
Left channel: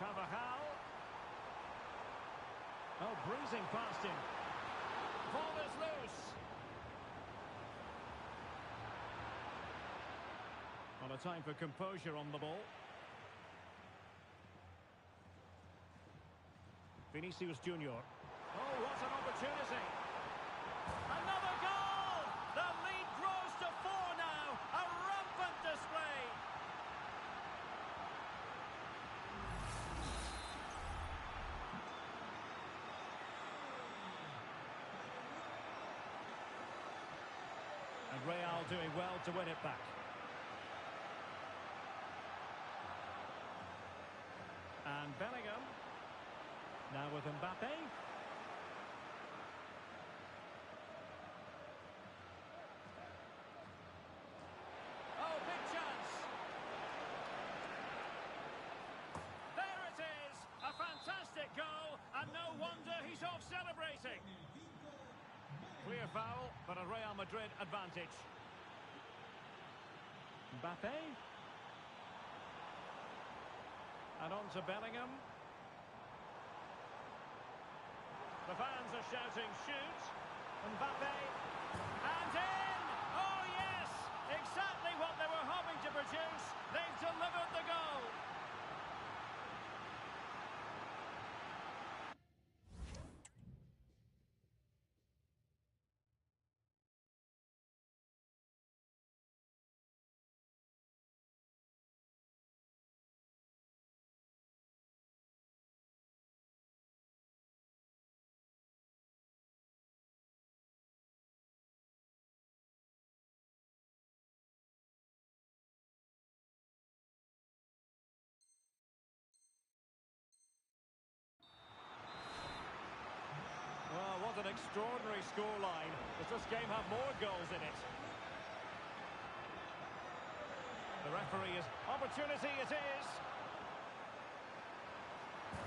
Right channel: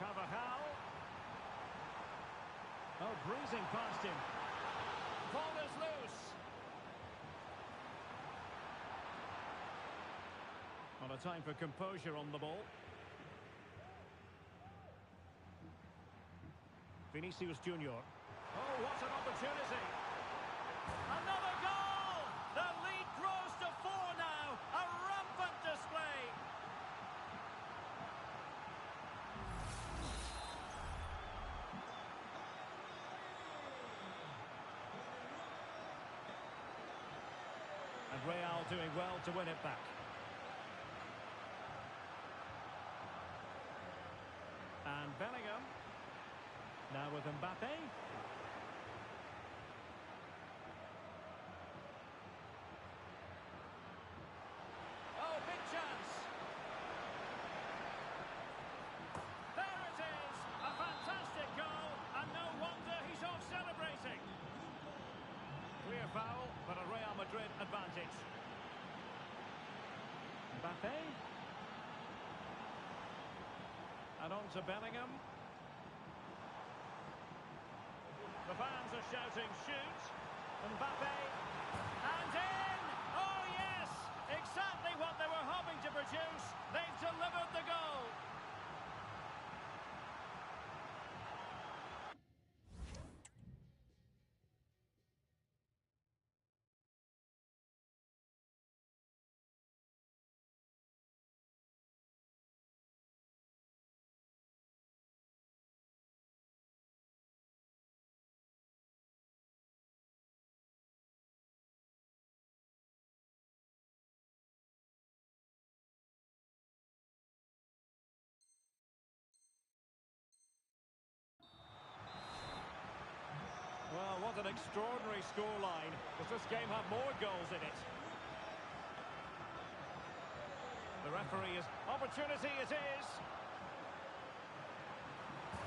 Carvajal. Oh, breezing past him. Ball is loose. On a time for composure on the ball. Vinicius Junior. Oh, what an opportunity. Another goal! The lead grows to 4 now. A rampant display. And Real doing well to win it back. And Bellingham. Now with Mbappe. Oh, big chance. There it is. A fantastic goal. And no wonder he's off celebrating. Clear foul, but a Real Madrid advantage. Mbappe. And on to Bellingham. The fans are shouting, shoot. Mbappe. And in! Oh, yes! Exactly what they were hoping to produce. They've delivered the goal. Well, what an extraordinary scoreline. Does this game have more goals in it? The referee is... Opportunity it is!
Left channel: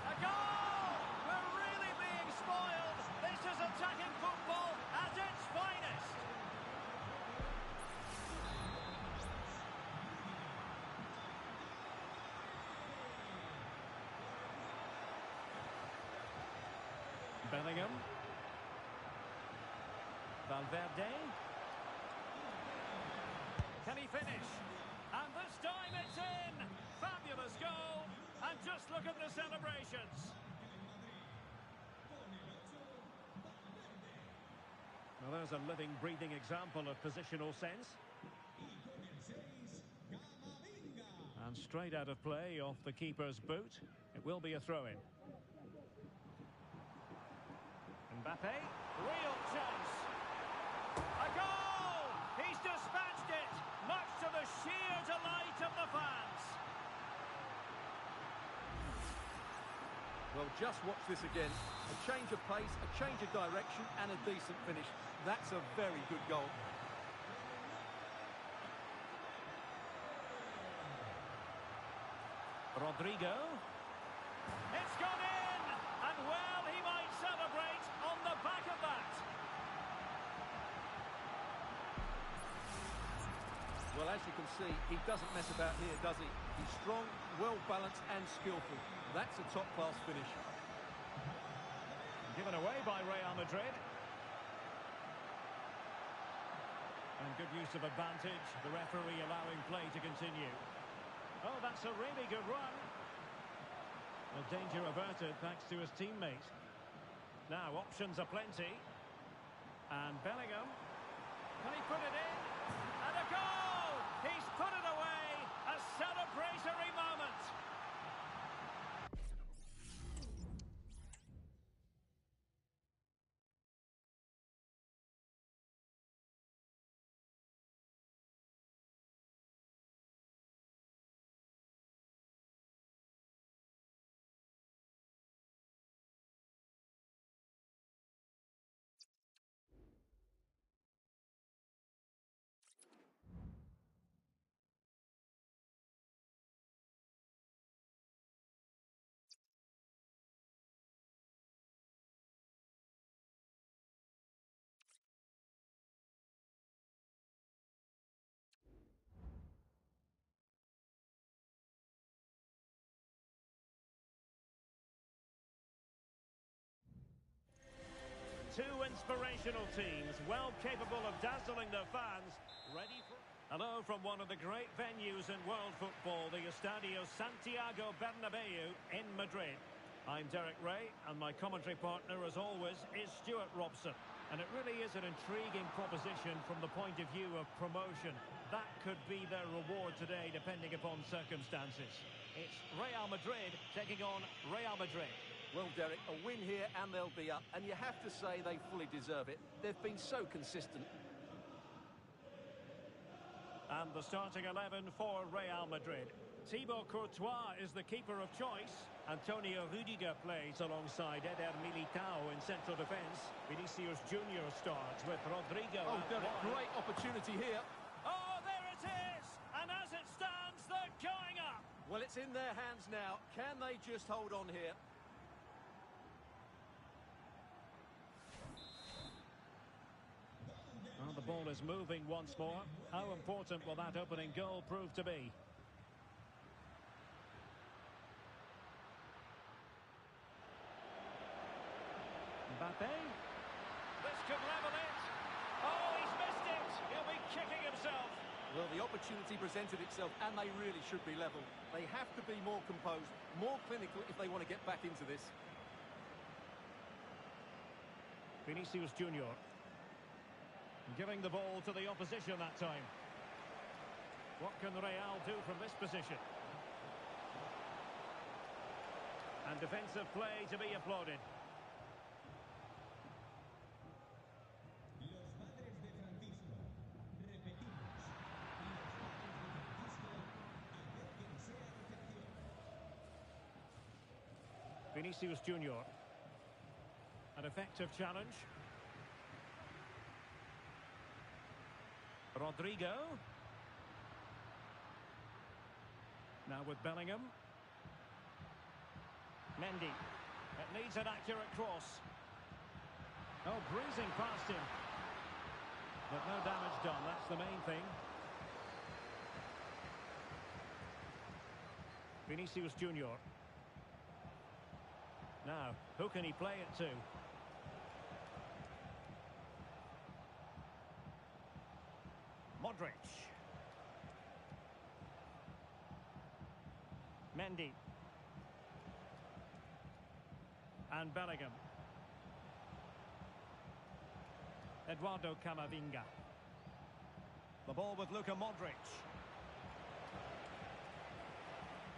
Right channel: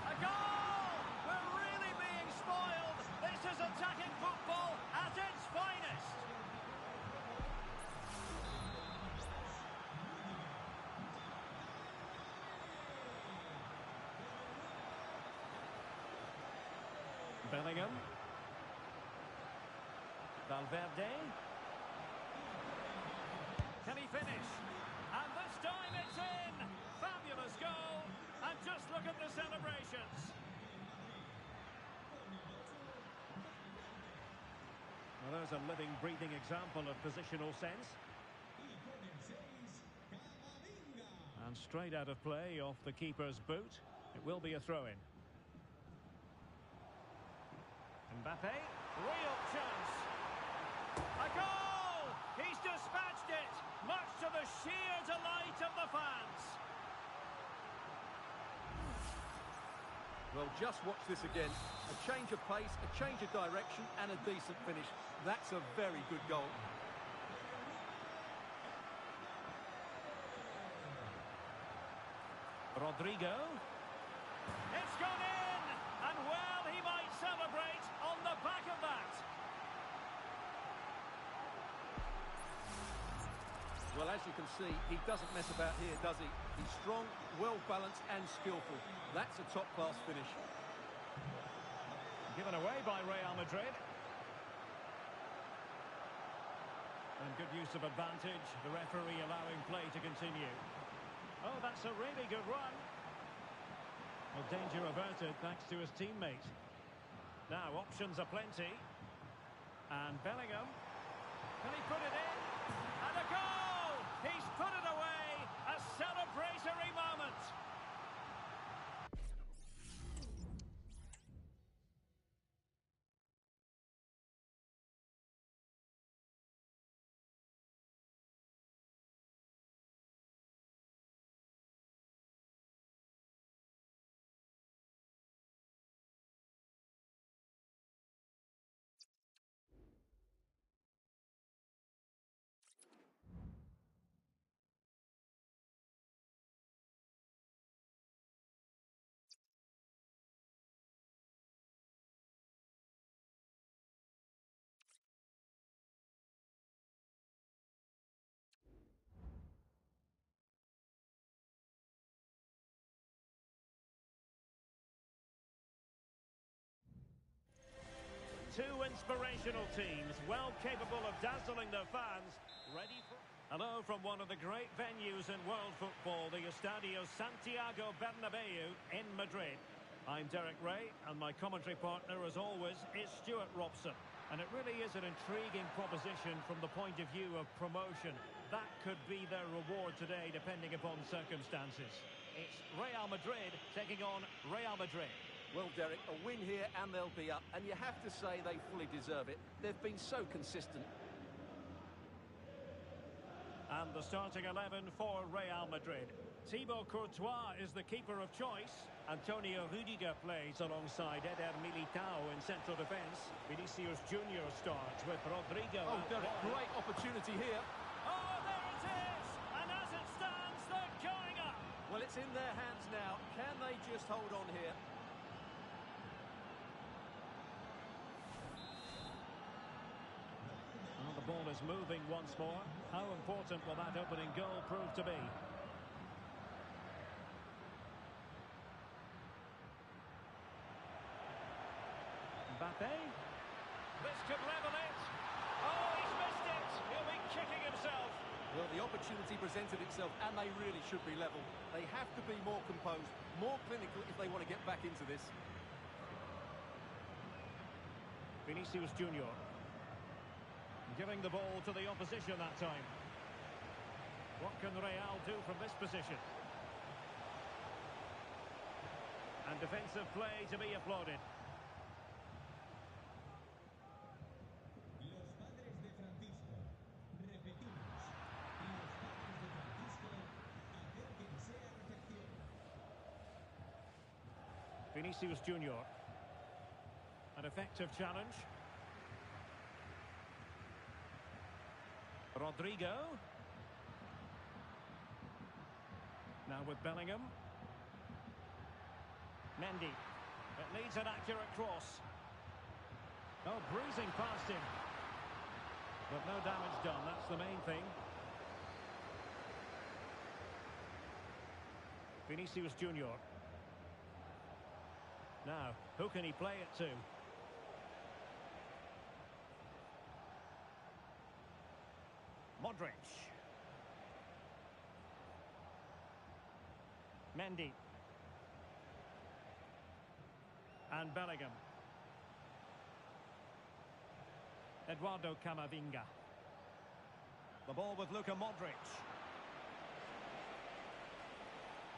A goal! We're really being spoiled! This is attacking football at its finest! Bellingham. Valverde. Can he finish? And this time it's in! Fabulous goal! And just look at the celebrations! Well, there's a living, breathing example of positional sense. And straight out of play off the keeper's boot. It will be a throw-in. Mbappe, real chance. A goal! He's dispatched it, much to the sheer delight of the fans. Well, just watch this again. A change of pace, a change of direction, and a decent finish. That's a very good goal. Rodrigo. It's gone in! And well, he might celebrate on the back of that. Well, as you can see, he doesn't mess about here, does he? He's strong, well-balanced and skillful. That's a top-class finish. Given away by Real Madrid. And good use of advantage. The referee allowing play to continue. Oh, that's a really good run. Well, danger averted thanks to his teammate. Now, options are plenty. And Bellingham. Can he put it in? And a goal! He's put it away! A celebratory moment! Two inspirational teams, well capable of dazzling their fans. Ready for... Hello from one of the great venues in world football, the Estadio Santiago Bernabeu in Madrid. I'm Derek Ray, and my commentary partner, as always, is Stuart Robson. And it really is an intriguing proposition from the point of view of promotion. That could be their reward today, depending upon circumstances. It's Real Madrid taking on Real Madrid. Well, Derek, a win here and they'll be up. And you have to say they fully deserve it. They've been so consistent. And the starting 11 for Real Madrid. Thibaut Courtois is the keeper of choice. Antonio Rudiger plays alongside Eder Militao in central defence. Vinicius Junior starts with Rodrigo. Oh, Derek, great opportunity here. Oh, there it is! And as it stands, they're going up! Well, it's in their hands now. Can they just hold on here? Well, the ball is moving once more. How important will that opening goal prove to be? Mbappe. This could level it. Oh, he's missed it. He'll be kicking himself. Well, the opportunity presented itself, and they really should be level. They have to be more composed, more clinical if they want to get back into this. Vinicius Junior. Giving the ball to the opposition that time. What can Real do from this position? And defensive play to be applauded. Los padres de Francisco. Repetimos. Los padres de Francisco. Acérquense a recepción. Vinicius Junior. An effective challenge. Rodrigo. Now with Bellingham. Mendy. It needs an accurate cross. Oh, breezing past him. But no damage done, that's the main thing. Vinicius Junior. Now, who can he play it to? Modric. Mendy. And Bellingham. Eduardo Camavinga. The ball with Luka Modric.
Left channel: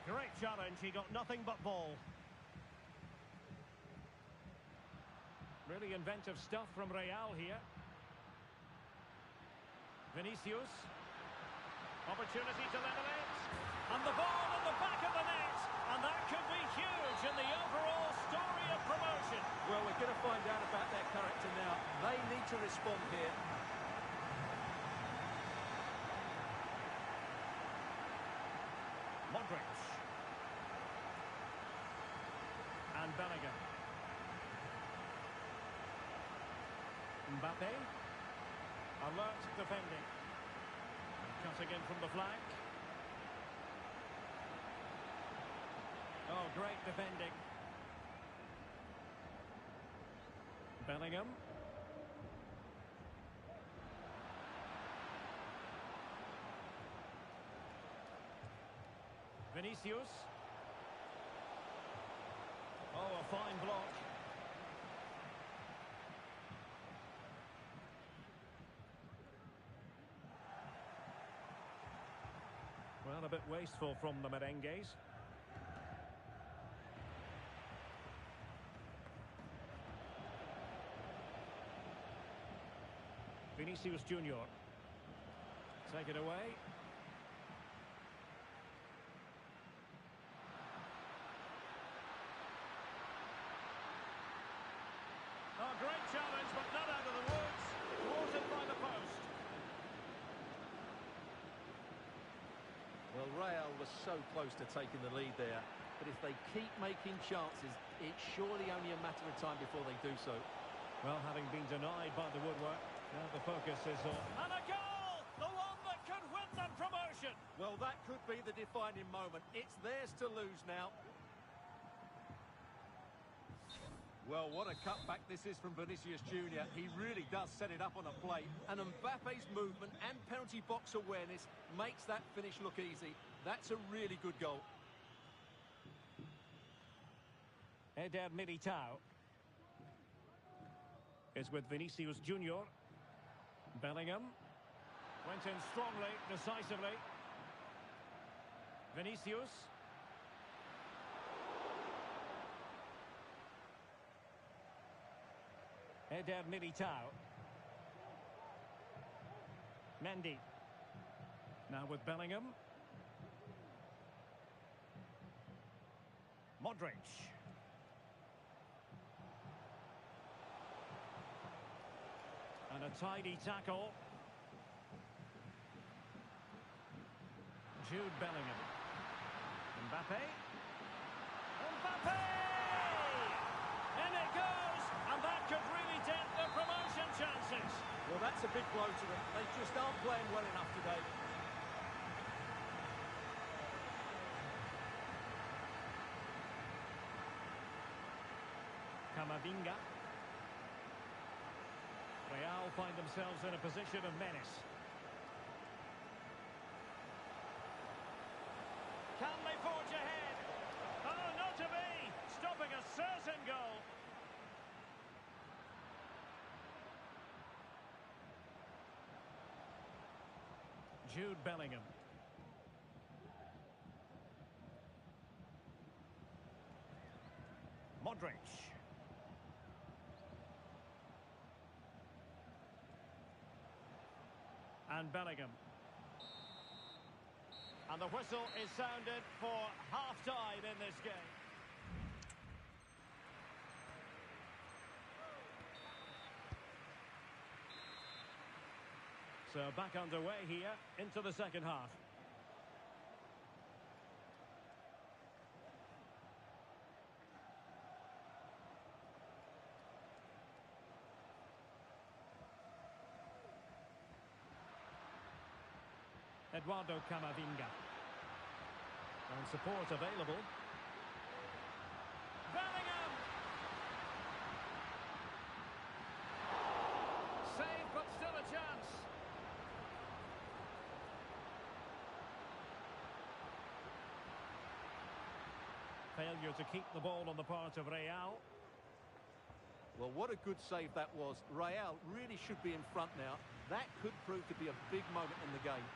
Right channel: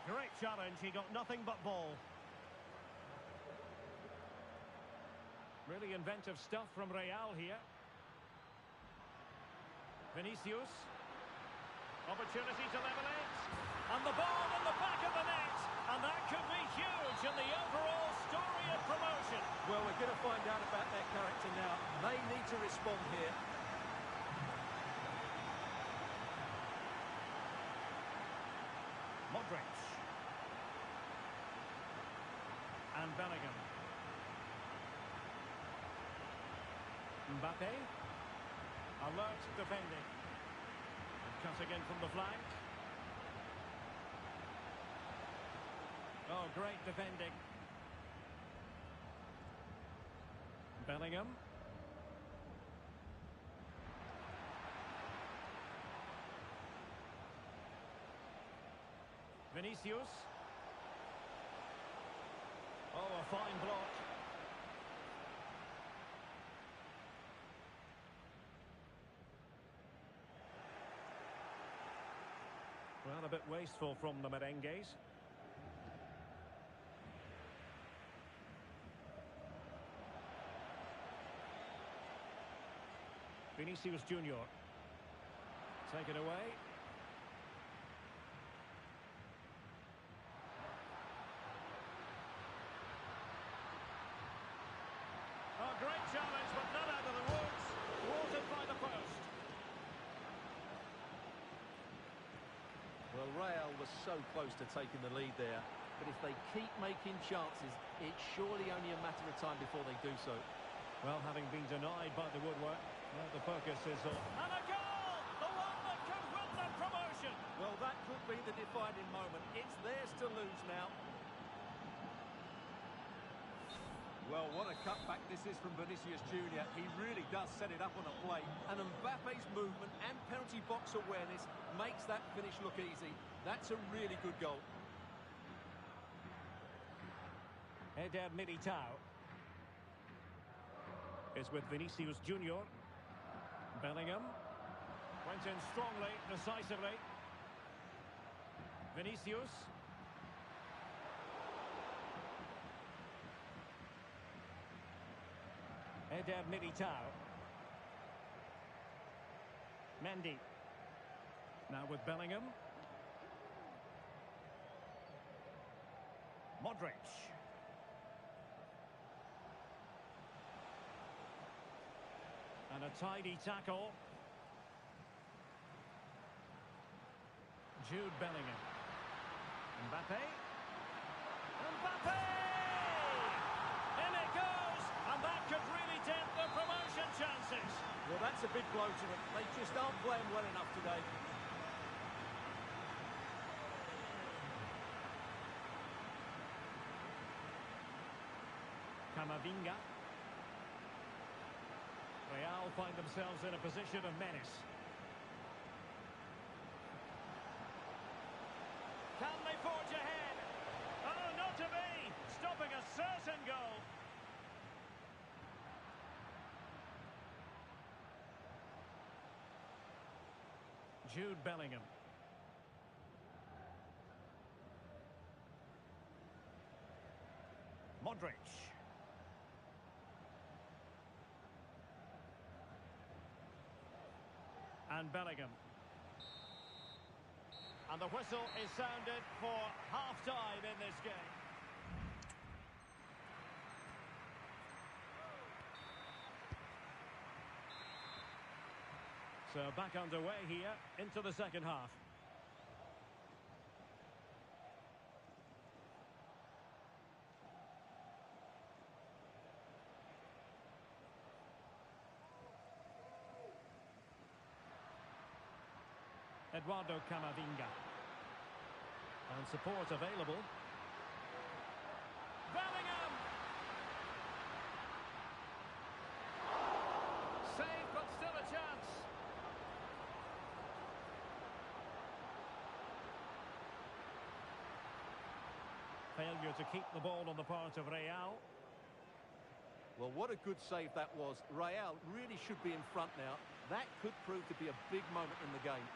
Great challenge, he got nothing but ball. Really inventive stuff from Real here. Vinicius. Opportunity to level it. And the ball in the back of the net. And that could be huge in the overall story of promotion. Well, we're going to find out about their character now. They need to respond here. Modric. And Bellingham. Mbappe. Alert defending. And cutting in from the flank. Oh, great defending. Bellingham. Vinicius. Oh, a fine block. Well, a bit wasteful from the merengues. Vinicius Junior. Take it away. Oh, great challenge, but not out of the woods. Thwarted by the post. Well, Real was so close to taking the lead there, but if they keep making chances, it's surely only a matter of time before they do so. Well, having been denied by the woodwork, now the focus is on... And a goal! The one that could win them promotion! Well, that could be the defining moment. It's theirs to lose now. Well, what a cutback this is from Vinicius Junior. He really does set it up on a plate. And Mbappe's movement and penalty box awareness makes that finish look easy. That's a really good goal. Eder Militao is with Vinicius Junior. Bellingham went in strongly, decisively. Vinicius. Eder Militao. Mendy. Now with Bellingham. Modric. And a tidy tackle. Jude Bellingham. Mbappe. Mbappe! In it goes! And that could really dent the promotion chances. Well, that's a big blow to them. They just aren't playing well enough today. Camavinga. Real find themselves in a position of menace. Can they forge ahead? Oh, not to be! Stopping a certain goal. Jude Bellingham. Modric. And Bellingham. And the whistle is sounded for half-time in this game. So back underway here into the second half. Eduardo Camavinga. And support available. Bellingham! Save, but still a chance. Failure to keep the ball on the part of Real. Well, what a good save that was. Real really should be in front now. That could prove to be a big moment in the game.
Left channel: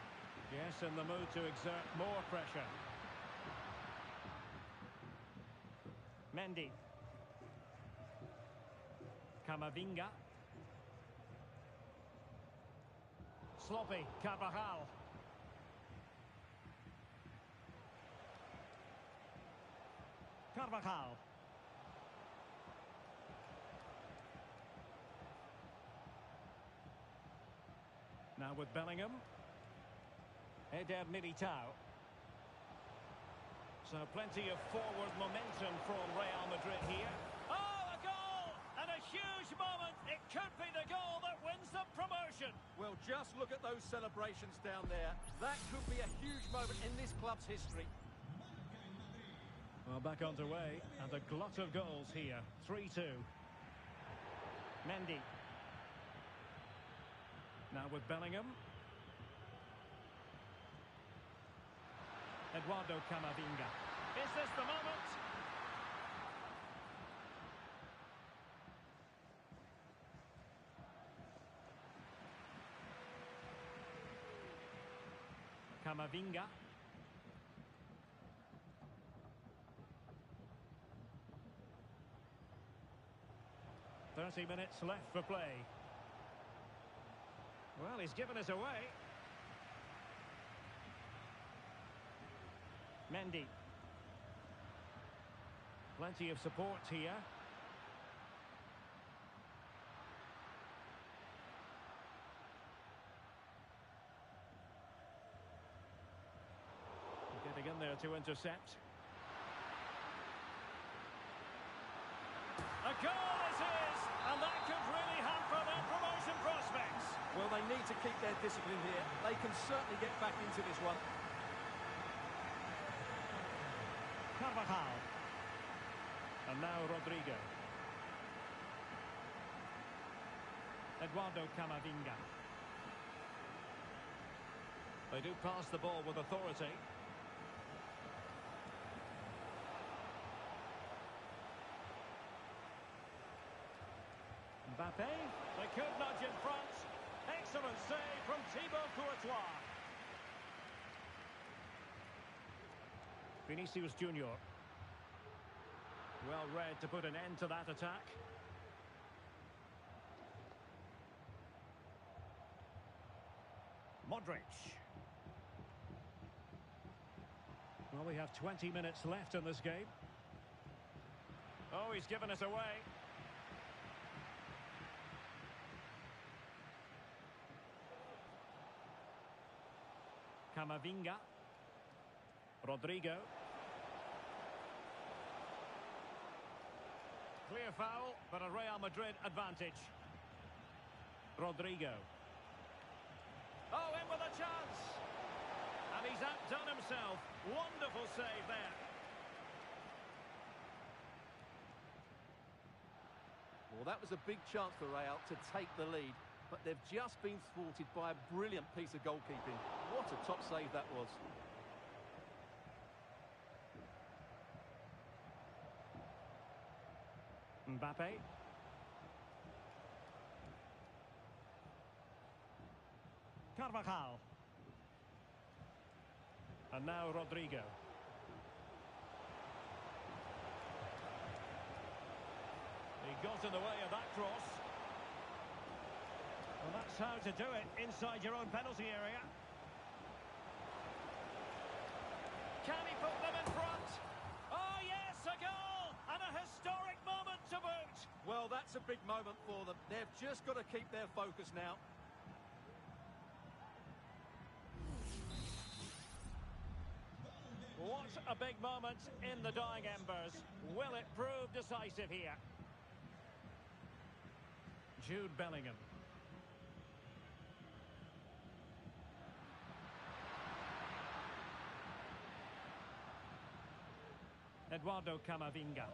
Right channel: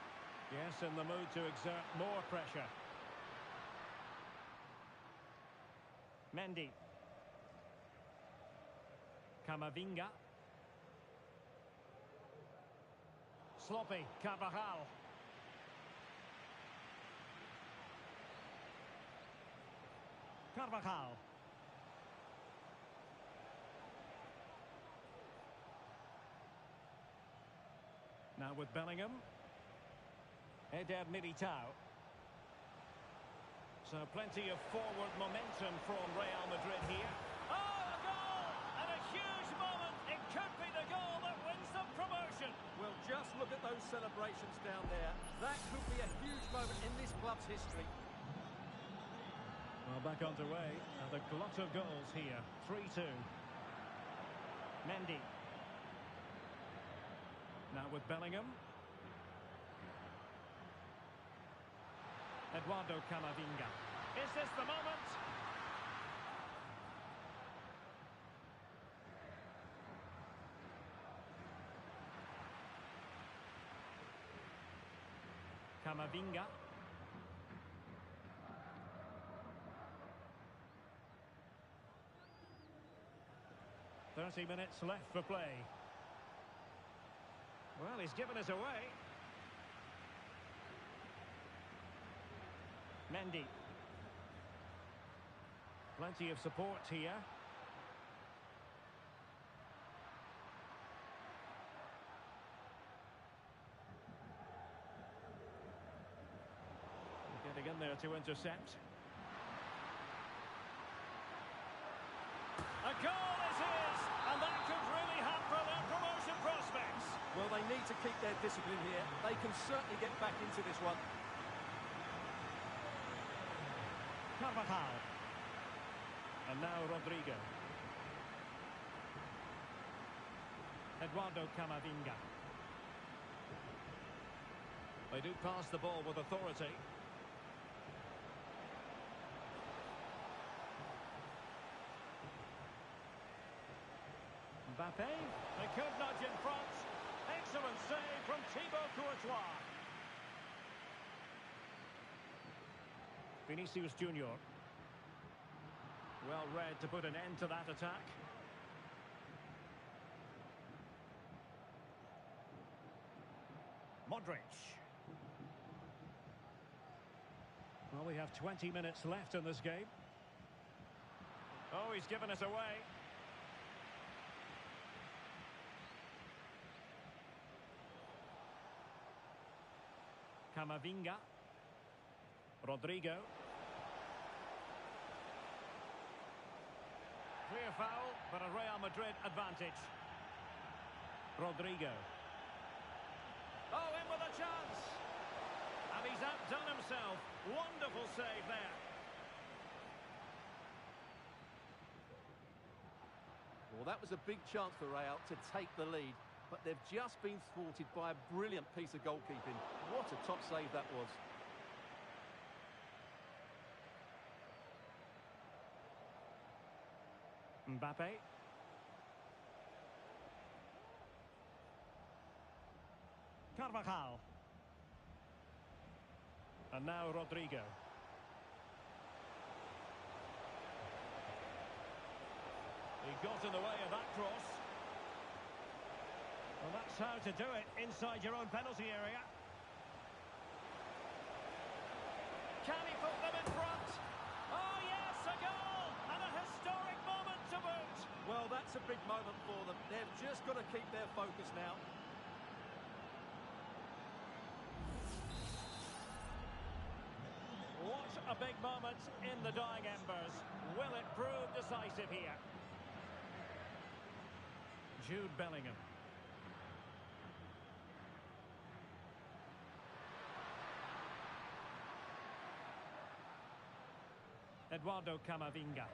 Yes, in the mood to exert more pressure. Mendy. Camavinga. Sloppy. Carvajal. Carvajal. Now with Bellingham. Eder Militao. So plenty of forward momentum from Real Madrid here. Oh, a goal! And a huge moment. It could be the goal that wins the promotion. Well, just look at those celebrations down there. That could be a huge moment in this club's history. Well, back underway, and a glut of goals here. 3-2. Mendy. Now with Bellingham. Eduardo Camavinga. Is this the moment? Camavinga. 30 minutes left for play. Well, he's given us away. Mendy. Plenty of support here. Getting in there to intercept. A goal is his, and that could really hamper their promotion prospects. Well, they need to keep their discipline here. They can certainly get back into this one. Carvajal. And now Rodrigo. Eduardo Camavinga. They do pass the ball with authority. Mbappe, they could nudge in front. Excellent save from Thibaut Courtois. Vinicius Junior. Well read to put an end to that attack. Modric. Well, we have 20 minutes left in this game. Oh, he's given us away. Camavinga. Rodrigo. Clear foul, but a Real Madrid advantage. Rodrigo. Oh, in with a chance. And he's outdone himself. Wonderful save there. Well, that was a big chance for Real to take the lead, but they've just been thwarted by a brilliant piece of goalkeeping. What a top save that was. Mbappe. Carvajal. And now Rodrigo. He got in the way of that cross. Well, that's how to do it inside your own penalty area. Can he put them in front? Oh, yes, a goal! And a historic moment to boot. Well, that's a big moment for them. They've just got to keep their focus now. What a big moment in the dying embers. Will it prove decisive here? Jude Bellingham. Eduardo Camavinga.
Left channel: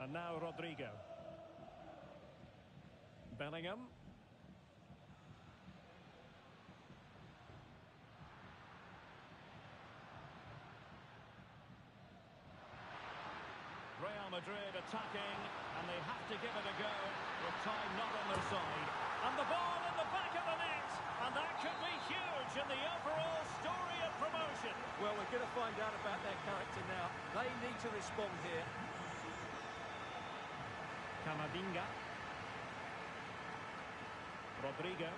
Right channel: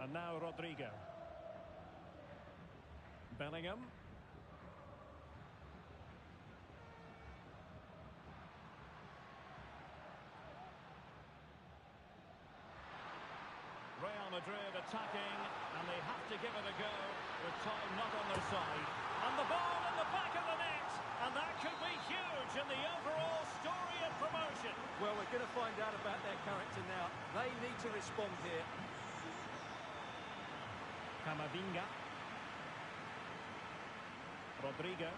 And now Rodrigo. Bellingham. Real Madrid attacking, and they have to give it a go with time not on their side. And the ball in the back of the net, and that could be huge in the overall story of promotion. Well, we're going to find out about their character now. They need to respond here. Camavinga. Rodrigo.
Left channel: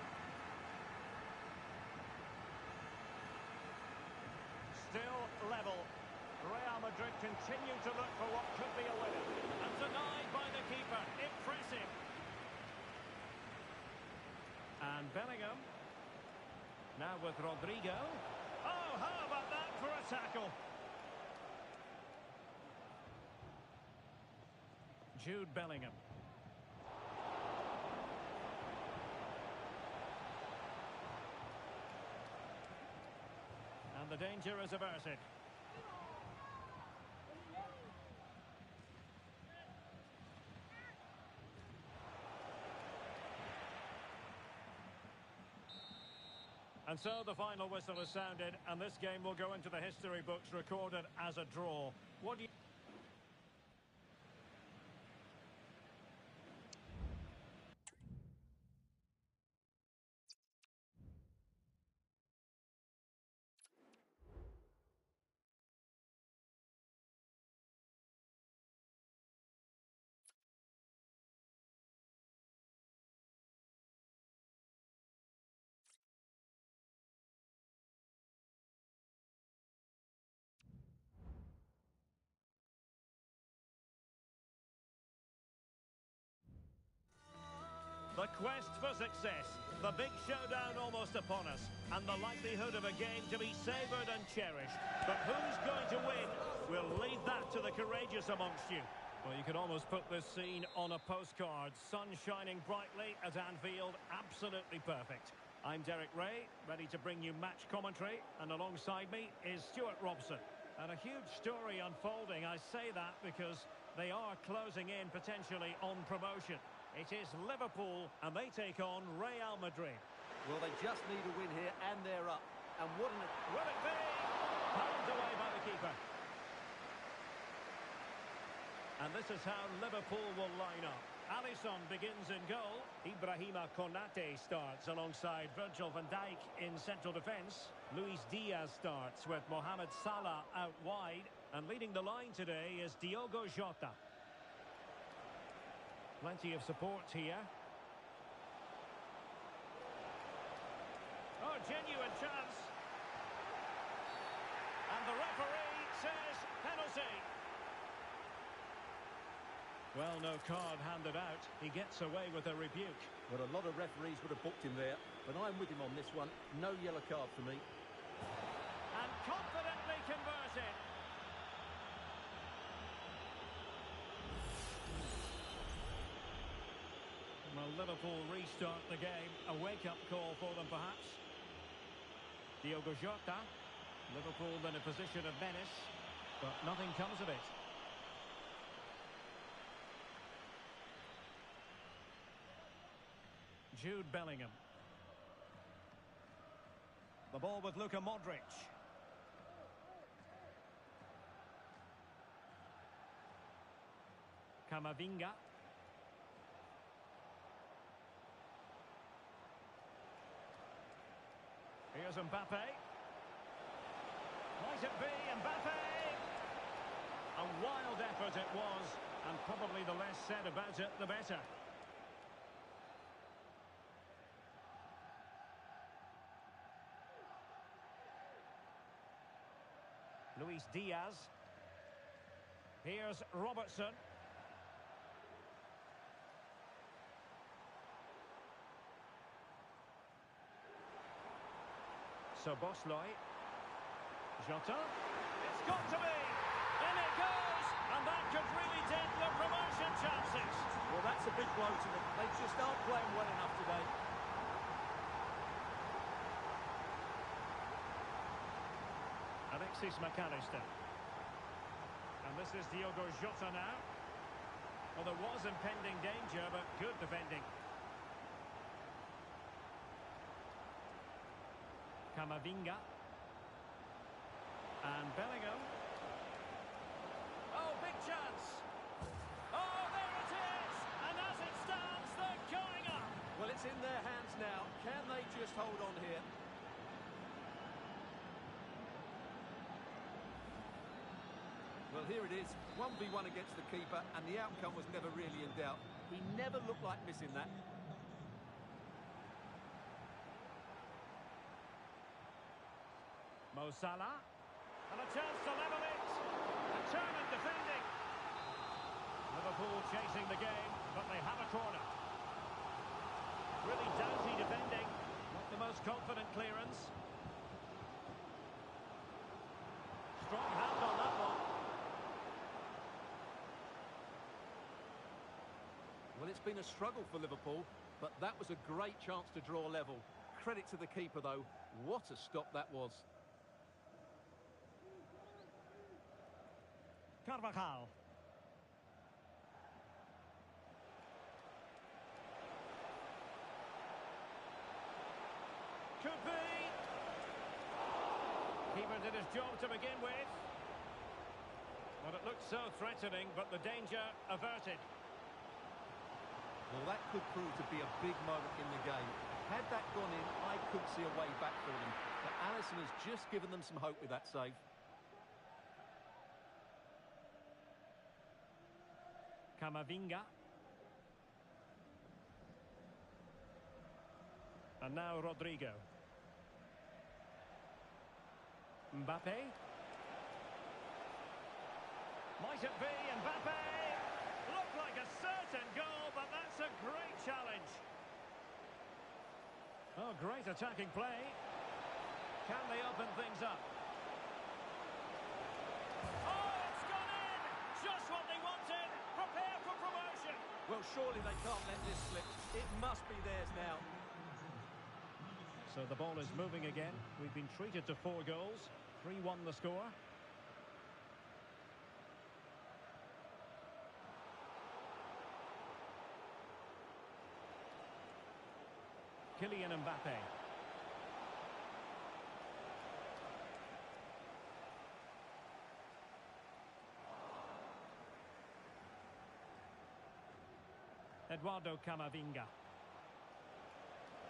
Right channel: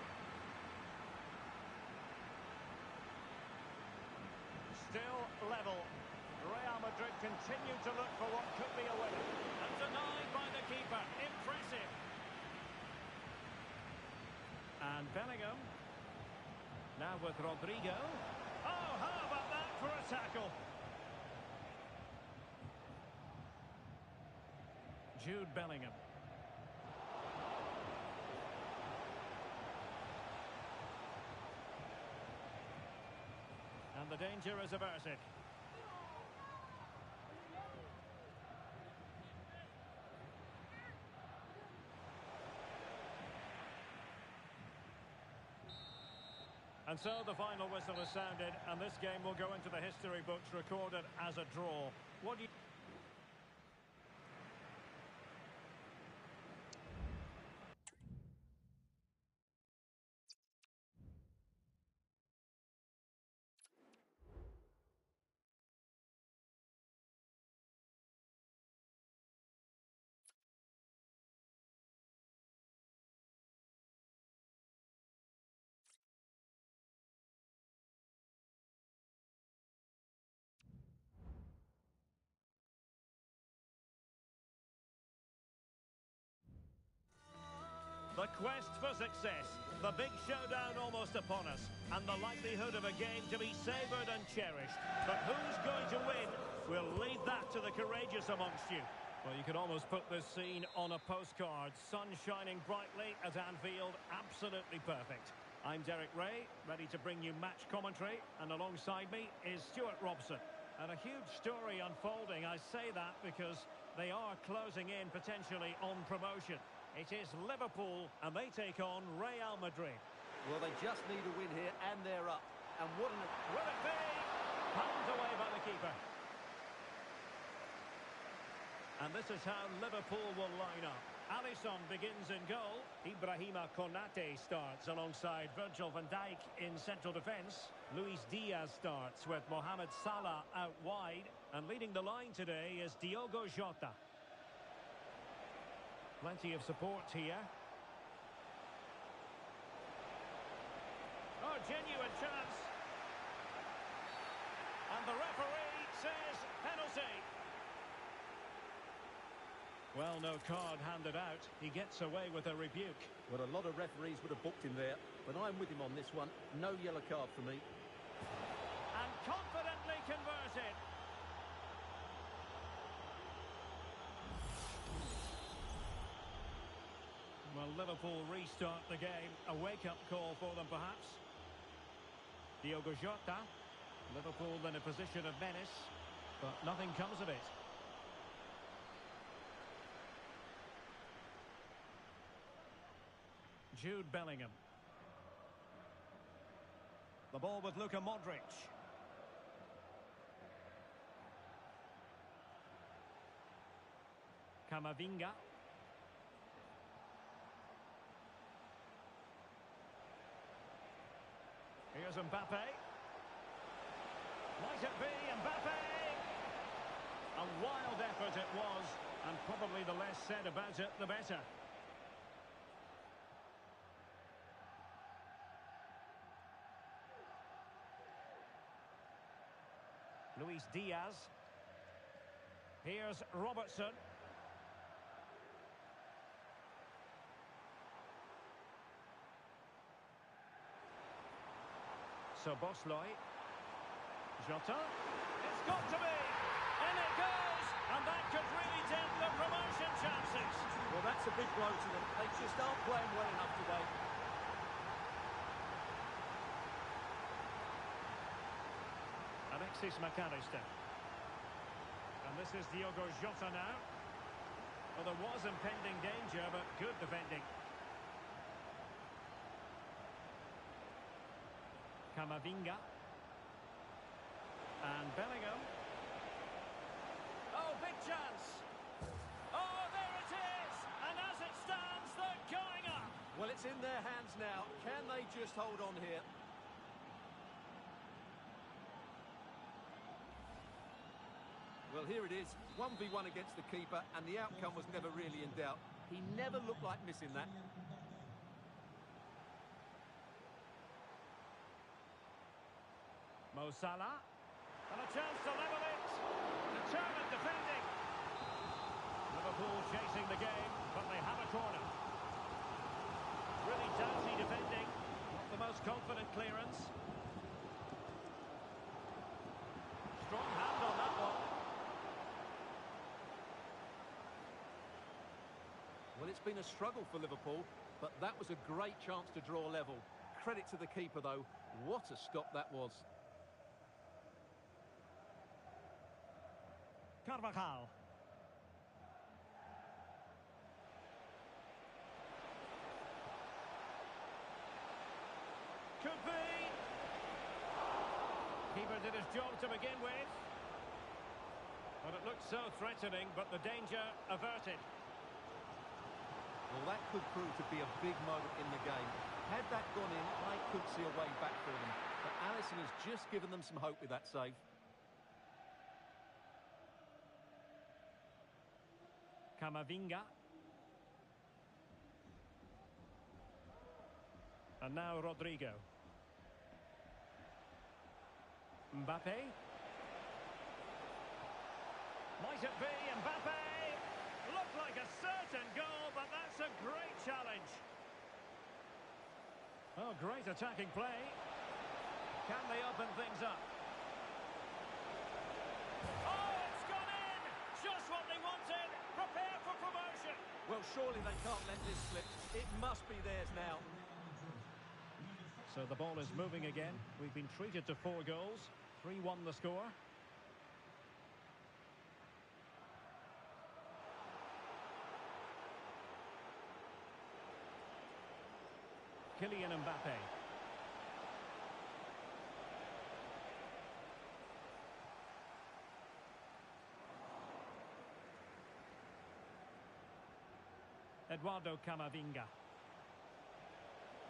Still level. Real Madrid continue to look for what could be a winner. And denied by the keeper. Impressive. And Bellingham. Now with Rodrigo. Oh, how about that for a tackle? Jude Bellingham. And the danger is averted. And so the final whistle is sounded, and this game will go into the history books recorded as a draw. What do you... quest for success. The big showdown almost upon us, and the likelihood of a game to be savoured and cherished. But who's going to win? We'll leave that to the courageous amongst you. Well, you could almost put this scene on a postcard. Sun shining brightly at Anfield, absolutely perfect. I'm Derek Ray, ready to bring you match commentary, and alongside me is Stuart Robson. And a huge story unfolding. I say that because they are closing in potentially on promotion. It is Liverpool, and they take on Real Madrid. Well, they just need a win here, and they're up. And what an... Will it be? Palmed away by the keeper. And this is how Liverpool will line up. Alisson begins in goal. Ibrahima Konate starts alongside Virgil van Dijk in central defence. Luis Diaz starts with Mohamed Salah out wide. And leading the line today is Diogo Jota. Plenty of support here. Oh, genuine chance. And the referee says penalty. Well, no card handed out. He gets away with a rebuke. Well, a lot of referees would have booked him there, but I'm with him on this one. No yellow card for me. And confidently converted. Well, Liverpool restart the game. A wake-up call for them, perhaps. Diogo Jota. Liverpool in a position of menace, but nothing comes of it. Jude Bellingham. The ball with Luka Modric. Camavinga. Here's Mbappe. Might it be Mbappe? A wild effort it was, and probably the less said about it, the better. Luis Diaz. Here's Robertson. So Bosley. Jota. It's got to be. In it goes. And that could really dent the promotion chances. Well, that's a big blow to them. They just aren't playing well enough today. Alexis McAllister. And this is Diogo Jota now. Well, there was impending danger, but good defending. Camavinga. And Bellingham. Oh, big chance. Oh, there it is. And as it stands, they're going up. Well, it's in their hands now. Can they just hold on here? Well, here it is, 1v1 against the keeper, and the outcome was never really in doubt. He never looked like missing that. Mo Salah. And a chance to level it. Determined defending. Liverpool chasing the game, but they have a corner. Really doughty defending. Not the most confident clearance. Strong hand on that one. Well, it's been a struggle for Liverpool, but that was a great chance to draw level. Credit to the keeper, though. What a stop that was. Carvajal. Could be. Keeper did his job to begin with. But it looked so threatening, but the danger averted. Well, that could prove to be a big moment in the game. Had that gone in, I couldn't see a way back for them. But Alisson has just given them some hope with that save. Camavinga. And now Rodrigo. Mbappe. Might it be Mbappe? Looked like a certain goal, but that's a great challenge. Oh, great attacking play. Can they open things up? Oh, it's gone in! Just what they wanted. Prepare for promotion. Well, surely they can't let this slip. It must be theirs now. So the ball is moving again. We've been treated to 4 goals. 3-1 the score. Kylian Mbappe. Eduardo Camavinga.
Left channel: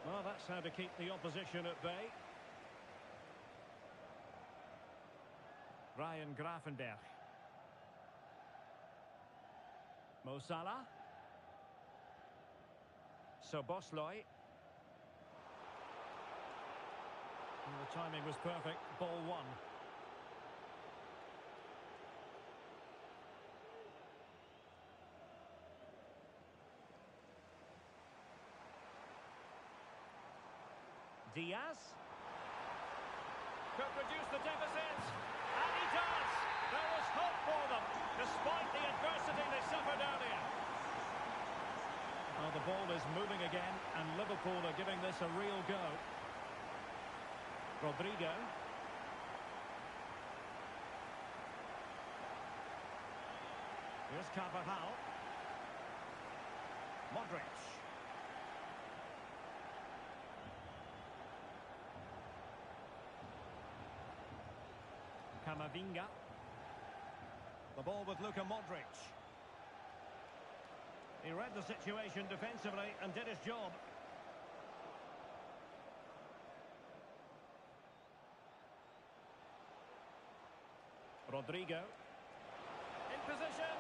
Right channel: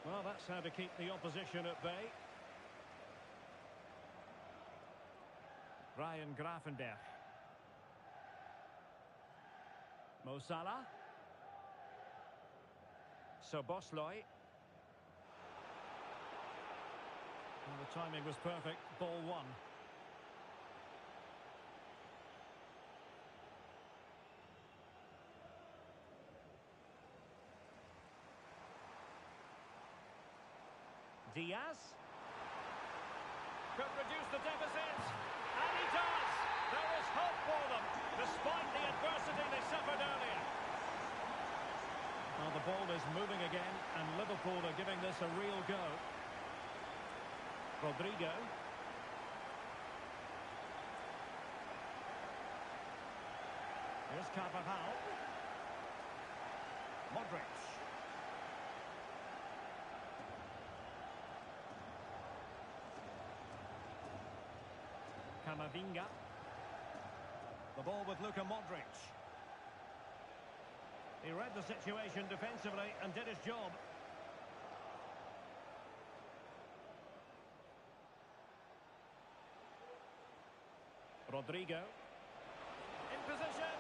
Well, that's how to keep the opposition at bay. Ryan Gravenberch. Mo Salah. Szoboszlai. And the timing was perfect. Ball 1. Diaz. Could reduce the deficit. And he does. There is hope for them, despite the adversity they suffered earlier. Well, the ball is moving again, and Liverpool are giving this a real go. Rodrigo. Here's Carvajal. Modric. Camavinga. The ball with Luka Modric. He read the situation defensively and did his job. Rodrigo. In position.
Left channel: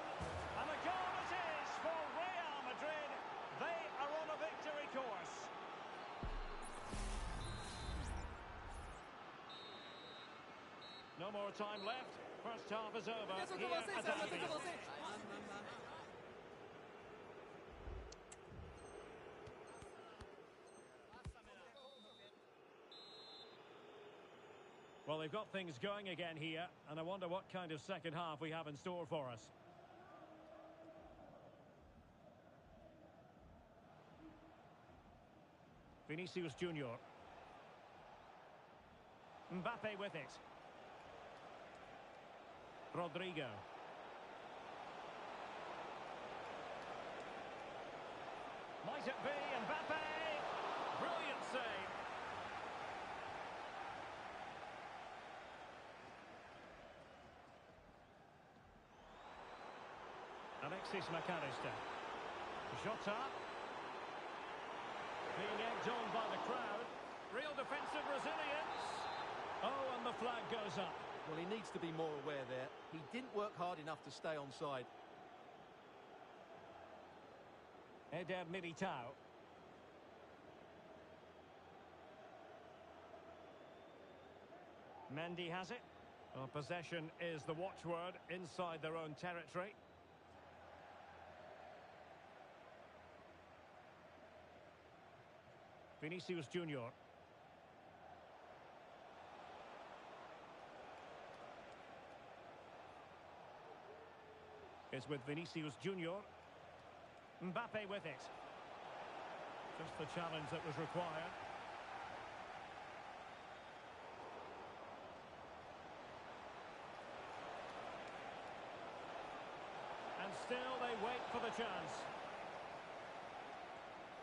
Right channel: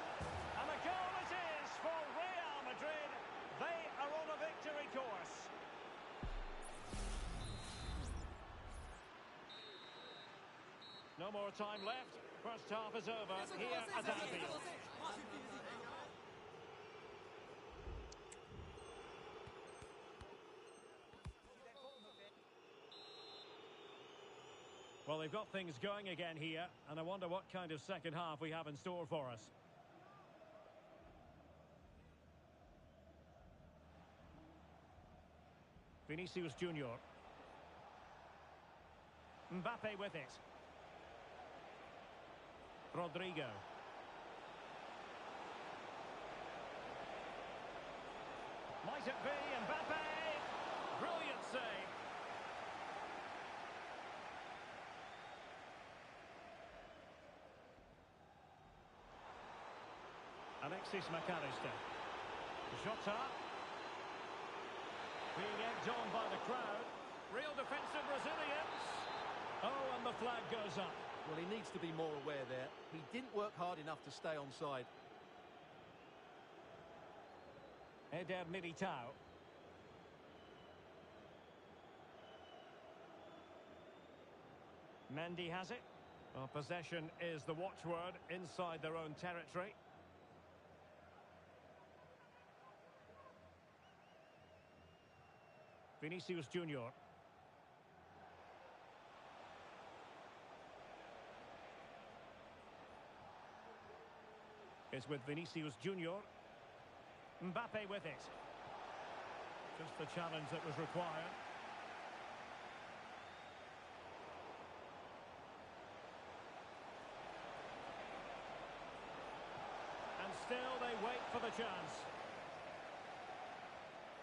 And a goal it is for Real Madrid. They are on a victory course. No more time left. First half is over. Here at Anfield. Well, they've got things going again here, and I wonder what kind of second half we have in store for us. Vinicius Junior. Mbappe with it. Rodrigo. Might it be Mbappe? Brilliant save. Alexis McAllister. Jota. Being egged on by the crowd. Real defensive resilience. Oh, and the flag goes up. Well, he needs to be more aware there. He didn't work hard enough to stay onside. Eder Militao. Mendy has it. Well, possession is the watchword inside their own territory. Vinicius Junior. Is with Vinicius Junior. Mbappe with it. Just the challenge that was required. And still they wait for the chance.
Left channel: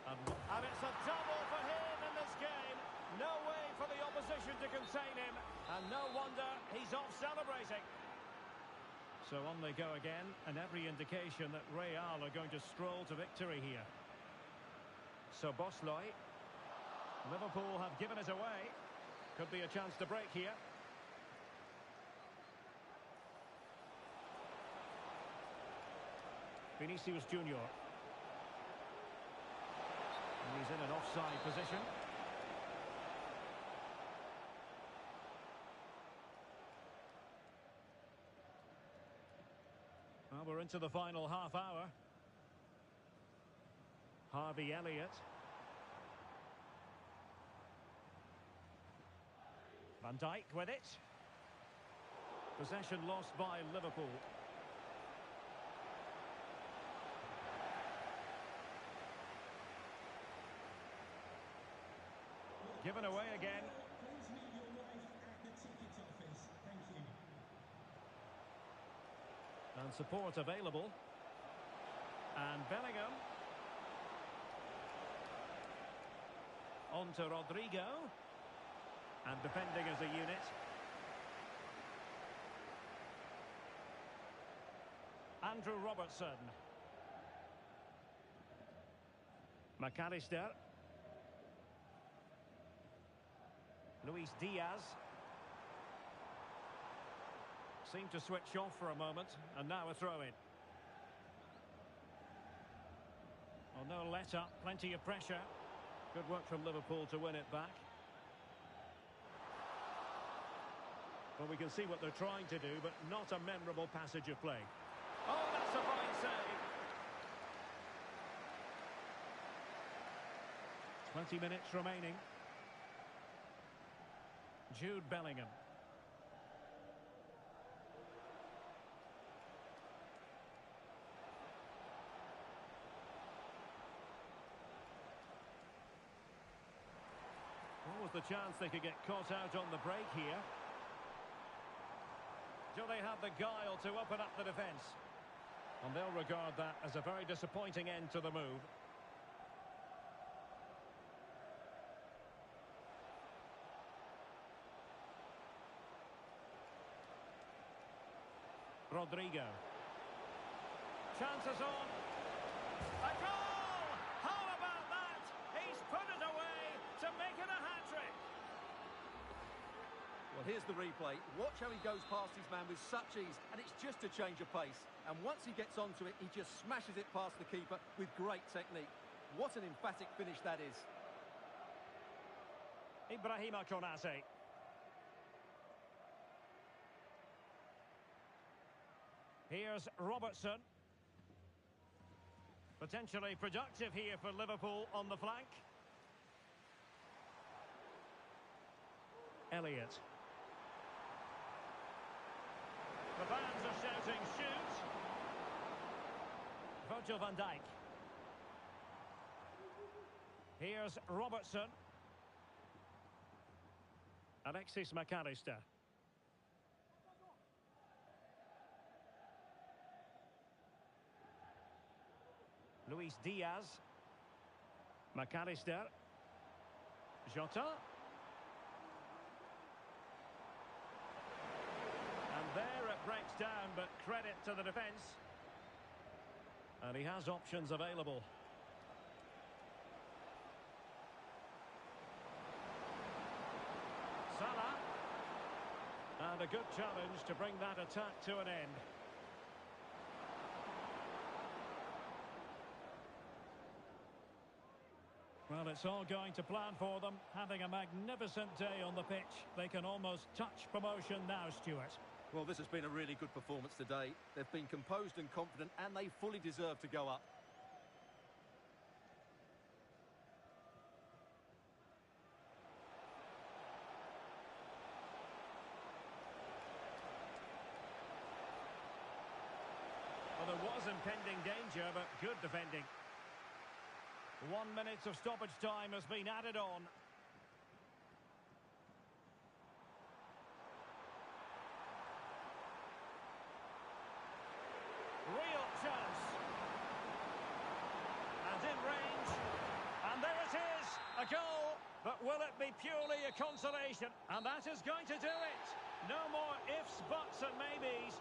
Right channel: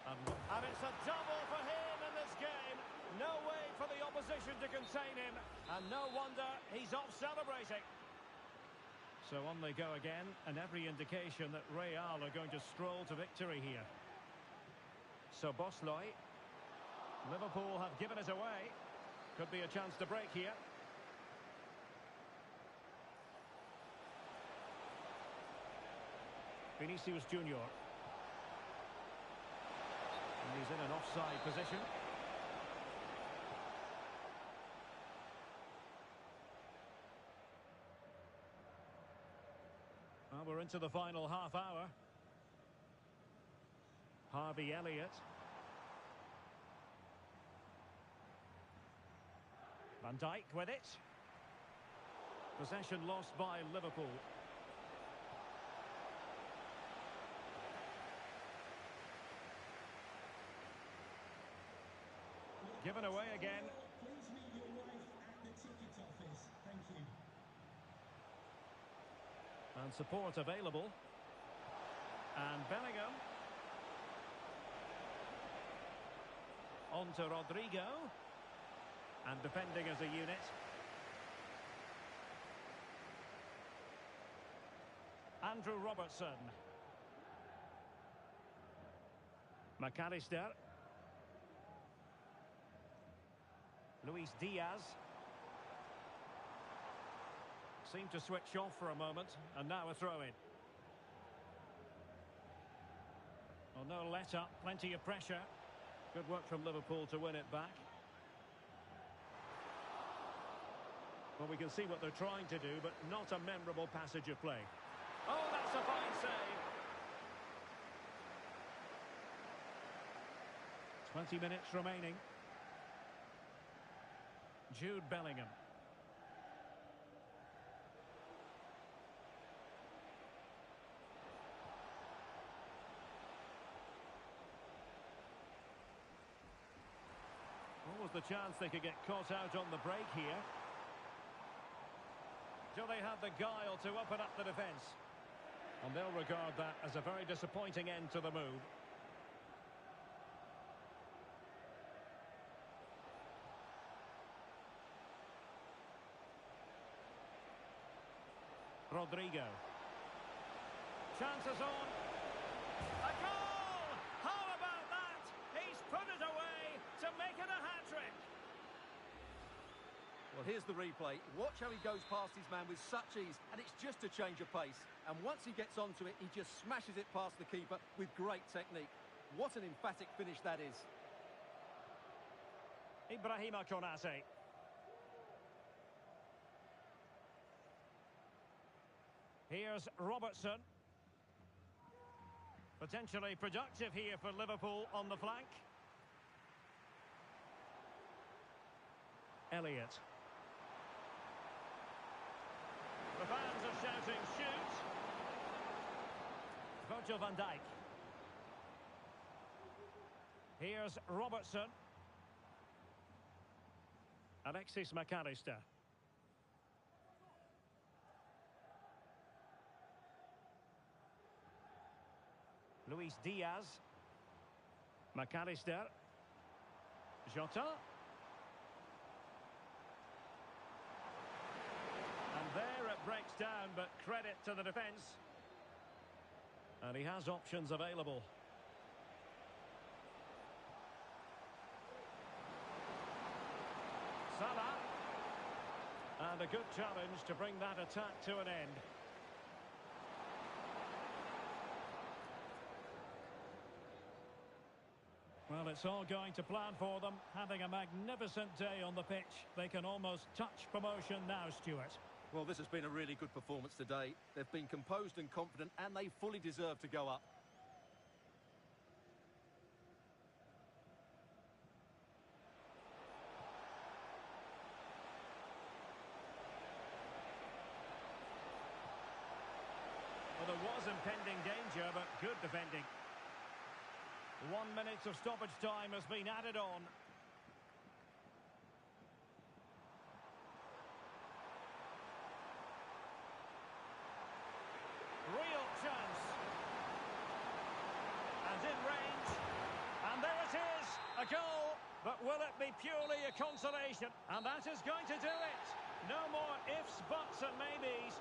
And it's a double for him in this game. No way for the opposition to contain him. And no wonder he's off celebrating. So on they go again, and every indication that Real are going to stroll to victory here. Szoboszlai. Liverpool have given it away. Could be a chance to break here. Vinicius Junior. And he's in an offside position. Well, we're into the final half hour. Harvey Elliott. Van Dijk with it. Possession lost by Liverpool. Given away again. Please meet your wife at the ticket office. Thank you. And support available. And Bellingham. On to Rodrigo. And defending as a unit. Andrew Robertson. McAllister. Luis Diaz. Seemed to switch off for a moment, and now a throw-in. Well, no let-up, plenty of pressure. Good work from Liverpool to win it back. Well, we can see what they're trying to do, but not a memorable passage of play. Oh, that's a fine save. 20 minutes remaining. Jude Bellingham. What was the chance they could get caught out on the break here? Do they have the guile to open up the defence? And they'll regard that as a very disappointing end to the move. Rodrigo. Chances on. A goal! How about that? He's put it away to make it a hat-trick. Well, here's the replay. Watch how he goes past his man with such ease, and it's just a change of pace. And once he gets onto it, he just smashes it past the keeper with great technique. What an emphatic finish that is. Ibrahima Konate. Here's Robertson. Potentially productive here for Liverpool on the flank. Elliott. The fans are shouting, shoot! Virgil van Dijk. Here's Robertson. Alexis McAllister. Luis Diaz. McAllister. Jota. And there it breaks down, but credit to the defence. And he has options available. Salah. And a good challenge to bring that attack to an end. Well, it's all going to plan for them, having a magnificent day on the pitch. They can almost touch promotion now, Stuart. Well, this has been a really good performance today. They've been composed and confident, and they fully deserve to go up. Well, there was impending danger, but good defending. 1 minute of stoppage time has been added on. Real chance. And in range. And there it is, a goal. But will it be purely a consolation? And that is going to do it. No more ifs, buts and maybes.